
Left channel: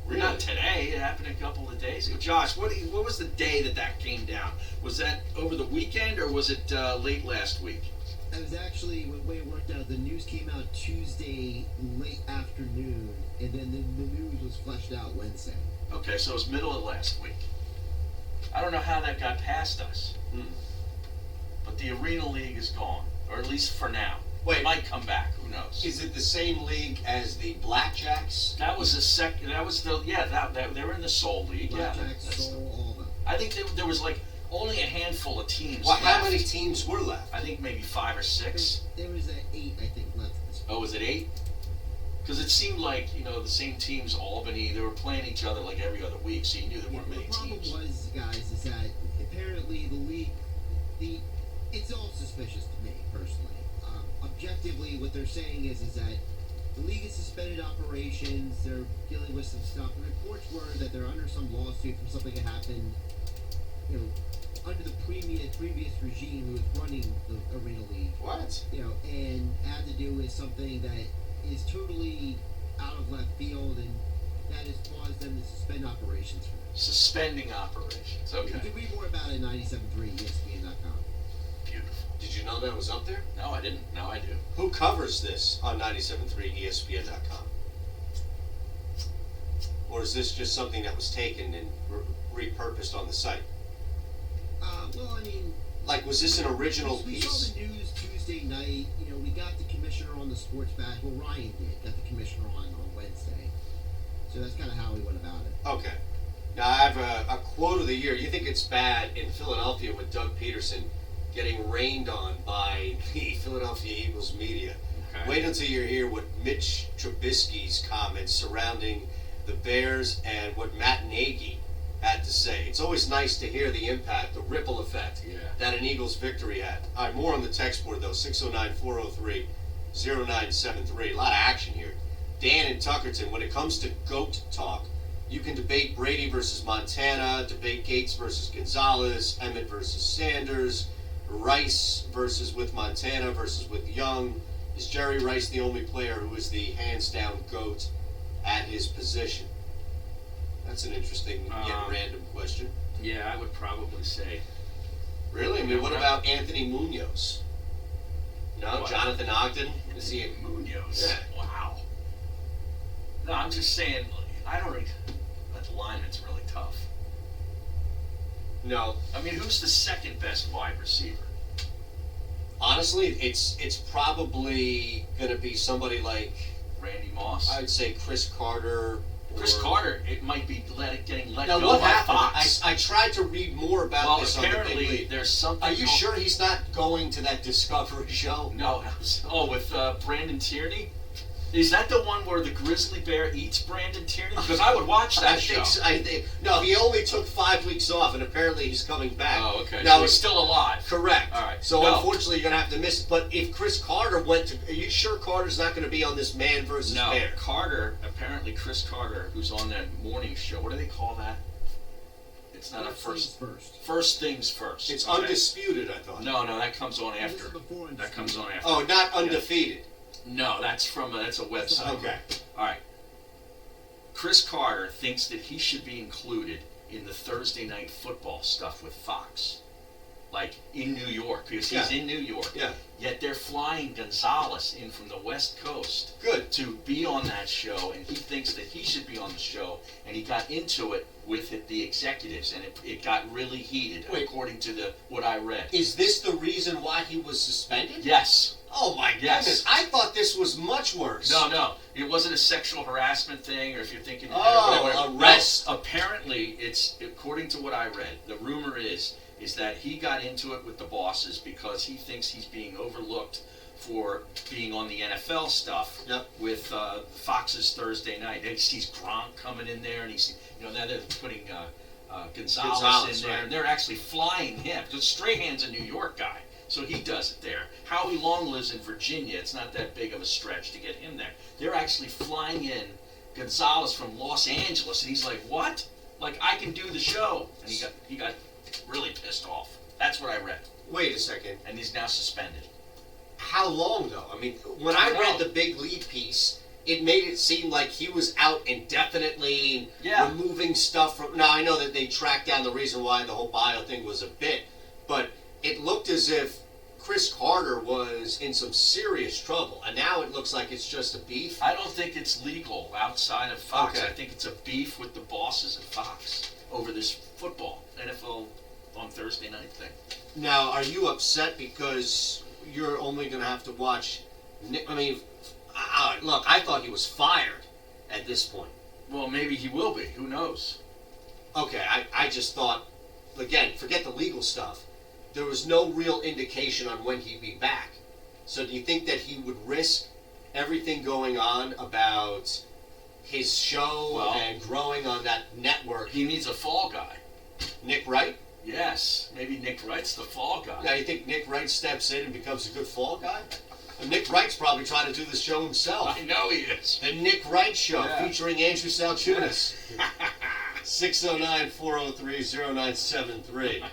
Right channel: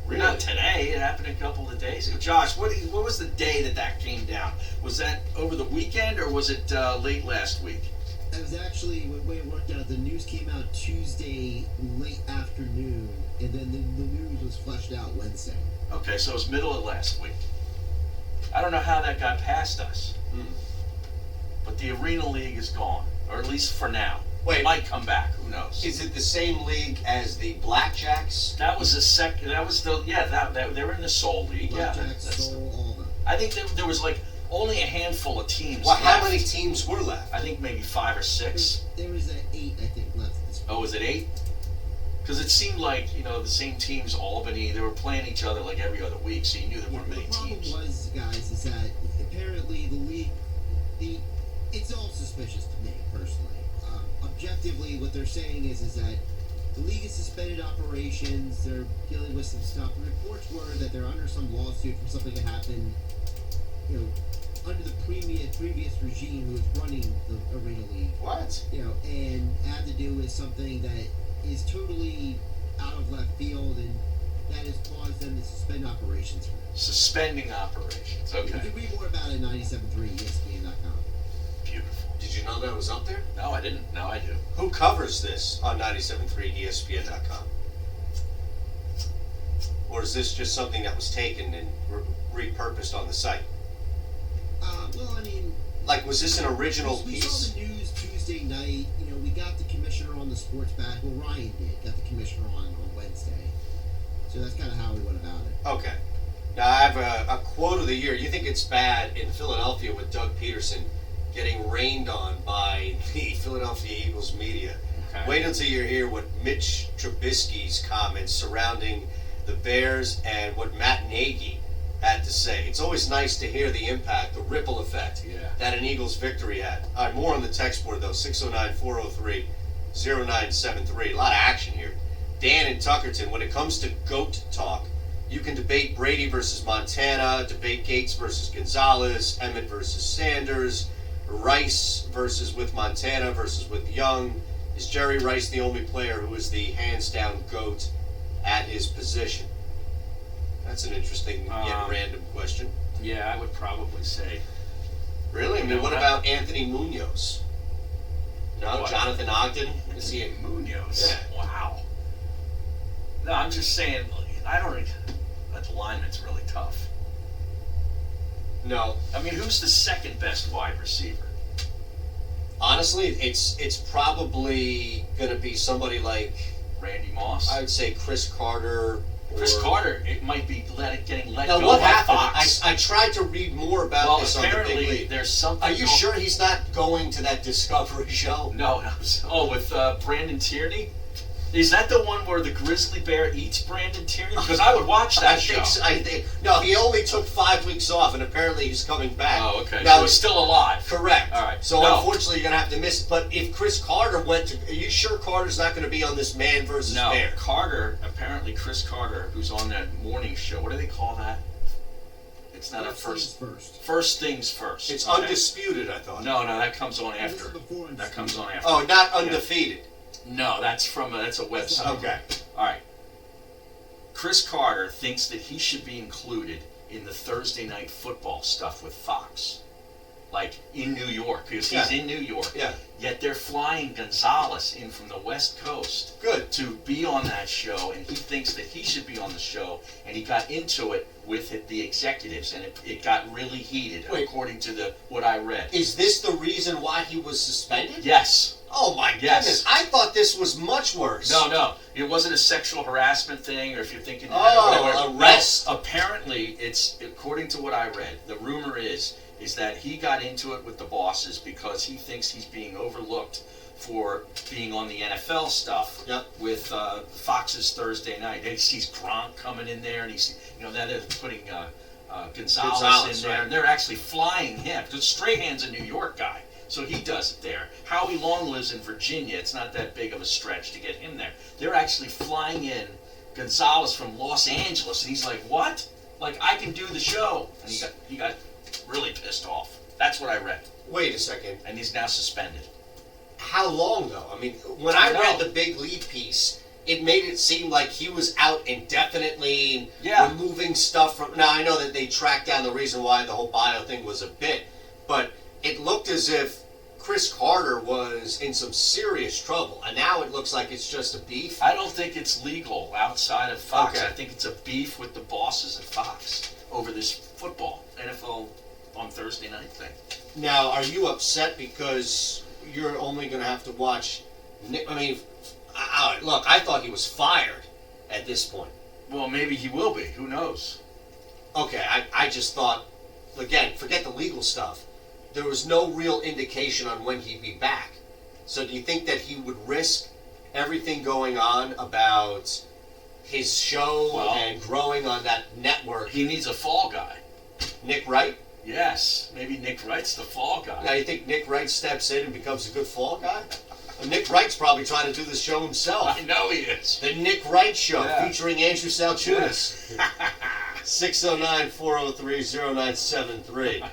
Really? Not today. It happened a couple of days ago. Josh, what was the day that came down? Was that over the weekend or was it late last week? It was actually, the way it worked out, the news came out Tuesday late afternoon, and then the news was fleshed out Wednesday. Okay, so it was middle of last week. I don't know how that got past us. But the Arena League is gone, or at least for now. Wait. It might come back. Who knows? Is it the same league as the Blackjacks? That was they're in the Soul League. Blackjacks, Soul, all of them. I think there was like only a handful of teams Well, left. how many teams were left? I think maybe 5 or 6. There was 8, I think, left. Oh, was it 8? Because it seemed like, the same teams, Albany, they were playing each other like every other week, so you knew there weren't many teams. The problem was, guys, is that apparently the league, it's all suspicious to me, personally. Objectively, what they're saying is that the league has suspended operations, they're dealing with some stuff. The reports were that they're under some lawsuit from something that happened, under the previous regime who was running the Arena League. What? And had to do with something that is totally out of left field, and that has caused them to suspend operations. Suspending operations, okay. You can read more about it at 97.3 ESPN.com. Beautiful. Did you know that was up there? No, I didn't. Now I do. Who covers this on 97.3 ESPN.com? Or is this just something that was taken and repurposed on the site? Well, I mean... Like, was this an original we piece? saw the news Tuesday night, on the sports back. Well, Ryan did. Got the commissioner on Wednesday. So that's kind of how we went about it. Okay. Now, I have a quote of the year. You think it's bad in Philadelphia with Doug Peterson getting rained on by the Philadelphia Eagles media. Okay. Wait until you hear what Mitch Trubisky's comments surrounding the Bears and what Matt Nagy had to say. It's always nice to hear the impact, the ripple effect that an Eagles victory had. All right, more on the text board, though. 609-403-0973. A lot of action here. Dan in Tuckerton, when it comes to GOAT talk, you can debate Brady versus Montana, debate Gates versus Gonzalez, Emmett versus Sanders, Rice versus with Montana versus with Young. Is Jerry Rice the only player who is the hands-down GOAT at his position? That's an interesting yet random question. Yeah, I would probably say. Really? I mean, what about Anthony Munoz? No, What? Jonathan Ogden? Is he? Munoz. Yeah. Wow. No, I'm just saying, I don't think that the lineman's really tough. No. I mean, who's the second best wide receiver? Honestly, it's probably going to be somebody like Randy Moss? I would say Chris Carter. Chris Carter, it might be getting let Now, go what by happened? Fox. I tried to read more about Well, this on the Big apparently League. there's something. Are you sure he's not going to that Discovery show? No. Oh, with Brandon Tierney? Is that the one where the grizzly bear eats Brandon Tierney? Because I would watch that show. No, he only took 5 weeks off, and apparently he's coming back. Oh, okay. Now So he's still alive. Correct. All right. So No. unfortunately, you're gonna have to miss it. But if Chris Carter went to, are you sure Carter's not going to be on this man versus No, bear? Carter, apparently Chris Carter, who's on that morning show, what do they call that? It's not First a things first. First things first. It's okay? Undisputed, I thought. No, that comes on This after. is before That comes on after. Oh, not Yeah. Undefeated. No, that's a website. Okay. All right. Chris Carter thinks that he should be included in the Thursday night football stuff with Fox. Like in New York, because he's in New York. Yeah. Yet they're flying Gonzalez in from the West Coast. Good. To be on that show, and he thinks that he should be on the show, and he got into it with the executives, and it got really heated, according to what I read. Is this the reason why he was suspended? Yes. Oh my Yes. goodness! I thought this was much worse. No, it wasn't a sexual harassment thing, or if you're thinking, arrest. No, apparently, it's according to what I read. The rumor is that he got into it with the bosses because he thinks he's being overlooked for being on the NFL stuff with Fox's Thursday night. He sees Gronk coming in there, and he's now they're putting Gonzalez in there, and they're actually flying him. Because Strahan's a New York guy. So he does it there. Howie Long lives in Virginia. It's not that big of a stretch to get him there. They're actually flying in Gonzalez from Los Angeles, and he's like, "What? Like I can do the show?" And he got really pissed off. That's what I read. Wait a second. And he's now suspended. How long though? I mean, when I read the Big League piece, it made it seem like he was out indefinitely, removing stuff from. Now I know that they tracked down the reason why the whole bio thing was a bit, but it looked as if Chris Carter was in some serious trouble, and now it looks like it's just a beef. I don't think it's legal outside of Fox. Okay. I think it's a beef with the bosses at Fox over this football NFL on Thursday night thing. Now, are you upset because you're only going to have to watch? I mean, look, I thought he was fired at this point. Well, maybe he will be. Who knows? Okay, I just thought, again, forget the legal stuff. There was no real indication on when he'd be back. So do you think that he would risk everything going on about his show and growing on that network? He needs a fall guy. Nick Wright? Yes, maybe Nick Wright's the fall guy. Now, you think Nick Wright steps in and becomes a good fall guy? Well, Nick Wright's probably trying to do this show himself. I know he is. The Nick Wright Show, featuring Andrew Salchunas. 609-403-0973.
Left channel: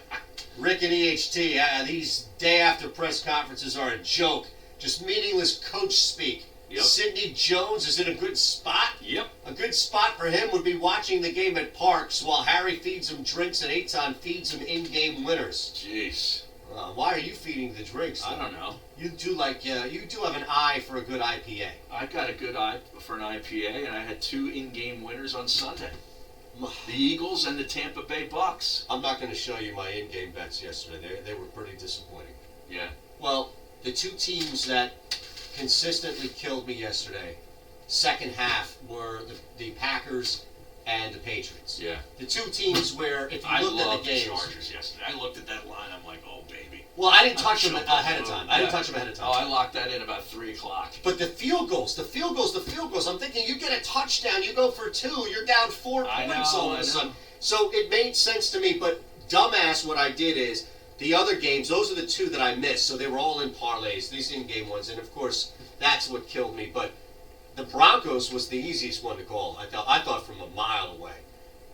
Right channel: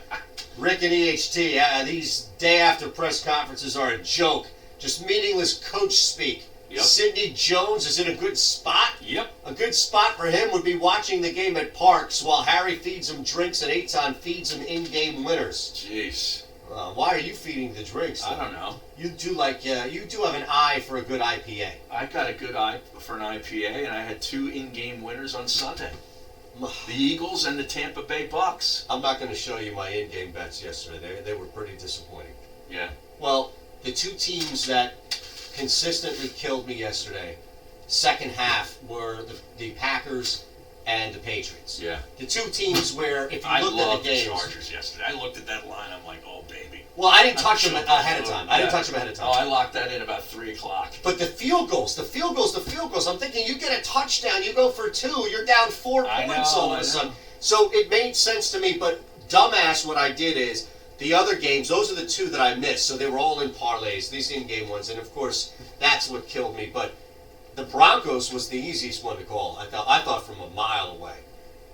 Rick and EHT, these day after press conferences are a joke. Just meaningless coach speak. Yep. Sidney Jones is in a good spot. Yep. A good spot for him would be watching the game at Parks while Harry feeds him drinks and Eitan feeds him in-game winners. Jeez. Why are you feeding the drinks? I don't know. You do you do have an eye for a good IPA. I got a good eye for an IPA, and I had 2 in-game winners on Sunday. The Eagles and the Tampa Bay Bucks. I'm not going to show you my in-game bets yesterday. They were pretty disappointing. Yeah. Well, the two teams that consistently killed me yesterday, second half, were the Packers and the Patriots. Yeah. The two teams where, if you I looked at loved the the games... Chargers yesterday. I looked at that line, I'm like, oh, baby. Well, I didn't touch them ahead of time. I didn't touch them ahead of time. Oh, I locked that in about 3 o'clock. But the field goals. I'm thinking, you get a touchdown, you go for 2, you're down 4 points all of a sudden. So it made sense to me, but dumbass, what I did is, the other games, those are the 2 that I missed, so they were all in parlays, these in-game ones, and of course, that's what killed me. But the Broncos was the easiest one to call, I thought from a mile away.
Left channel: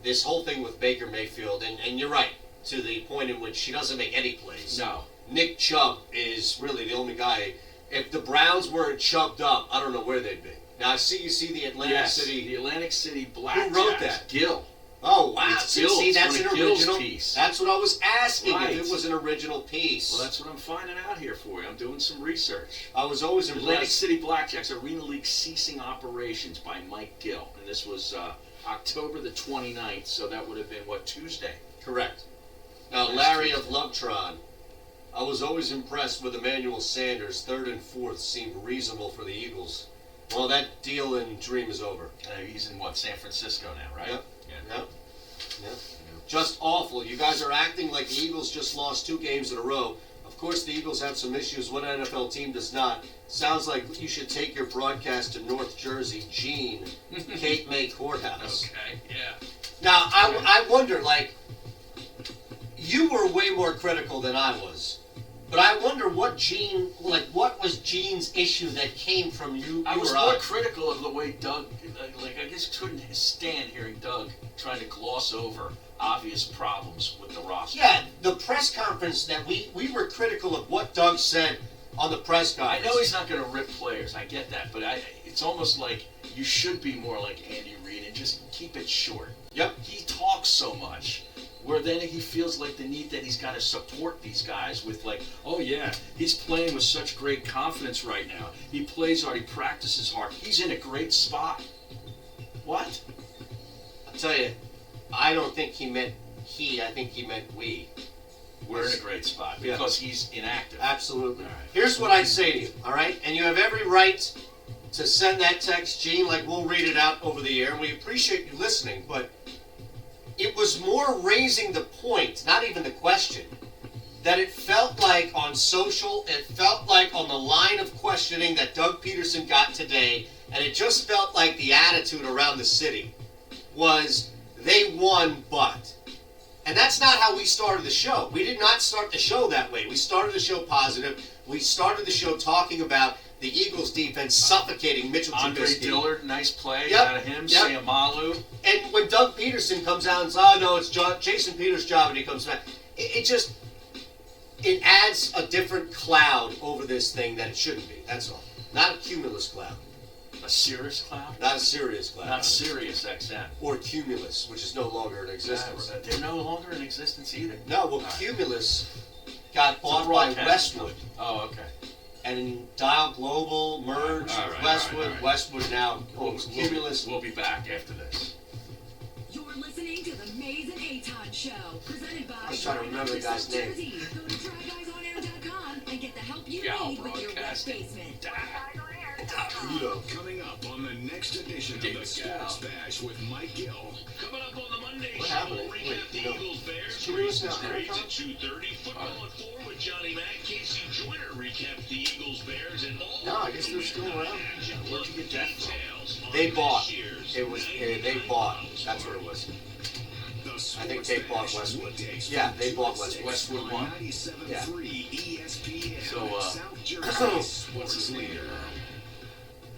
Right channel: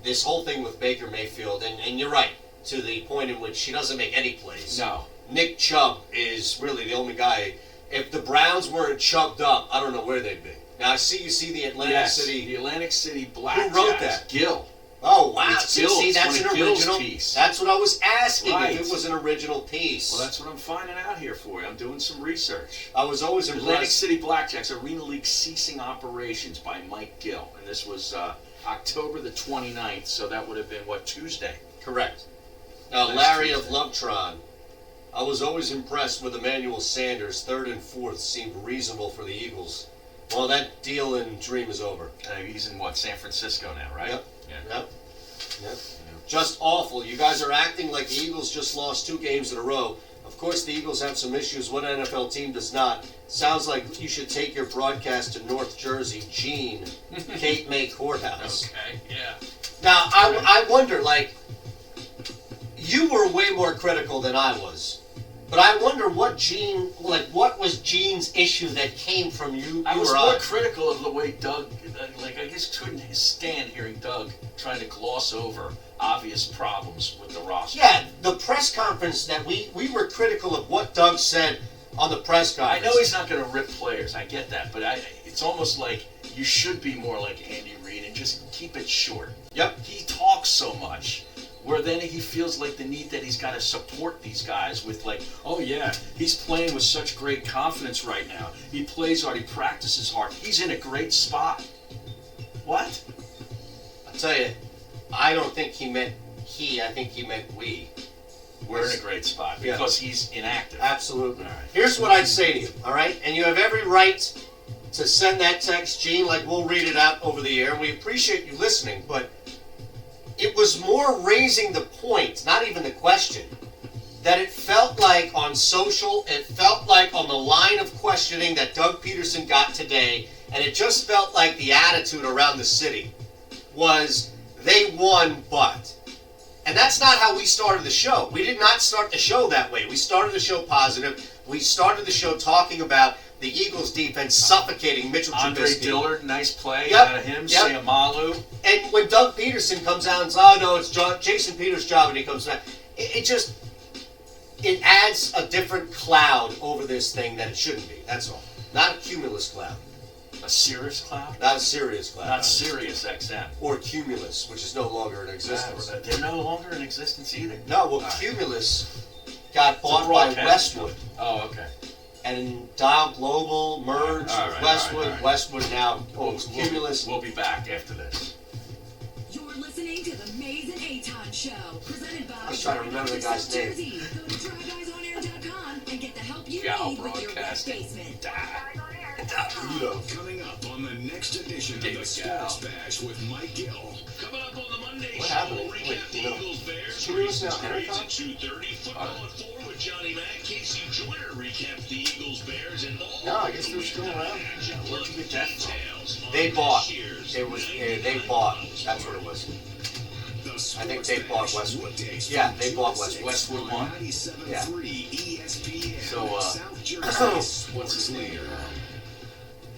This whole thing with Baker Mayfield, and you're right, to the point in which she doesn't make any plays. No. Nick Chubb is really the only guy. If the Browns weren't chubbed up, I don't know where they'd be. Now, you see the Atlantic City. The Atlantic City Blackjacks. Who wrote that? Gil. Oh, wow. It's Gil. See, that's it's an Gil's original piece. That's what I was asking, Right. if it was an original piece. Well, that's what I'm finding out here for you. I'm doing some research. I was always Atlantic impressed. City Blackjacks Arena League ceasing operations by Mike Gill. And this was October the 29th, so that would have been, Tuesday? Correct. Now, Last Larry Tuesday. of Lovetron. I was always impressed with Emmanuel Sanders. 3rd and 4th seemed reasonable for the Eagles. Well, that deal and dream is over. He's in, San Francisco now, right? Yep. Yeah. Yep. Just awful. You guys are acting like the Eagles just lost 2 games in a row. Of course, the Eagles have some issues. What NFL team does not? Sounds like you should take your broadcast to North Jersey, Gene, Cape May Courthouse. Okay, yeah. Now, I wonder, you were way more critical than I was. But I wonder what was Gene's issue that came from you? I was or more critical of the way Doug, I just couldn't stand hearing Doug trying to gloss over obvious problems with the roster. Yeah, the press conference that we were critical of what Doug said on the press conference. I know he's not going to rip players, I get that, but it's almost like you should be more like Andy Reid and just keep it short. Yep. He talks so much, where then he feels like the need that he's got to support these guys with oh yeah, he's playing with such great confidence right now. He plays hard, he practices hard, he's in a great spot. What? I'll tell you, I don't think he meant he, I think he meant we. We're in a great spot because he's inactive. Absolutely. All right. Here's what I'd say to you, all right? And you have every right to send that text, Gene, we'll read it out over the air, and we appreciate you listening, but it was more raising the point, not even the question, that it felt like on social, it felt like on the line of questioning that Doug Peterson got today, and it just felt like the attitude around the city was they won, but. And that's not how we started the show. We did not start the show that way. We started the show positive. We started the show talking about the Eagles defense suffocating Mitchell Andre Trubisky. Dillard, nice play out of him. Sayamalu. And when Doug Peterson comes out and says, oh no, it's Jason Peters' job, and he comes back, it adds a different cloud over this thing that it shouldn't be. That's all. Not a cumulus cloud. A Sirius cloud? Not a Sirius cloud. Not Sirius XM. Or Cumulus, which is no longer in existence. They're no longer in existence either. No, well, Cumulus got bought by Westwood. Oh, okay. And Dial Global merged with Westwood. All right. Westwood now owns Cumulus. We'll be back after this. You're listening to the Maze and Aton Show, presented by I was trying to remember the guy's name. Jersey. Go to TryGuysOnAir.com and get the help you Gal need with your wet Broadcasting. basement. Coming up on the next edition of the Sports Bash with Mike Gill. Coming up on the Monday What show, happened? we'll recap the Eagles Bears. Cumulus now Grades Entercom? at 2:30. Football at 4 with Johnny Mack. Casey Joyner recaps the Eagles Bears and all. No, I guess they're still around. Where'd you get that from? They bought. They bought. That's what it was. I think they bought Westwood. Yeah, they bought Westwood. Westwood won? Yeah. So, what's his name?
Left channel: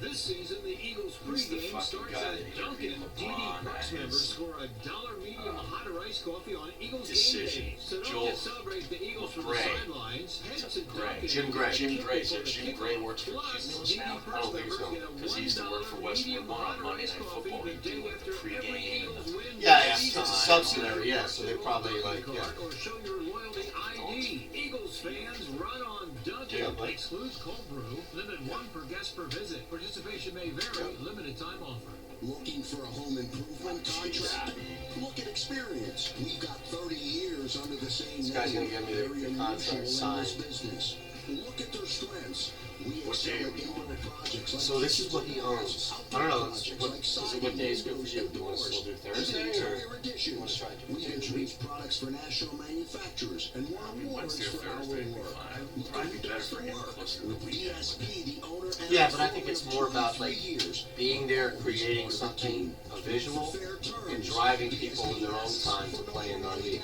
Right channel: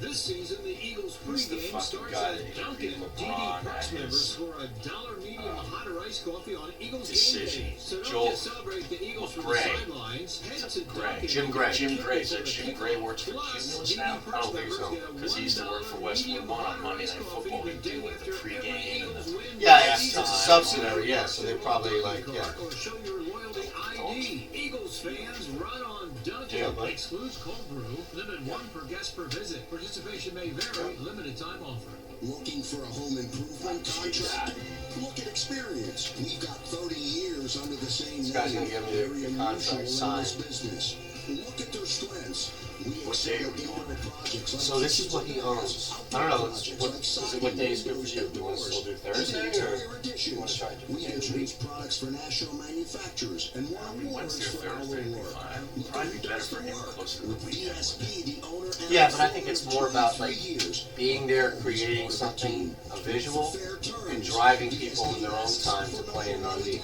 This season, the Eagles Who's the pregame fucking starts guy at that Dunkin'. DD LeBron Perks has? members for $1 medium hot or iced coffee on Eagles Decision. game day. So don't Joel just celebrate the Eagles from Gray. the sidelines. Head to Dunkin'. Jim Gray. Jim Gray. So Jim Gray works for Plus, Cumulus DD now? Perks I don't think so. members get a Because he used to work for $1 Westwood medium One on hot or Monday iced Night coffee Football. the He'd day do after the pregame every and Eagles the... win. Yeah, Eagles it's a fans subsidiary, yeah, so they roll probably, card yeah. Or show your loyalty ID. Eagles fans run on Dunkin'. Yeah, but- Excludes cold brew. Limited 1 per guest per visit. Participation may vary. Limited time offer. Looking for a home improvement contract? Look at experience. We've got 30 years under the same This guy's name. gonna give me the Very contract unusual in signed. this business. Look at their strengths. What day are we on it? So this is what he owns. I don't know. Is it what day is good for you? Do you want to still do Thursday, or do you want to try to do We introduce products for national manufacturers and won awards Wednesday or for our Thursday would be work. fine. Probably be better for him closer to the With weekend. VSP, the owner and Yeah, but I think it's more about like being there, creating something, a visual, and driving people in their own time to play in our league.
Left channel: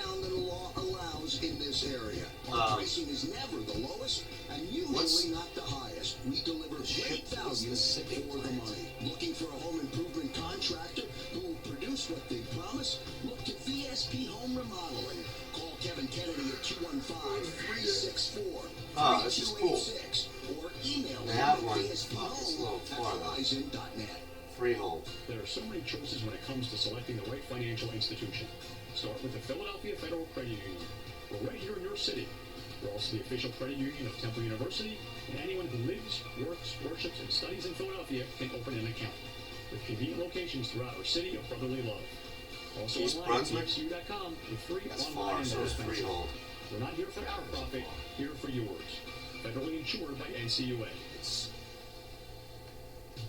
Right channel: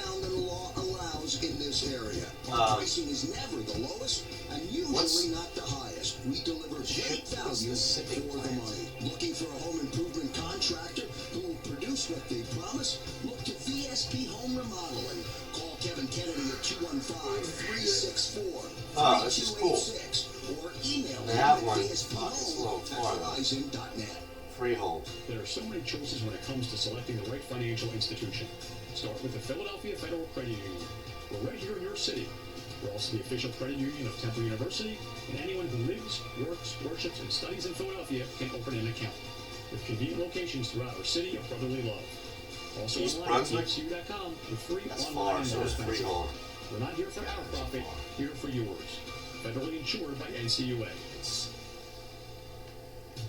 in this area. Our pricing is never the lowest and usually not the highest. We deliver great value for the money. Looking for a home improvement contractor who will produce what they promise? Look to VSP Home Remodeling. Call Kevin Kennedy at 215-364-3286 this is cool. or email They him have at one. It's a little VSPHome@verizon.net. Freehold. There are so many choices when it comes to selecting the right financial institution. Start with the Philadelphia Federal Credit Union. We're right here in your city. We're also the official credit union of Temple University, and anyone who lives, works, worships, and studies in Philadelphia can open an account. With convenient locations throughout our city of brotherly love. Also East online at Brunswick? tfcu.com with free That's online far, and so is dispensing. Freehold. We're not here for our profit, here for yours. Federally insured by NCUA.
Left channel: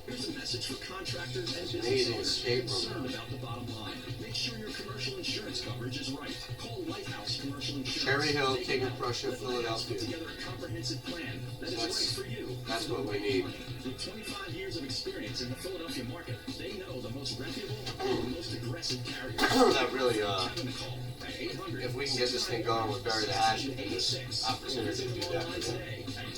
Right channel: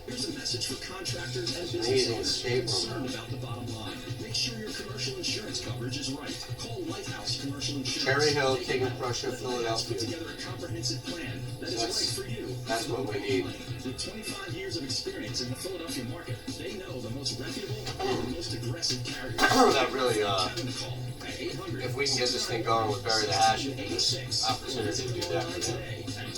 Here's a message for contractors and Amazing business owners escape concerned room. about the bottom line. Make sure your commercial insurance coverage is right. Call Lighthouse Commercial Insurance. Cherry Hill, They King can of help. Prussia, Let Lighthouse Philadelphia. Put together a comprehensive plan that is right for you. That's what we Low need. money. With 25 years of experience in the Philadelphia market, they know the most reputable and the most aggressive carriers. That really, Give them a call at 800 if we can get this thing going with Bury the Hatchet, there's opportunity to do that for them. today at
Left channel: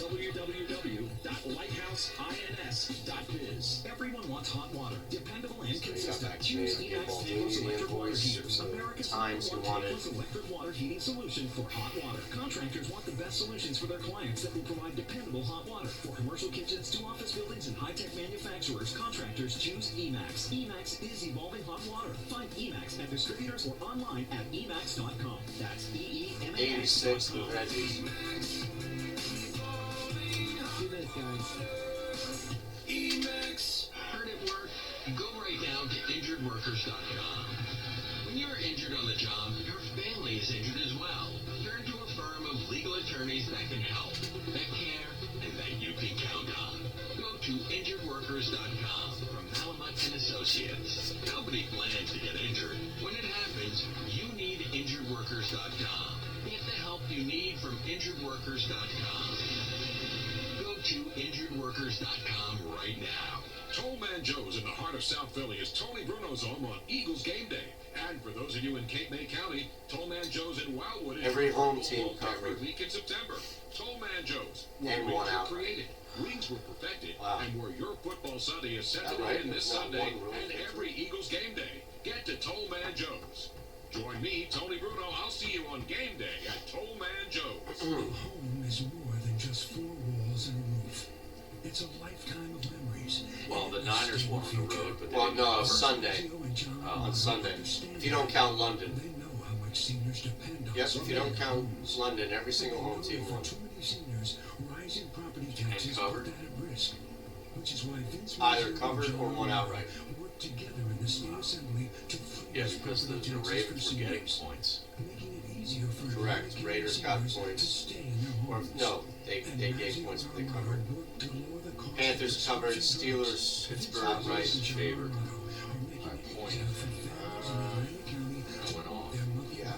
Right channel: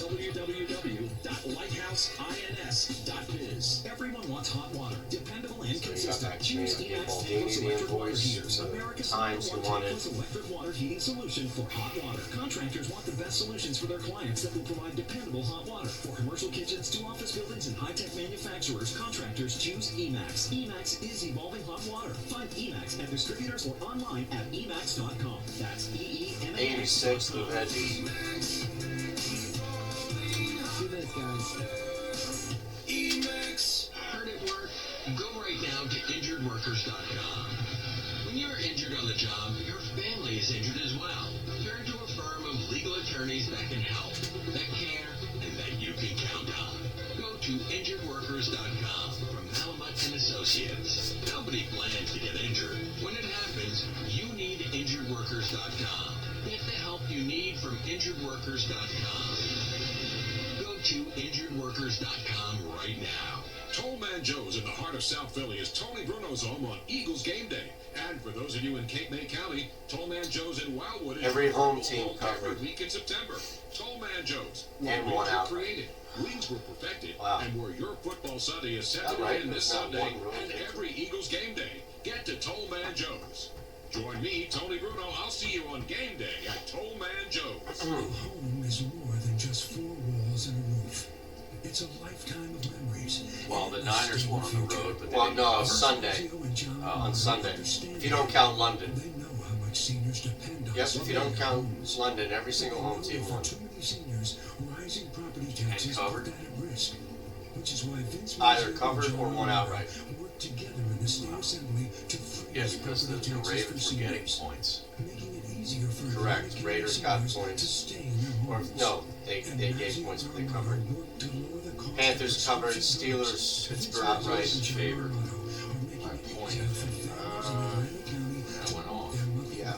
www.lighthouseinns.biz. Everyone wants hot water, dependable and So you got consistent. that Choose Canadian Emax Paul tankless Dini electric water invoice, heaters. so America's times you #1 wanted. tankless electric water heating solution for hot water. Contractors want the best solutions for their clients that will provide dependable hot water. For commercial kitchens to office buildings and high-tech manufacturers, contractors choose Emax. Emax is evolving hot water. Find Emax at distributors or online at emax.com. That's EEMAX. 86 New Hedges. 2 minutes, guys. Hurt at work? Go right now to injuredworkers.com. When you're injured on the job, your family is injured as well. Turn to a firm of legal attorneys that can help, that care, and that you can count on. Go to injuredworkers.com from Malamut and Associates. Nobody plans to get injured. When it happens, you need injuredworkers.com. Get the help you need from injuredworkers.com. Go to injuredworkers.com right now. Tollman Joe's in the heart of South Philly is Tony Bruno's home on Eagles game day. And for those of you in Cape May County, Tollman Joe's in Wildwood is Every home available team every covered. week in September. Tollman Joe's, where And wings one were out. created, wings were perfected, Wow. and where your football Sunday is set That to right? begin this There's not Sunday one rule. and every Eagles game day. Get to Tollman Joe's. Join me, Tony Bruno. I'll see you on game day at Tollman Joe's. Home is more than just 4 walls and a roof. It's a lifetime of memories. Well, the Niners won on the road, but Well, no, Sunday. On Sunday. If you don't count London. They know how much seniors depend on. Yes, if you don't count London, every single home team won. Too many seniors, rising property taxes covered. put that at risk. Which is why Vince Either Mazzeo covered and or John one outright. worked together in the state assembly to freeze Yeah, because the property taxes for Ravens were getting seniors, points. making it easier for Correct. American Raiders got seniors points. to stay in their Or homes. no, they gave points, but they covered. Panthers covered. Steelers, Pittsburgh outright favored. By a point. That went off. Yeah.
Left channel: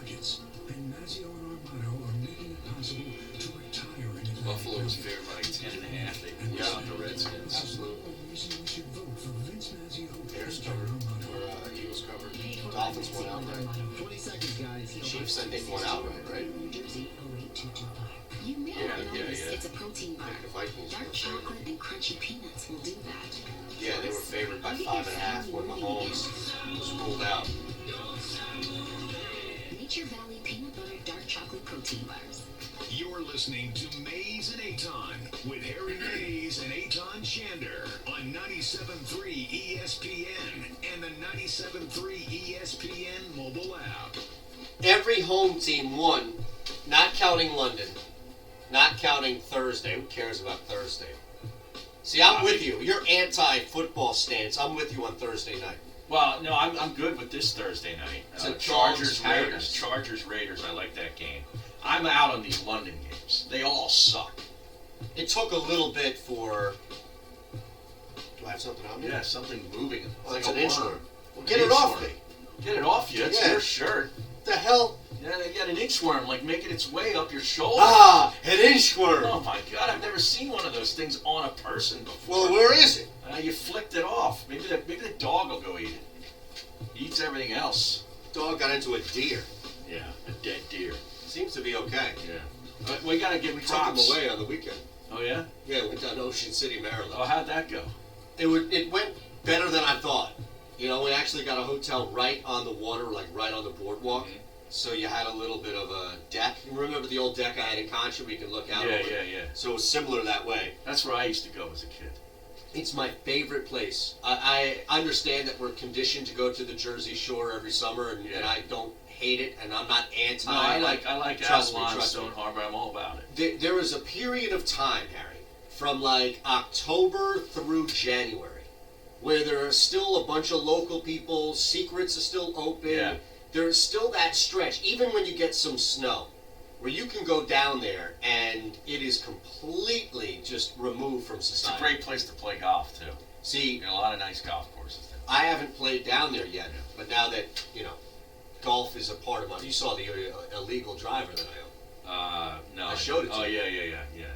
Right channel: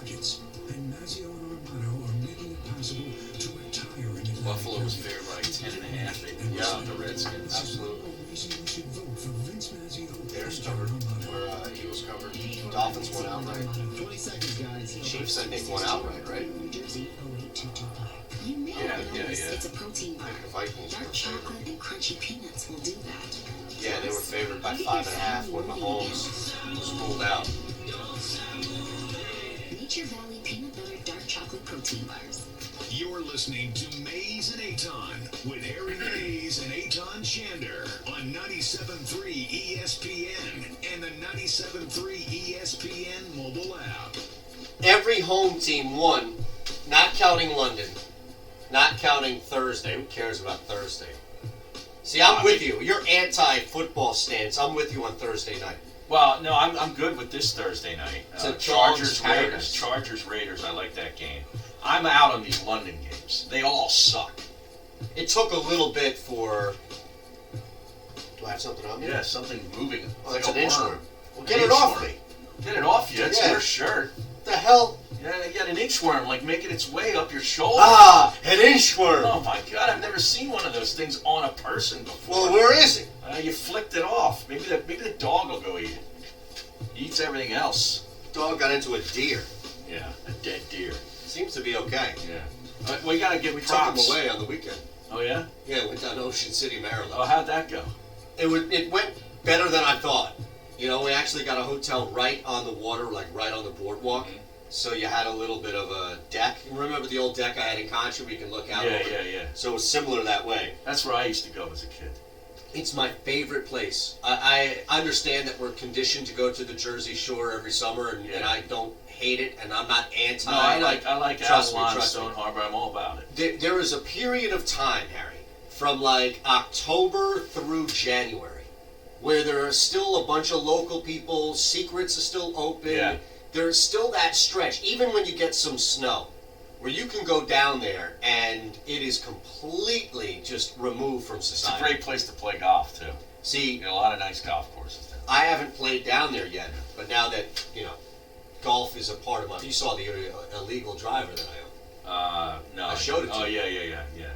Buffalo was favored by 10.5. They Yeah. the Redskins. Absolutely. Bears covered. Or Eagles covered. Dolphins won outright. 20 seconds, guys. Chiefs, I think, won outright, right? You may Yeah, not yeah, notice yeah. it's a protein bar. The Vikings were Dark favored. chocolate and crunchy peanuts will do that. Yeah, they were favored by 5.5 when Mahomes was ruled out. Nature Valley Peanut Butter Dark Chocolate Protein Bars. You're listening to Mays and Aton with Harry Mays and Aton Shander on 97.3 ESPN and the 97.3 ESPN mobile app. Every home team won, not counting London, not counting Thursday. Who cares about Thursday? See, I'm with you. Your anti-football stance. I'm with you on Thursday night. Well, no, I'm good with this Thursday night. It's a Chargers dog's Raiders. paradise. Chargers Raiders. I like that game. I'm out on these London games. They all suck. It took a little bit for. Do I have something on me? Yeah, something moving. Oh, it's like an a inchworm. worm. Well, get it off me. Get it off you. It's Yeah. your shirt. What the hell? Yeah, you got an inchworm, like making its way up your shoulder. Ah, an inchworm. Oh my God, I've never seen one of those things on a person before. Well, where is it? You flicked it off. Maybe the dog will go eat it. He eats everything else. Dog got into a deer. Yeah, a dead deer. Seems to be okay. Yeah. But we gotta give took props. him away on the weekend. Oh yeah? Yeah, went down to Ocean City, Maryland. Oh, how'd that go? It went better than I thought. You know, we actually got a hotel right on the water, like right on the boardwalk. Mm-hmm. So you had a little bit of a deck. You remember the old deck I had in Contra where you can look out Yeah, over? yeah. So it was similar that way. That's where I used to go as a kid. It's my favorite place. I understand that we're conditioned to go to the Jersey Shore every summer, and I don't hate it, and I'm not anti. No, I like trust Avalon, me. Stone Harbor. I'm all about it. There was a period of time, Harry, from like October through January, where there are still a bunch of local people. Secrets are still open. Yeah. There's still that stretch, even when you get some snow, where you can go down there and it is completely just removed from It's a society. great place to play golf too. See, a lot of nice golf courses there. I haven't played down there yet, but now that golf is a part of my. You saw the illegal driver that I own. No. I showed it to you. Oh you. yeah.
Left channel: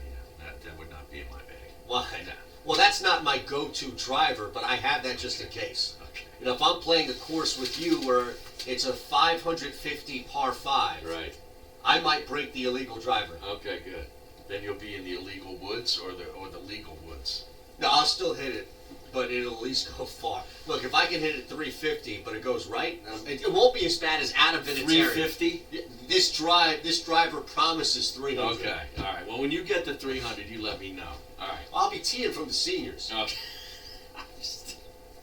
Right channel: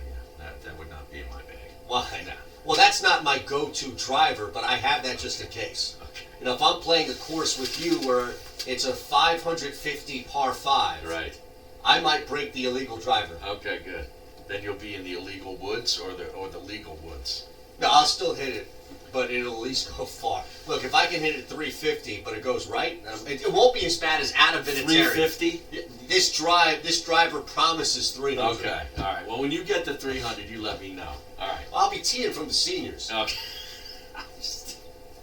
That would not be in my bag. Why? No. Well, that's not my go-to driver, but I have that just in case. Okay. If I'm playing a course with you where it's a 550 par 5, Right. I might break the illegal driver. Okay, good. Then you'll be in the illegal woods or the legal woods. No, I'll still hit it, but it'll at least go far. Look, if I can hit it 350, but it goes right, it won't be as bad as Adam Vinatieri. 350? This driver promises 300. Okay. All right. Well, when you get to 300, you let me know. All right. I'll be teeing from the seniors. Okay.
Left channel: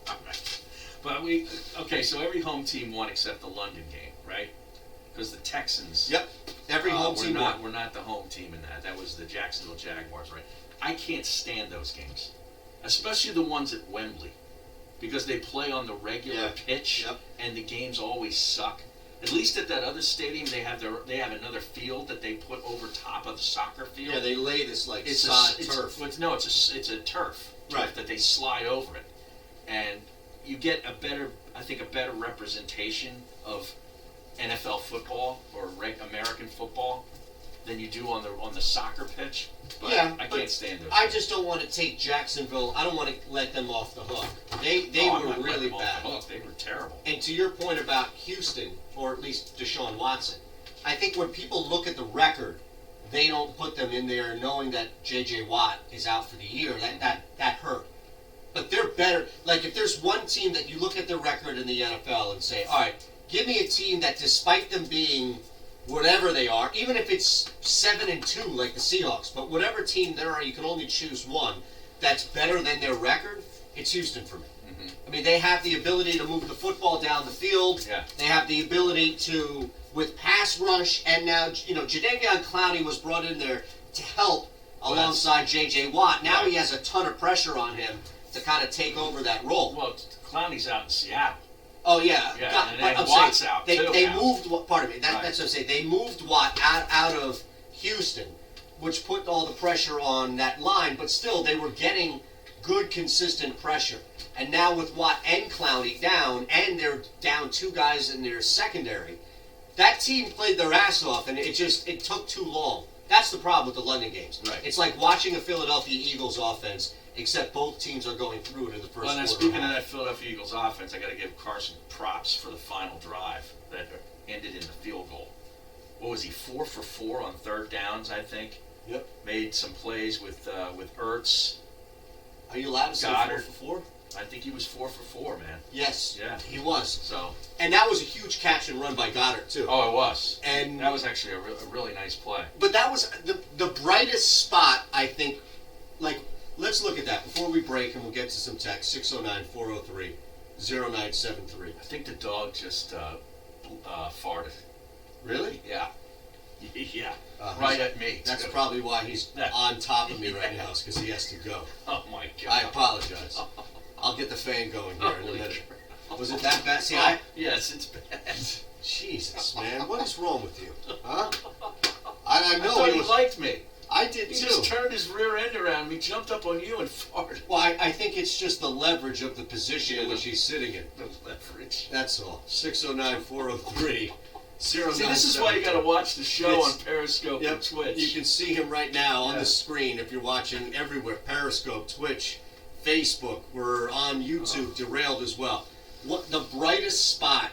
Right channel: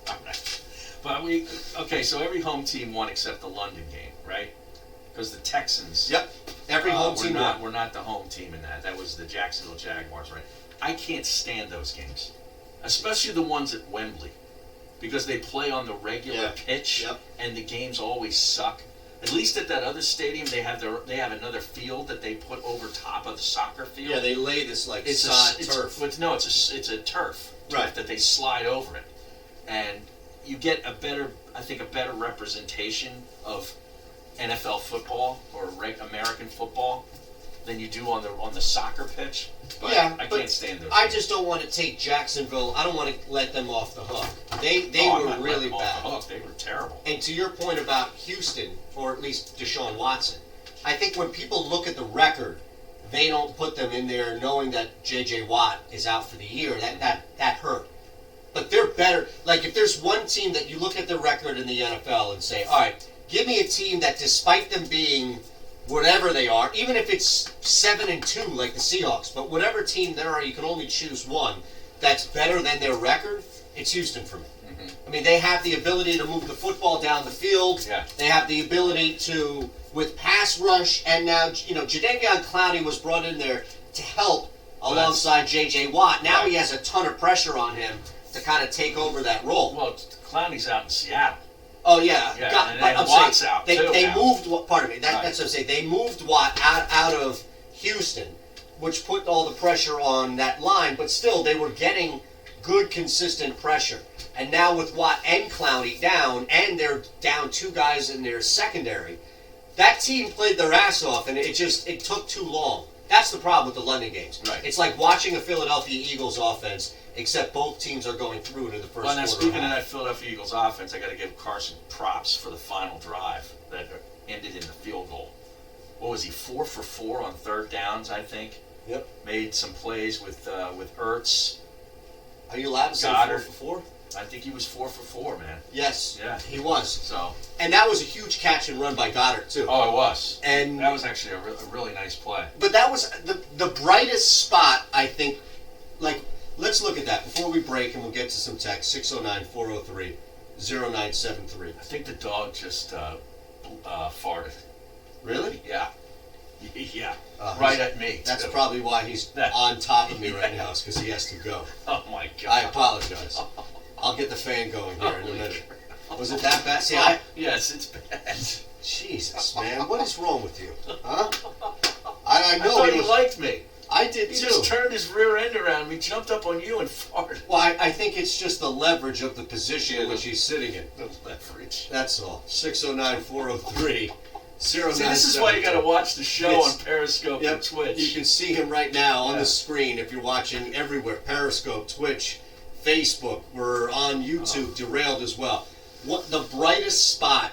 All right. But so every home team won except the London game, right? Because the Texans. Yep. Every home team won. We're not the home team in that. That was the Jacksonville Jaguars, right? I can't stand those games, especially the ones at Wembley, because they play on the regular pitch, and the games always suck. At least at that other stadium, they have another field that they put over top of the soccer field. Yeah, they lay this like sod turf. It's a turf, right? That they slide over it, and you get a better representation of NFL football or American football than you do on the soccer pitch. But I can't stand those. I just don't want to take Jacksonville. I don't want to let them off the hook. They were really bad. They were terrible. And to your point about Houston, or at least Deshaun Watson, I think when people look at the record, they don't put them in there knowing that J.J. Watt is out for the year. That hurt. But they're better. Like, if there's one team that you look at their record in the NFL and say, all right, give me a team that despite them being whatever they are, even if it's 7-2 like the Seahawks, but whatever team there are, you can only choose one that's better than their record, it's Houston for me. Mm-hmm. I mean, they have the ability to move the football down the field. Yeah. They have the ability to, with pass rush, and now, Jadeveon Clowney was brought in there to help alongside J.J. Watt. Now he has a ton of pressure on him to kind of take over that role. Well, Clowney's out in Seattle. Oh, yeah. And then Watt's out, too. They moved, pardon me, that's what I'm saying. They moved Watt out of Houston, which put all the pressure on that line, but still, they were getting good, consistent pressure. And now with Watt and Clowney down, and they're down two guys in their secondary, that team played their ass off, and it took too long. That's the problem with the London games. Right. It's like watching a Philadelphia Eagles offense, except both teams are going through it in the first quarter. Now, speaking of that Philadelphia Eagles offense, I got to give Carson props for the final drive that ended in the field goal. What was he, 4 for 4 on third downs, I think? Yep. Made some plays with Ertz. Are you allowed to say Goddard. 4 for 4? I think he was 4 for 4, man. Yes. Yeah. He was. So. And that was a huge catch and run by Goddard, too. Oh, it was. And that was actually a really nice play. But that was the brightest spot, I think. Like, let's look at that before we break, and we'll get to some text. 609-403-0973. I think the dog just farted. Really? Yeah. Yeah. Right at me. That's probably why he's on top of me right now, is because he has to go. Oh, my God. I apologize. I'll get the fan going here in a minute. Was it that bad? See, yes, it's bad. Jesus, man. What is wrong with you? Huh? I know I thought you liked me. I did He too. just turned his rear end around. He jumped up on you and farted. Well, I think it's just the leverage of the position in which he's sitting in. The leverage. That's all. 609-403. See, this is why you got to watch the show on Periscope and Twitch. You can see him right now on the screen if you're watching everywhere. Periscope, Twitch, Facebook. We're on YouTube, Derailed as well. What the brightest spot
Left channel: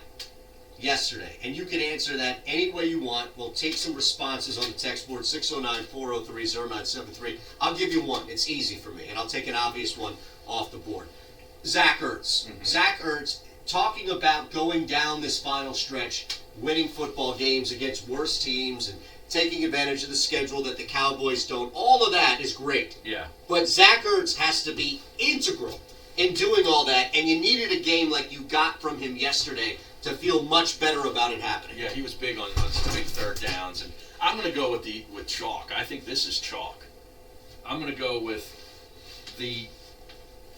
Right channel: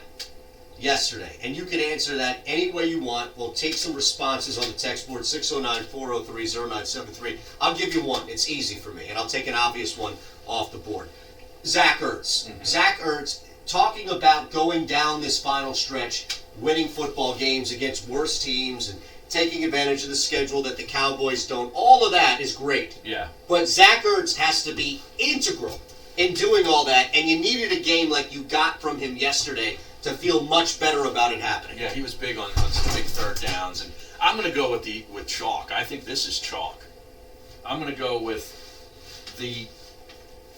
yesterday, and you can answer that any way you want. We'll take some responses on the text board, 609-403-0973. I'll give you one. It's easy for me, and I'll take an obvious one off the board. Zach Ertz. Zach Ertz talking about going down this final stretch, winning football games against worse teams and taking advantage of the schedule that the Cowboys don't. All of that is great. Yeah. But Zach Ertz has to be integral in doing all that, and you needed a game like you got from him yesterday to feel much better about it happening. Yeah, he was big on some big third downs, and I'm going to go with chalk. I think this is chalk. I'm going to go with the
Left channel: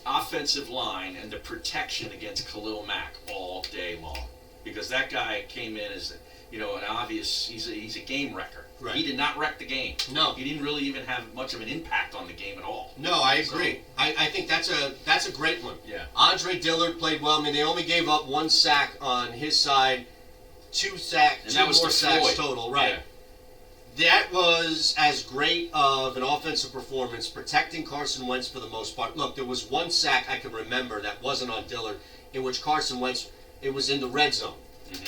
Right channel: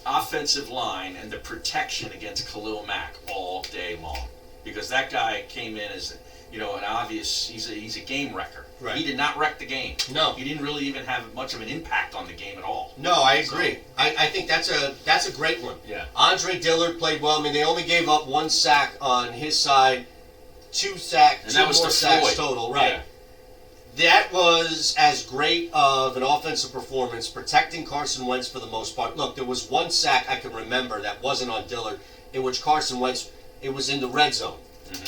offensive line and the protection against Khalil Mack all day long, because that guy came in as an obvious. He's a game wrecker. Right. He did not wreck the game. No, he didn't really even have much of an impact on the game at all. No, I agree. I think that's a great one. Yeah. Andre Dillard played well. I mean, they only gave up 1 sack on his side, 2 more sacks total. Right. Yeah. That was as great of an offensive performance, protecting Carson Wentz for the most part. Look, there was 1 sack I can remember that wasn't on Dillard, in which Carson Wentz, it was in the red zone,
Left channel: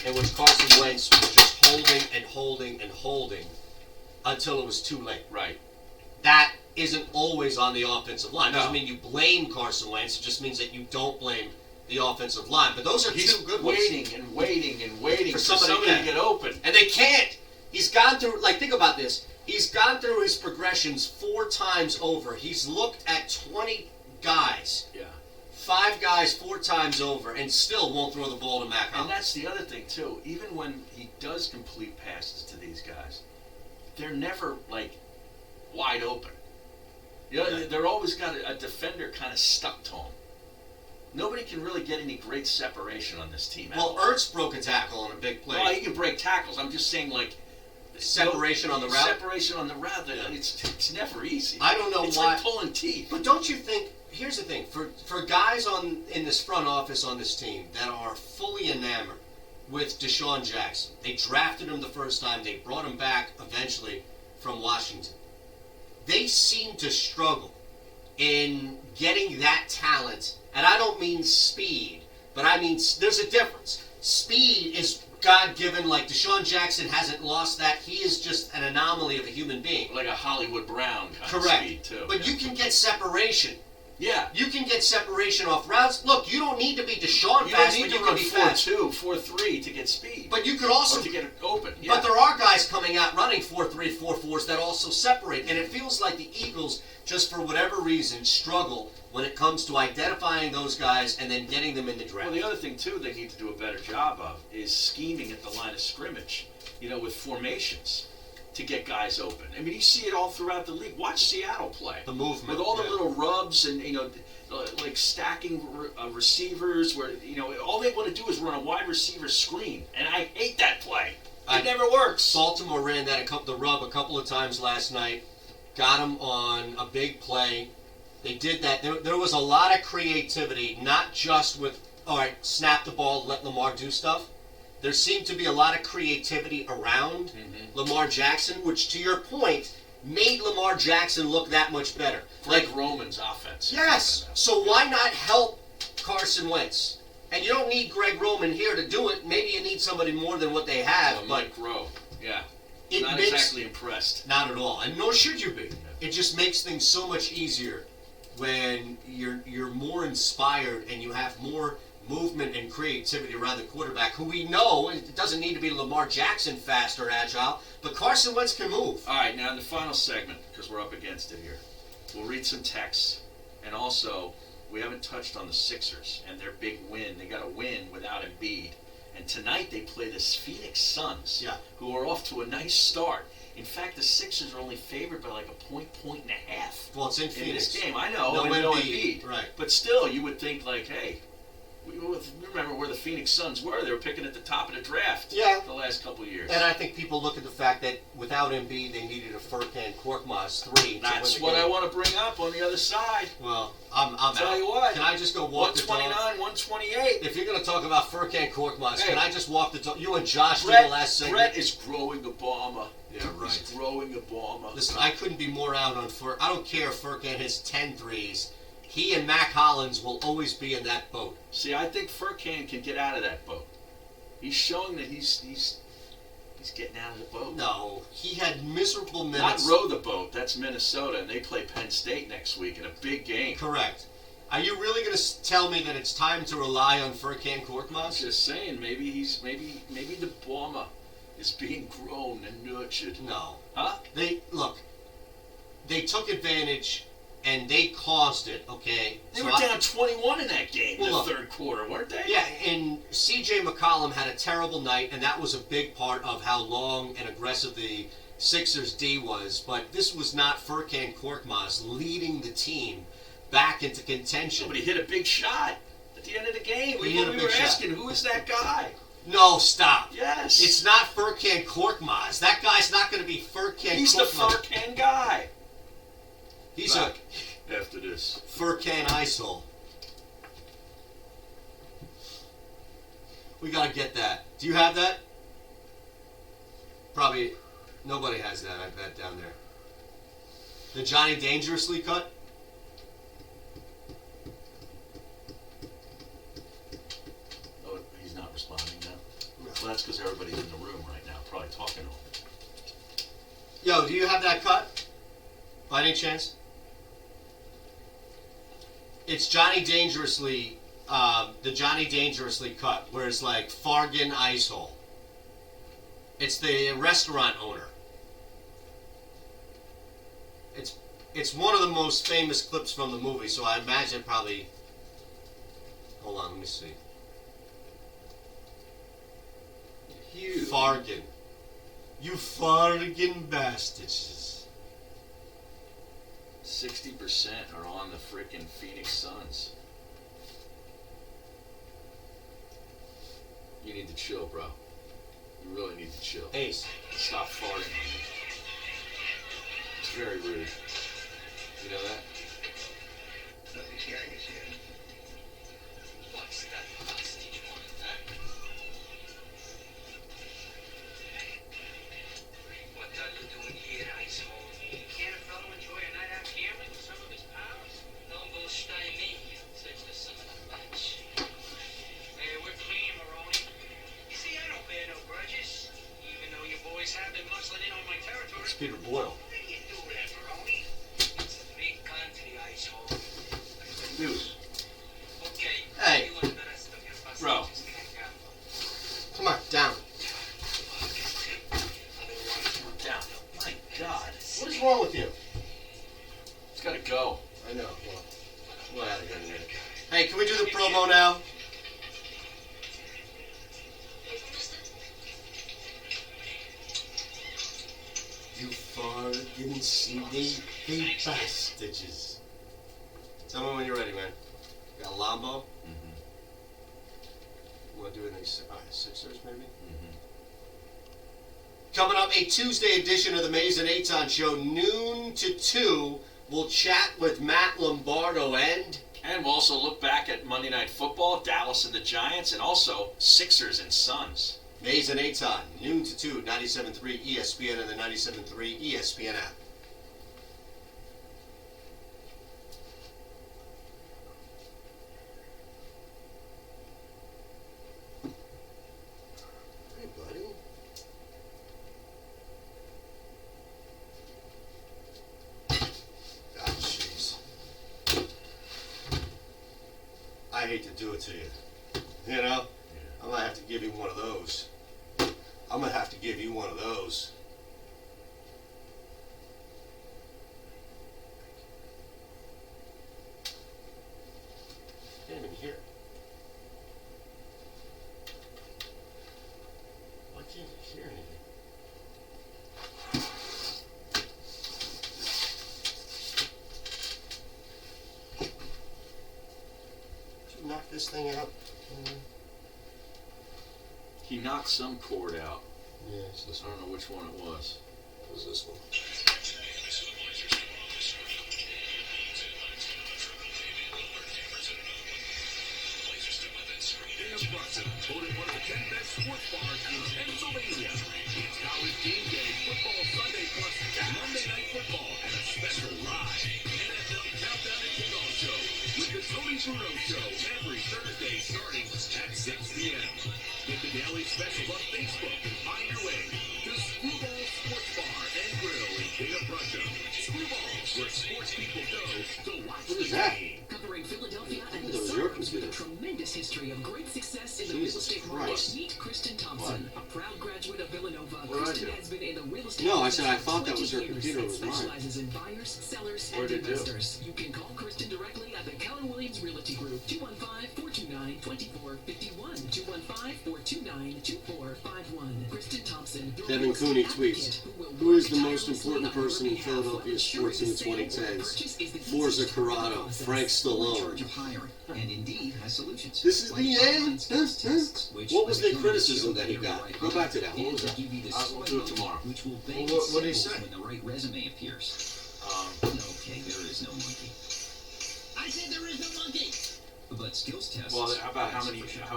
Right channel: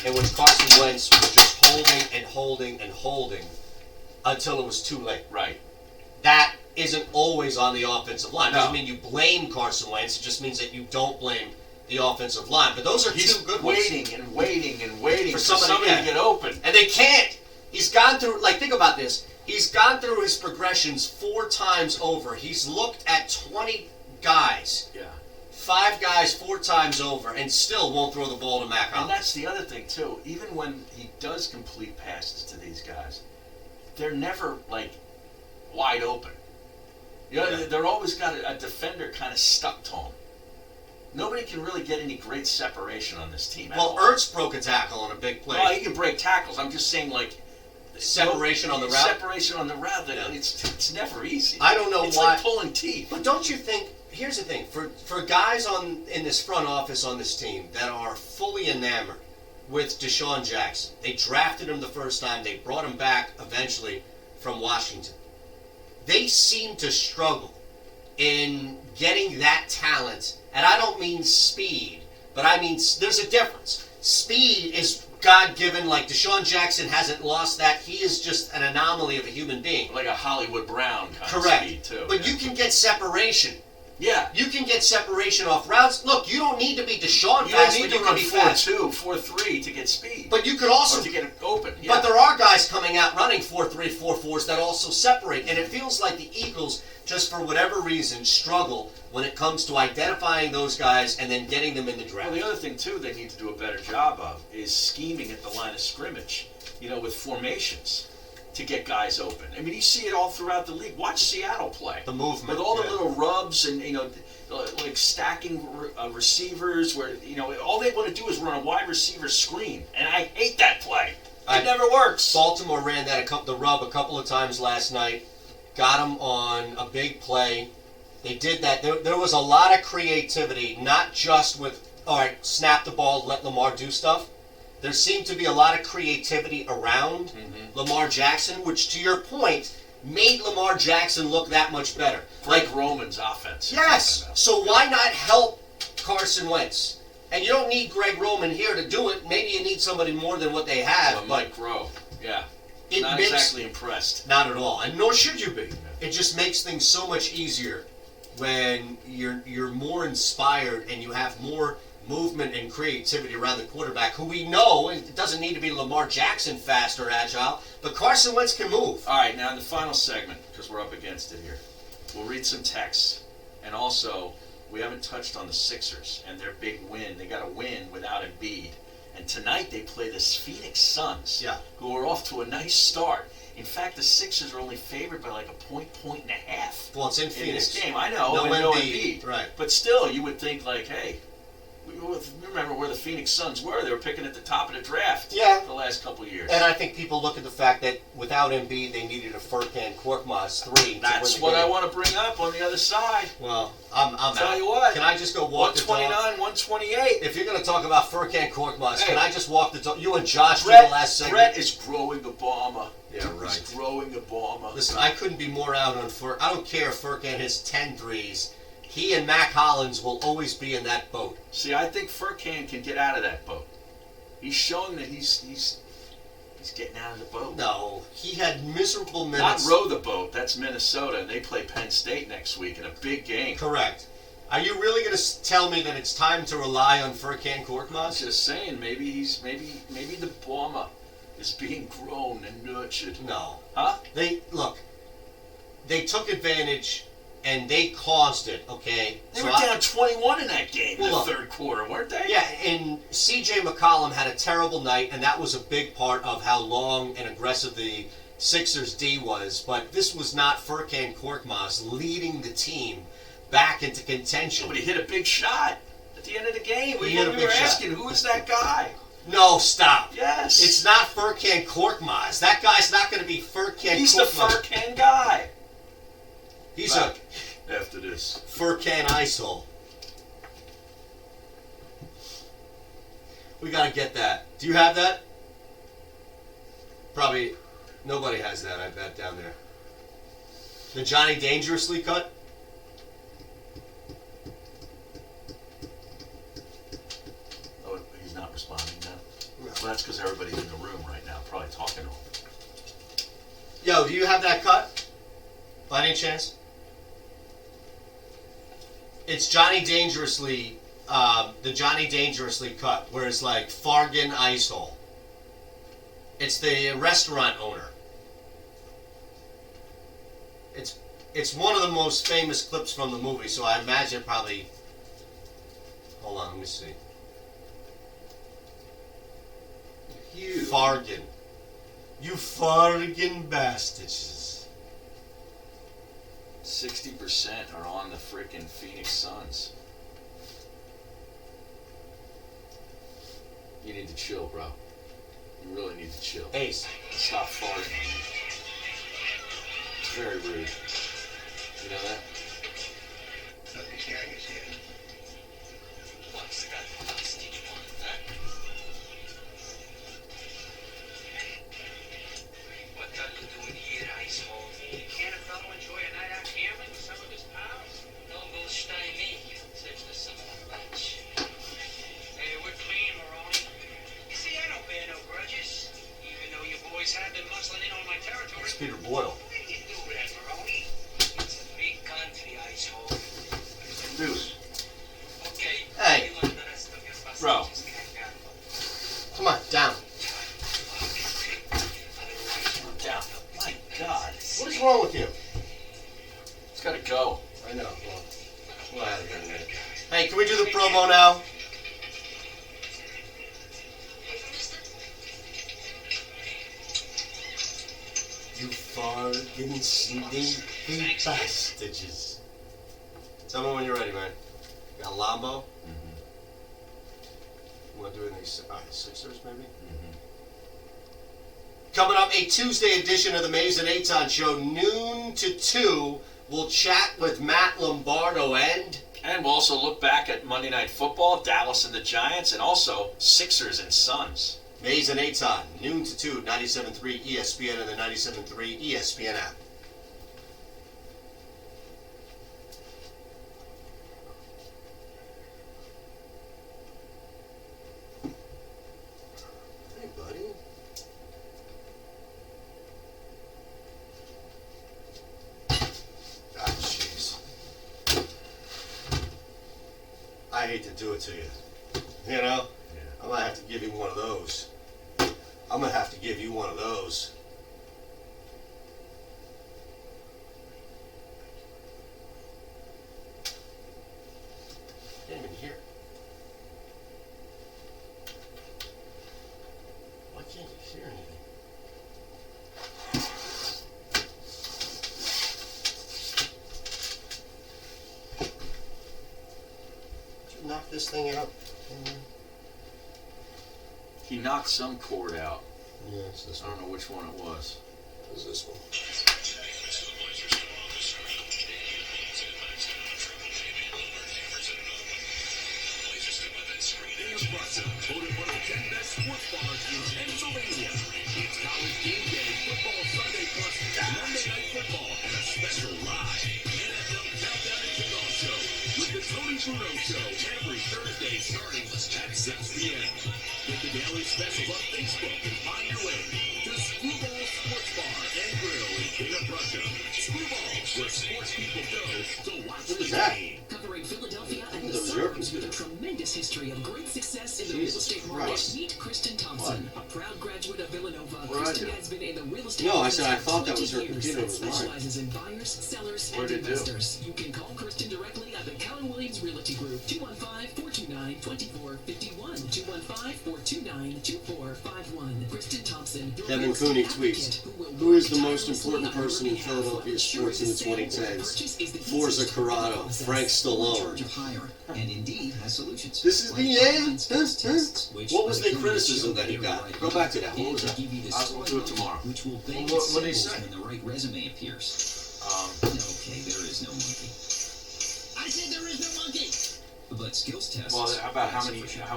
in which Carson Wentz was just holding until it was too late. Right. That isn't always on the offensive line. No. Doesn't mean you blame Carson Wentz. It just means that you don't blame the offensive line. But those are two good ones. waiting for somebody to get open. And they can't. He's gone through, think about this. He's gone through his progressions 4 times over. He's looked at 20 guys. Yeah. 5 guys 4 times over, and still won't throw the ball to Mac Hollins. And that's the other thing, too. Even when he does complete passes to these guys, they're never, wide open. They're always got a defender kind of stuck to them. Nobody can really get any great separation on this team. Well, Ertz broke a tackle on a big play. Well, he can break tackles. I'm just saying, separation on the route? Separation on the route. It's never easy. I don't know why. It's like pulling teeth. But don't you think, here's the thing, for guys in this front office on this team that are fully enamored with Deshaun Jackson, they drafted him the first time, they brought him back eventually from Washington. They seem to struggle in getting that talent, and I don't mean speed, but I mean there's a difference. Speed is God-given, like Deshaun Jackson hasn't lost that. He is just an anomaly of a human being. Like a Hollywood Brown kind Correct. of speed, too. But you can get separation. Yeah. You can get separation off routes. Look, you don't need to be Deshaun You fast, don't need but to you run can be fast. 4.2, 4.3 to get speed. But you could also... Or to get it open. Yeah. But there are guys coming out running 4.3, 4.4s that also separate. And it feels like the Eagles, just for whatever reason, struggle when it comes to identifying those guys and then getting them in the draft. Well, the other thing, too, they need to do a better job of is scheming at the line of scrimmage, with formations to get guys open. I mean, you see it all throughout the league. Watch Seattle play. The movement. With all the little rubs and, stacking receivers where, all they want to do is run a wide receiver screen. And I hate that play. It never works. Baltimore ran the rub a couple of times last night. Got him on a big play. They did that. There was a lot of creativity, not just with, all right, snap the ball, let Lamar do stuff. There seemed to be a lot of creativity around Lamar Jackson, which, to your point, made Lamar Jackson look that much better. Greg Roman's offense. Yes. So why not help Carson Wentz? And you don't need Greg Roman here to do it. Maybe you need somebody more than what they have. Well, Mike Rowe. Yeah. Not exactly impressed. Not at all. And nor should you be. It just makes things so much easier when you're more inspired and you have more movement and creativity around the quarterback, who we know, it doesn't need to be Lamar Jackson fast or agile, but Carson Wentz can move. All right, now in the final segment, because we're up against it here, we'll read some texts. And also, we haven't touched on the Sixers and their big win. They got a win without Embiid. And tonight they play the Phoenix Suns, who are off to a nice start. In fact, the Sixers are only favored by like a point and a half. Well, it's in Phoenix. This game. I know, no Embiid. Right. But still, you would think hey, Remember where the Phoenix Suns were? They were picking at the top of the draft. Yeah. The last couple of years. And I think people look at the fact that without Embiid, they needed a Furkan Korkmaz 3. That's what I want to bring up on the other side. Well, I'm tell out. you what. Can I just go walk 129, the dog? 128. If you're going to talk about Furkan Korkmaz, can I just walk the dog? You and Josh did Brett, the last segment. Brett is growing Obama. Yeah, right. He's growing Obama. Listen, I couldn't be more out on Furkan. I don't care if Furkan hits 10 threes. He and Mac Hollins will always be in that boat. See, I think Furkan can get out of that boat. He's showing that he's getting out of the boat. No, he had miserable Not minutes. row the boat. That's Minnesota, and they play Penn State next week in a big game. Correct. Are you really going to tell me that it's time to rely on Furkan Korkmaz? I'm just saying, maybe the Obama is being grown and nurtured. No. Huh? They took advantage and they caused it, okay? They were down 21 in that game in the look, third quarter, weren't they? Yeah, and C.J. McCollum had a terrible night, and that was a big part of how long and aggressive the Sixers D was. But this was not Furkan Korkmaz leading the team back into contention. But he hit a big shot at the end of the game. He We hit a were big shot. asking, who is that guy? No, stop. Yes. It's not Furkan Korkmaz. That guy's not going to be Furkan He's Korkmaz. the Furkan guy. He's Back after this. Furkan ISIL. We got to get that. Do you have that? Probably nobody has that, I bet, down there. The Johnny Dangerously cut? Oh, he's not responding now? No. Well, that's because everybody's in the room right now, probably talking to him. Yo, do you have that cut? By any chance? It's Johnny Dangerously, the Johnny Dangerously cut, where it's like Fargan ISIL. It's the restaurant owner. It's one of the most famous clips from the movie, so I imagine probably... Hold on, let me see. You Fargan. You Fargan bastards. 60% are on the frickin' Phoenix Suns. You need to chill, bro. You really need to chill. Ace. Stop farting on me. It's very rude. You know that? This gang is here. What's that nasty one, What are you doing here, asshole? Can't a fellow enjoy a night out gambling with some of his pals? Don't bullshit me. Saves us some of the bunch. Hey, we're clean, Maroney. You see, I don't bear no grudges, even though you boys have been muscling in on my territory. It's Peter Boyle. Where do you do that, Maroney? It's a big country, asshole. Dude. Okay. Hey. You and the rest of your busters Bro. just can't gamble. Come on, down. Down. My God. What is wrong with you? It's gotta go. I know. Well, I got a minute. Hey, can we do the promo now? You farting sneaky bastards. Tell me when you're ready, man. Got a Lambo? Mm-hmm. You want to do it in the Sixers, maybe? Mm-hmm. Coming up, a Tuesday edition of the Mays and Eitan Show, noon to 2. We'll chat with Matt Lombardo and we'll also look back at Monday Night Football, Dallas and the Giants, and also Sixers and Suns. Mays and Eitan, noon to 2, 97.3 ESPN and the 97.3 ESPN app. Hey, buddy. Ah, jeez. I hate to do it to you. You know? I'm going to have to give you one of those. I'm going to have to give you one of those. Can't even hear it. Why can't you hear anything? knock this thing out? He knocked some cord out. Yeah, it's this I don't know which one it was. It was this one. Voted one of the 10 best sports bars in Pennsylvania. It's College Game Day, Football Sunday plus Monday Night Football and a special live NFL Countdown and Kickoff Show with the Tony Bruno Show every Thursday starting at 6 p.m. Get the daily specials on Facebook and find your way to Screwball Sports Bar and Grill in King of Prussia. Screwball, where sports people go to watch the game. Covering Philadelphia and the Those are your suburbs with a computer. tremendous history of great success in the real estate market. Meet Kristen Thompson, a proud graduate of Villanova. Kristen has been in the real estate No, I business said I for thought that 20 was her years computer. It and was mine. specializes in buyers, sellers, What and did it do? investors. You can call Kristen directly at the Keller Williams Realty Group, 215-429-2451, 215-429-2451. Kristen Thompson, your Devin real estate Cooney advocate tweets, who will who is the work most important tirelessly on person in your behalf. Philadelphia sports in the 2010s? Forza Corrado, Frank Stallone. And Indeed has solutions. This is the end. Which What was the criticism that he got? Go back to that. What was that? I'll do it tomorrow. Which will bang What did he symbols say? when the right resume appears. Okay, there is no monkey. I said there is no monkey. But skills tests. Well, about how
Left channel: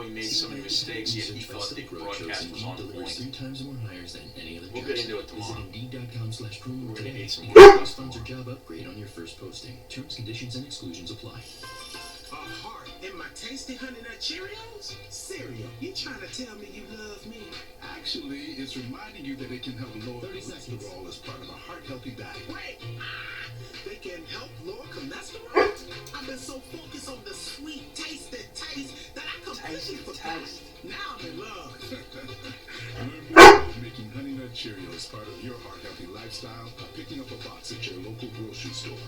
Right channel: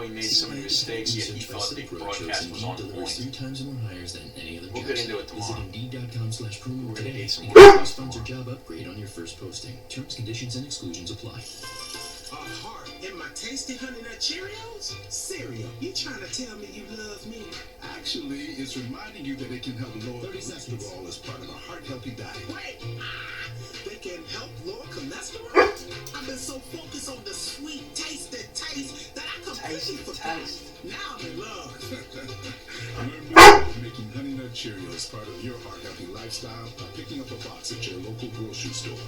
he made so many mistakes, yet he thought the broadcast was on point. 3 times more hires than any other We'll get into it tomorrow. Indeed.com/promo We're gonna today. need some And more. get a sponsored job upgrade on your first posting. Terms, conditions, and exclusions apply. A heart in my tasty Honey Nut Cheerios? Cereal, you trying to tell me you love me? Actually, it's reminding you that it can help lower 30 seconds. cholesterol as part of a heart-healthy diet. Wait, they can help lower cholesterol? I've been so focused on the sweet, tasty taste that I completely forgot. Now I'm in love. Learn more about making Honey Nut Cheerios part of your heart-healthy lifestyle by picking up a box at your local grocery store.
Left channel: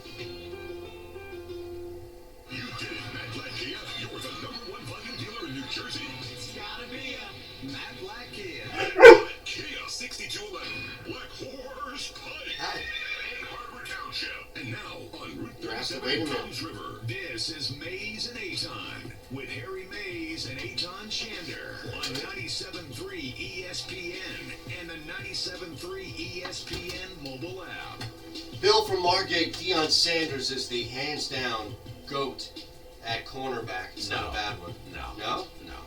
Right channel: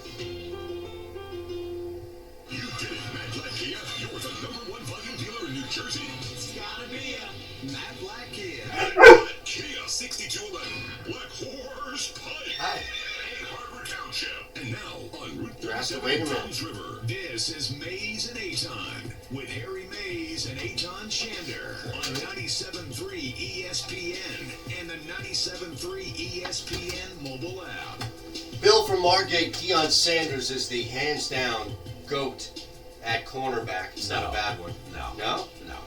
You did it, Matt Black Kia. You're the #1 volume dealer in New Jersey. It's gotta be a Matt Black Kia. Kia 6211, Black Horse Pike. Hi. Egg Harbor Township. And now on Route You have to 37 wait a minute. Thames River. This is Mays and Aton with Harry Mays and Aton Shander on 97.3 ESPN and the 97.3 ESPN mobile app. Bill from Margate, Deion Sanders is the hands-down GOAT at cornerback. It's not a bad one. No. No? No.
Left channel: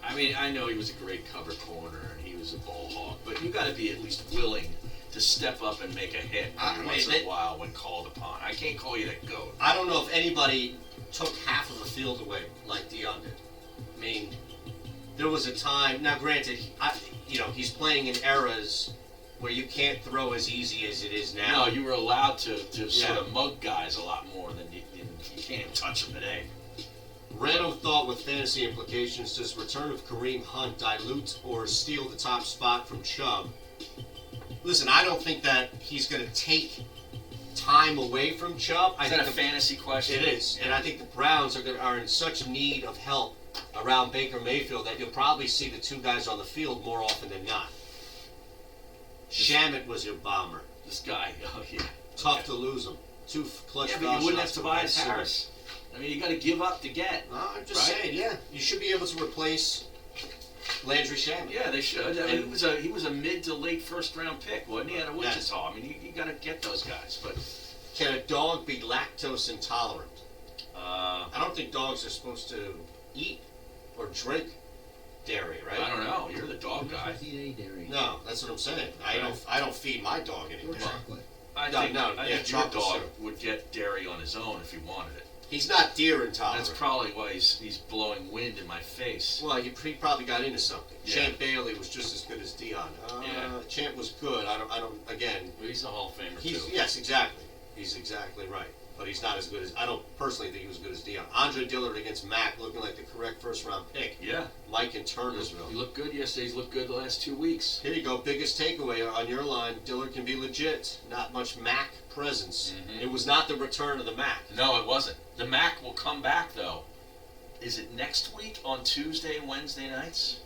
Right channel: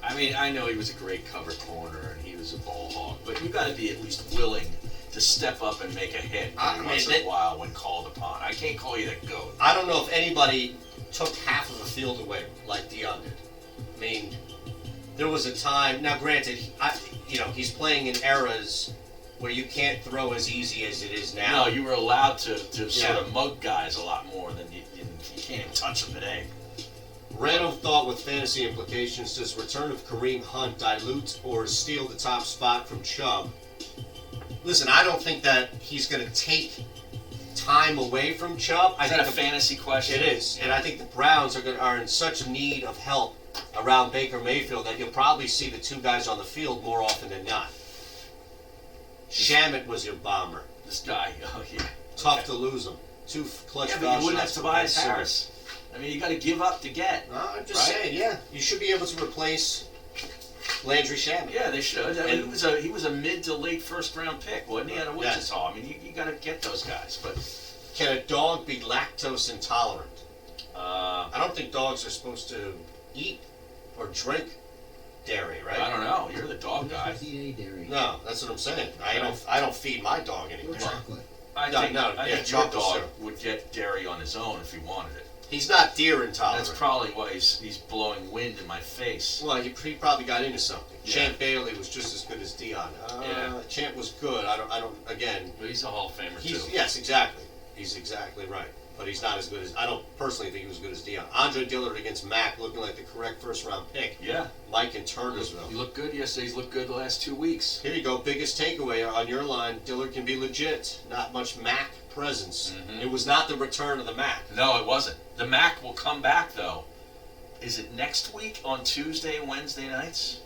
I mean, I know he was a great cover corner and he was a ball hawk, but you got to be at least willing to step up and make a hit once in a while when called upon. I can't call you the GOAT. I don't know if anybody took half of the field away like Deion did. I mean, there was a time. Now, granted, he's playing in eras where you can't throw as easy as it is now. No, you were allowed to sort of mug guys a lot more than you can't even touch them today. Random thought with fantasy implications: does return of Kareem Hunt dilute or steal the top spot from Chubb? Listen, I don't think that he's going to take time away from Chubb. Is that a fantasy question? It is, and I think the Browns are in such need of help around Baker Mayfield that you'll probably see the two guys on the field more often than not. Shamet was your bomber. This guy, oh yeah. Tough to lose him. Two clutch Yeah, but you wouldn't have shots for Tobias Ben Harris. Simmons. I mean, you got to give up to get. No, I'm just right? saying, yeah. You should be able to replace Landry Shamet. Yeah, they should. I mean, he was a mid to late first round pick, wasn't he, out of Wichita? I mean, you got to get those guys. But can a dog be lactose intolerant? I don't think dogs are supposed to eat or drink dairy, right? I don't know. You're the dog guy. No, that's what I'm saying. I don't feed my dog anymore. I think your chocolate dog syrup. would get dairy on his own if he wanted it. He's not deer intolerant. That's probably why he's blowing wind in my face. Well, he probably got into something. Yeah. Champ Bailey was just as good as Deion. Champ was good. I don't. Again, but he's a Hall of Famer too. Yes, exactly. He's exactly right. But he's not as good as. I don't personally think he was as good as Deion. Andre Dillard against Mack, looking like the correct first round pick. Yeah. Mike in Turnersville. He looked good yesterday. He's looked good the last 2 weeks. Here you go. Biggest takeaway on your line. Dillard can be legit. Not much Mack presence. Mm-hmm. It was not the return of the Mack. No, it wasn't. The Mac will come back, though. Is it next week on Tuesday and Wednesday nights?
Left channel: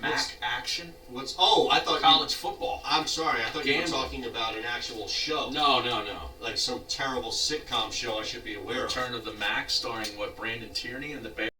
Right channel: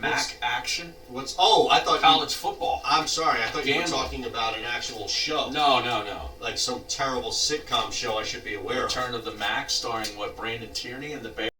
Mac action? What's? Oh, I thought college football. I'm sorry. I thought you were Gambling. talking about an actual show. No. Like some terrible sitcom show I should be aware of. Return of the Mac, starring Brandon Tierney and the Bears.